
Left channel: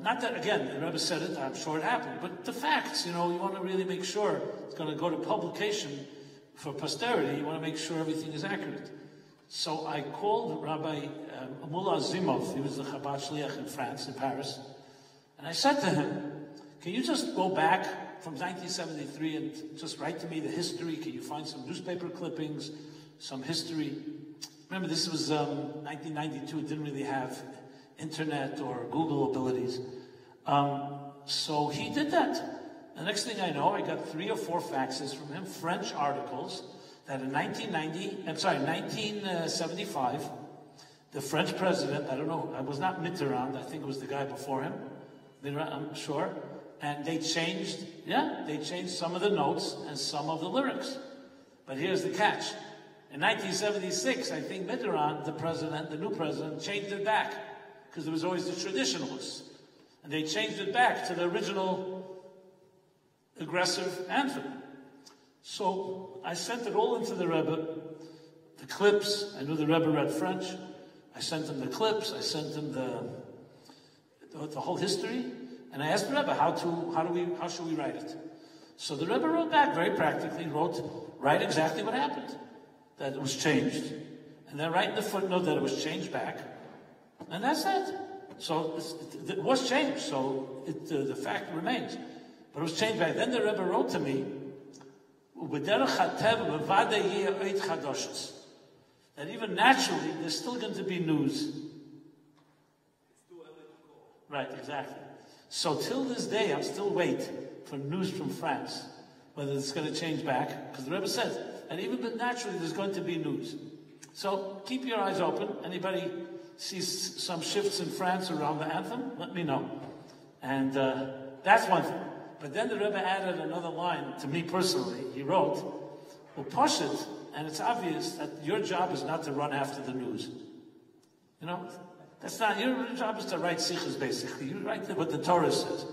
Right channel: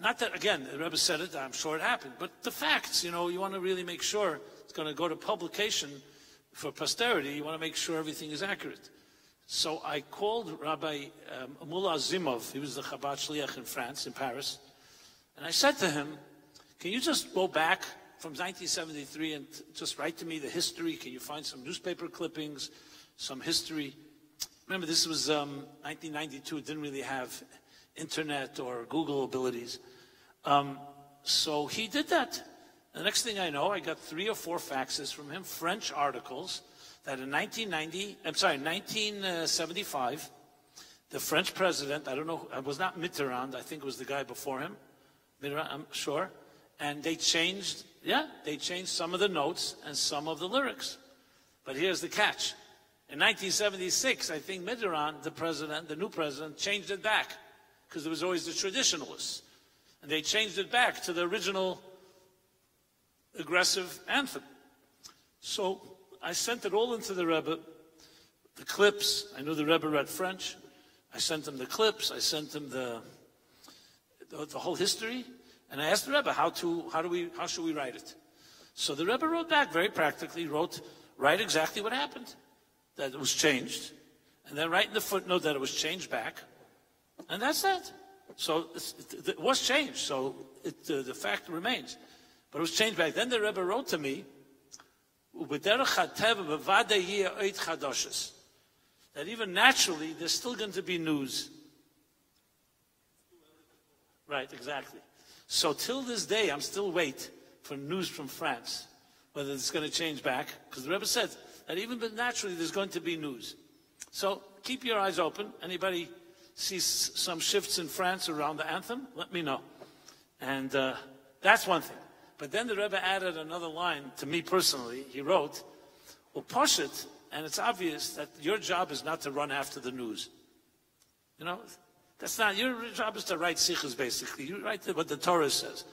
Not that, again, the Rebbe said it, I'm sure it happened, but the facts, you want to really make sure it's going to go to publication for posterity. You want to make sure everything is accurate. So I called Rabbi Mullah Zimov, he was the Chabad Shliach in France, in Paris, and I said to him, can you just go back from 1973 and just write to me the history? Can you find some newspaper clippings, some history? Remember, this was 1992, it didn't really have internet or Google abilities. So he did that. The next thing I know, I got 3 or 4 faxes from him, French articles, that in 1975, the French president, I don't know, it was not Mitterrand, I think it was the guy before him, I'm sure, and they changed some of the notes and some of the lyrics. But here's the catch. In 1976, I think Mitterrand, the new president, changed it back, because there was always the traditionalists. And they changed it back to the original aggressive anthem. So I sent it all into the Rebbe, the clips. I knew the Rebbe read French. I sent him the clips. I sent him the whole history. And I asked the Rebbe, how should we write it? So the Rebbe wrote back very practically, write exactly what happened, that it was changed. And then write in the footnote that it was changed back. And that's it. So it was changed, so the fact remains. But it was changed back. Then the Rebbe wrote to me, that even naturally, there's still going to be news. Right, exactly. So till this day, I'm still waiting for news from France, whether it's going to change back, because the Rebbe says that even but naturally, there's going to be news. So keep your eyes open. Anybody sees some shifts in France around the anthem, let me know. And that's one thing. But then the Rebbe added another line to me personally. He wrote, Upashit, and it's obvious that your job is not to run after the news. You know, that's not, your job is to write sikhs, basically. You write what the Torah says.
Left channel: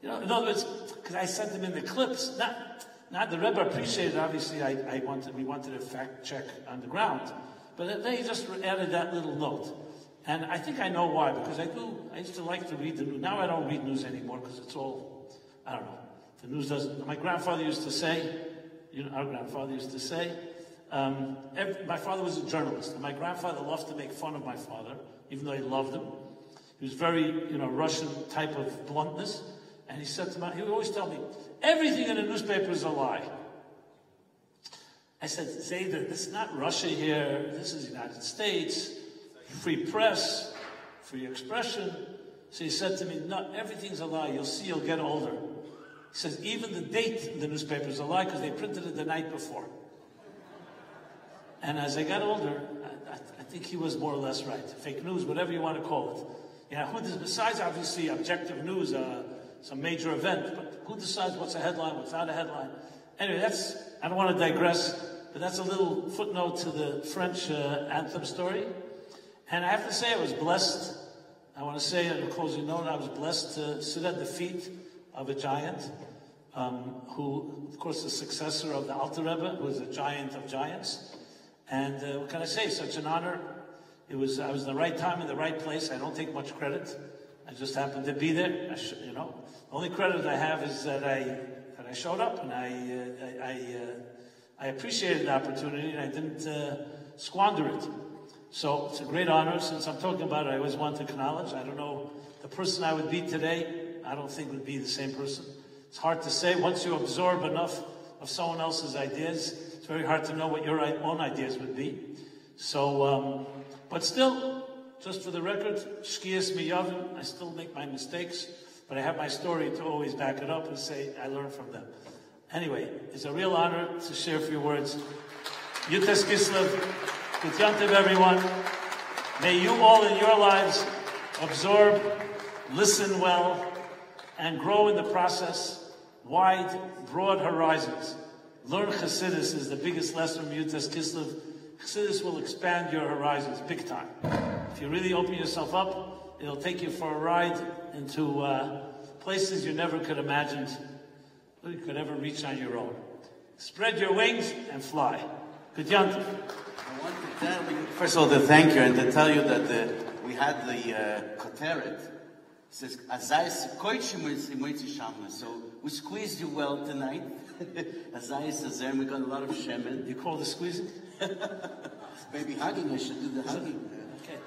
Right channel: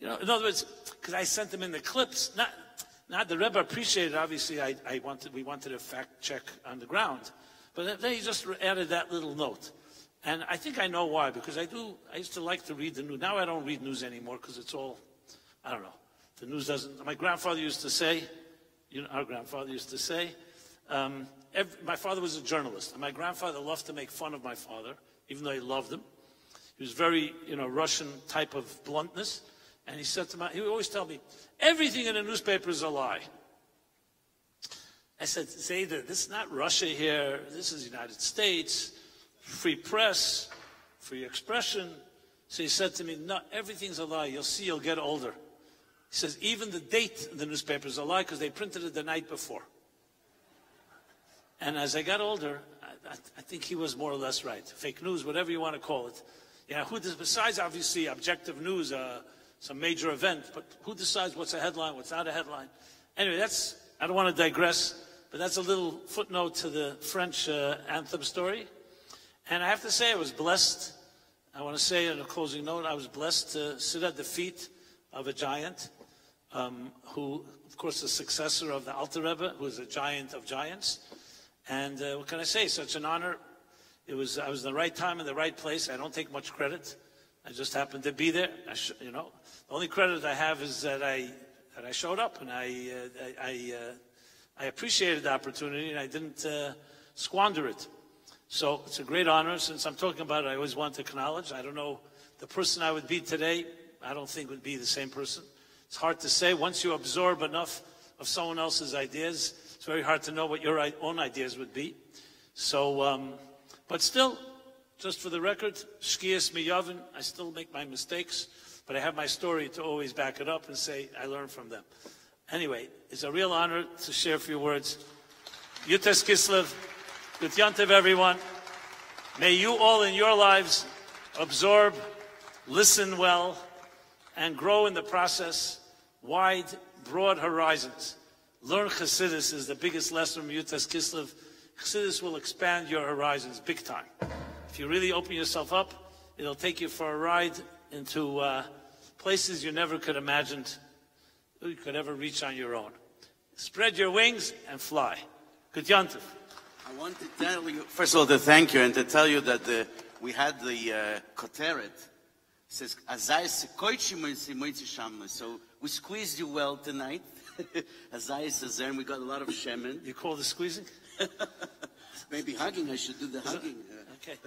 You know, in other words, because I sent them in the clips, not the Rebbe appreciated, obviously, we wanted a fact check on the ground. But they just added that little note. And I think I know why, because I used to like to read the news. Now I don't read news anymore, because it's all, I don't know. The news doesn't, my grandfather used to say, our grandfather used to say, my father was a journalist, and my grandfather loved to make fun of my father, even though he loved him. He was very, Russian type of bluntness. And he said he would always tell me, everything in a newspaper is a lie. I said, Zayda, this is not Russia here, this is the United States, free press, free expression. So he said to me, no, everything's a lie, you'll see, you'll get older. He says, even the date in the newspaper is a lie because they printed it the night before. And as I got older, I think he was more or less right. Fake news, whatever you want to call it. Yeah, besides obviously objective news, some major event, but who decides what's a headline, what's not a headline? Anyway, I don't want to digress, but that's a little footnote to the French anthem story. And I have to say, I was blessed. I want to say in a closing note, I was blessed to sit at the feet of a giant, who, of course, is the successor of the Alter Rebbe, who is a giant of giants. And what can I say? Such an honor. I was in the right time in the right place. I don't take much credit. I just happened to be there. The only credit I have is that I showed up, and I appreciated the opportunity, and I didn't squander it. So it's a great honor. Since I'm talking about it, I always want to acknowledge. I don't know, the person I would be today, I don't think would be the same person. It's hard to say. Once you absorb enough of someone else's ideas, it's very hard to know what your own ideas would be. So, but still, just for the record, shkias miyavin, I still make my mistakes, but I have my story to always back it up and say I learned from them. Anyway, it's a real honor to share a few words. Yutas Kislev, good Yantiv everyone. May you all in your lives absorb, listen well, and grow in the process. Wide, broad horizons. Learn Chassidus is the biggest lesson from Yutas Kislev. Chassidus will expand your horizons big time. If you really open yourself up, it'll take you for a ride into places you never could imagine you could ever reach on your own. Spread your wings and fly. Good Yantiv. I want to tell you, first of all, to thank you and to tell you that we had the koteret. It says, so we squeezed you well tonight. Azai says there, and we got a lot of shemen. You call the squeezing? Maybe hugging, I should do the hugging. Okay.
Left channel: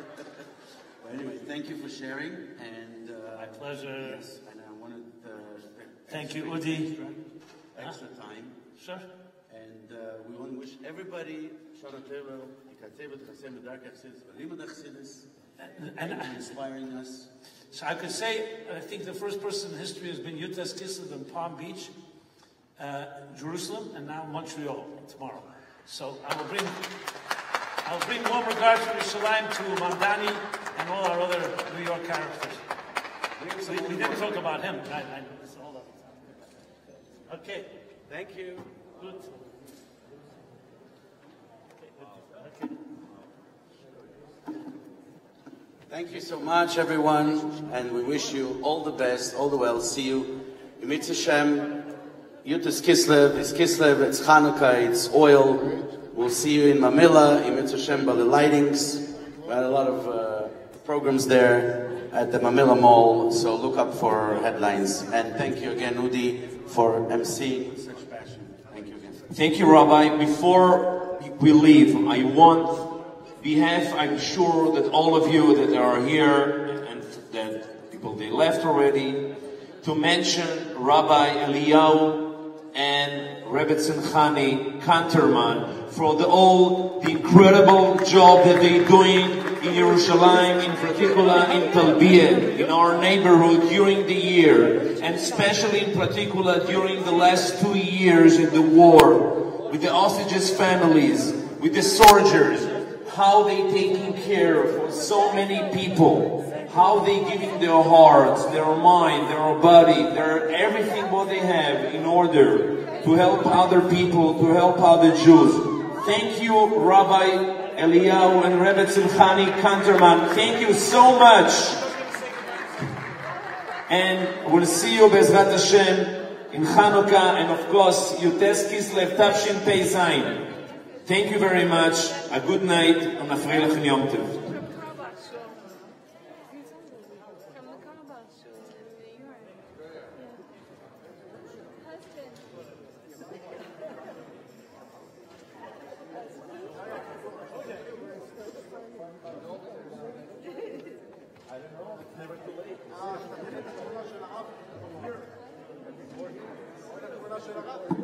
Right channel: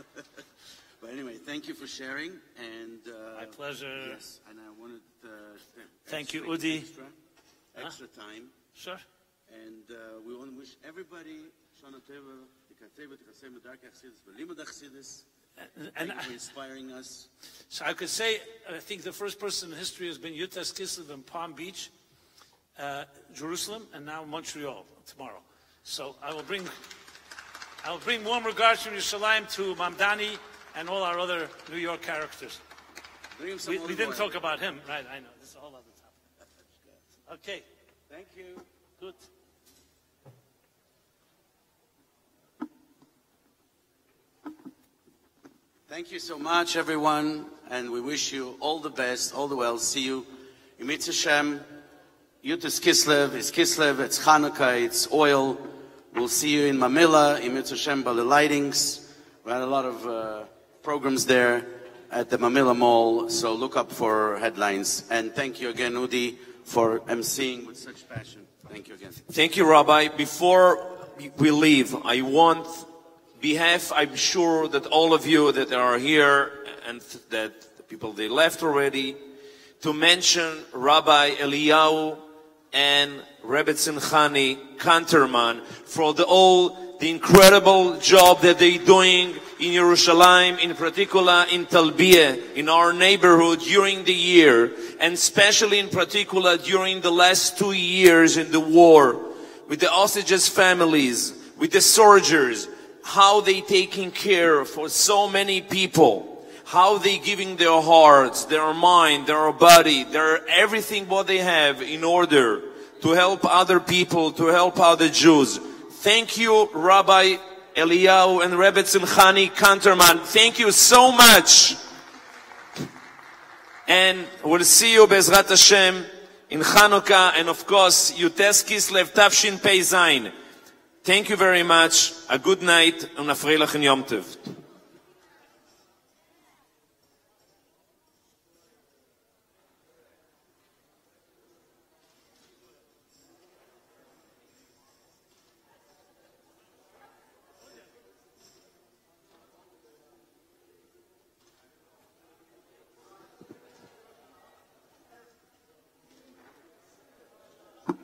But anyway, thank you for sharing, and my pleasure. Yes, and I wanted thank you, Udi. Extra time. Sure. And we want to wish everybody and inspiring us. So I could say, I think the first person in history has been Yutas Kislev in Palm Beach, Jerusalem, and now Montreal tomorrow. So I will bring warm regards from Yerushalayim to Mandani and all our other New York characters. We didn't talk about him. I know. Hold up. Okay, thank you. Good. Thank you so much, everyone, and we wish you all the best, all the well. See you. Yimitz Hashem. Yud is Kislev, it's Hanukkah, it's oil. We'll see you in Mamilla, Yimitz Hashem, by the lightings. We had a lot of programs there at the Mamilla Mall, so look up for headlines. And thank you again, Udi, for emceeing with such passion. Thank you again. Thank you, Rabbi. Before we leave, I want I'm sure that all of you that are here and that the people they left already, to mention Rabbi Eliyahu and Rebbe Tzimchani Kanterman for the incredible job that they're doing in Yerushalayim, in particular in Talbiya, in our neighborhood during the year, and especially in particular during the last 2 years in the war, with the hostages' families, with the soldiers, how they taking care for so many people, how they giving their hearts, their mind, their body, their everything what they have in order to help other people, to help other Jews. Thank you, Rabbi Eliyahu and Rebbe Tzimchani Kanterman. Thank you so much. And we'll see you Bezrat Hashem in Hanukkah, and of course, Yutes Kislev Tafshin Pei Zayin. Thank you very much. A good night and a freilichen Yom Tov. Never too late.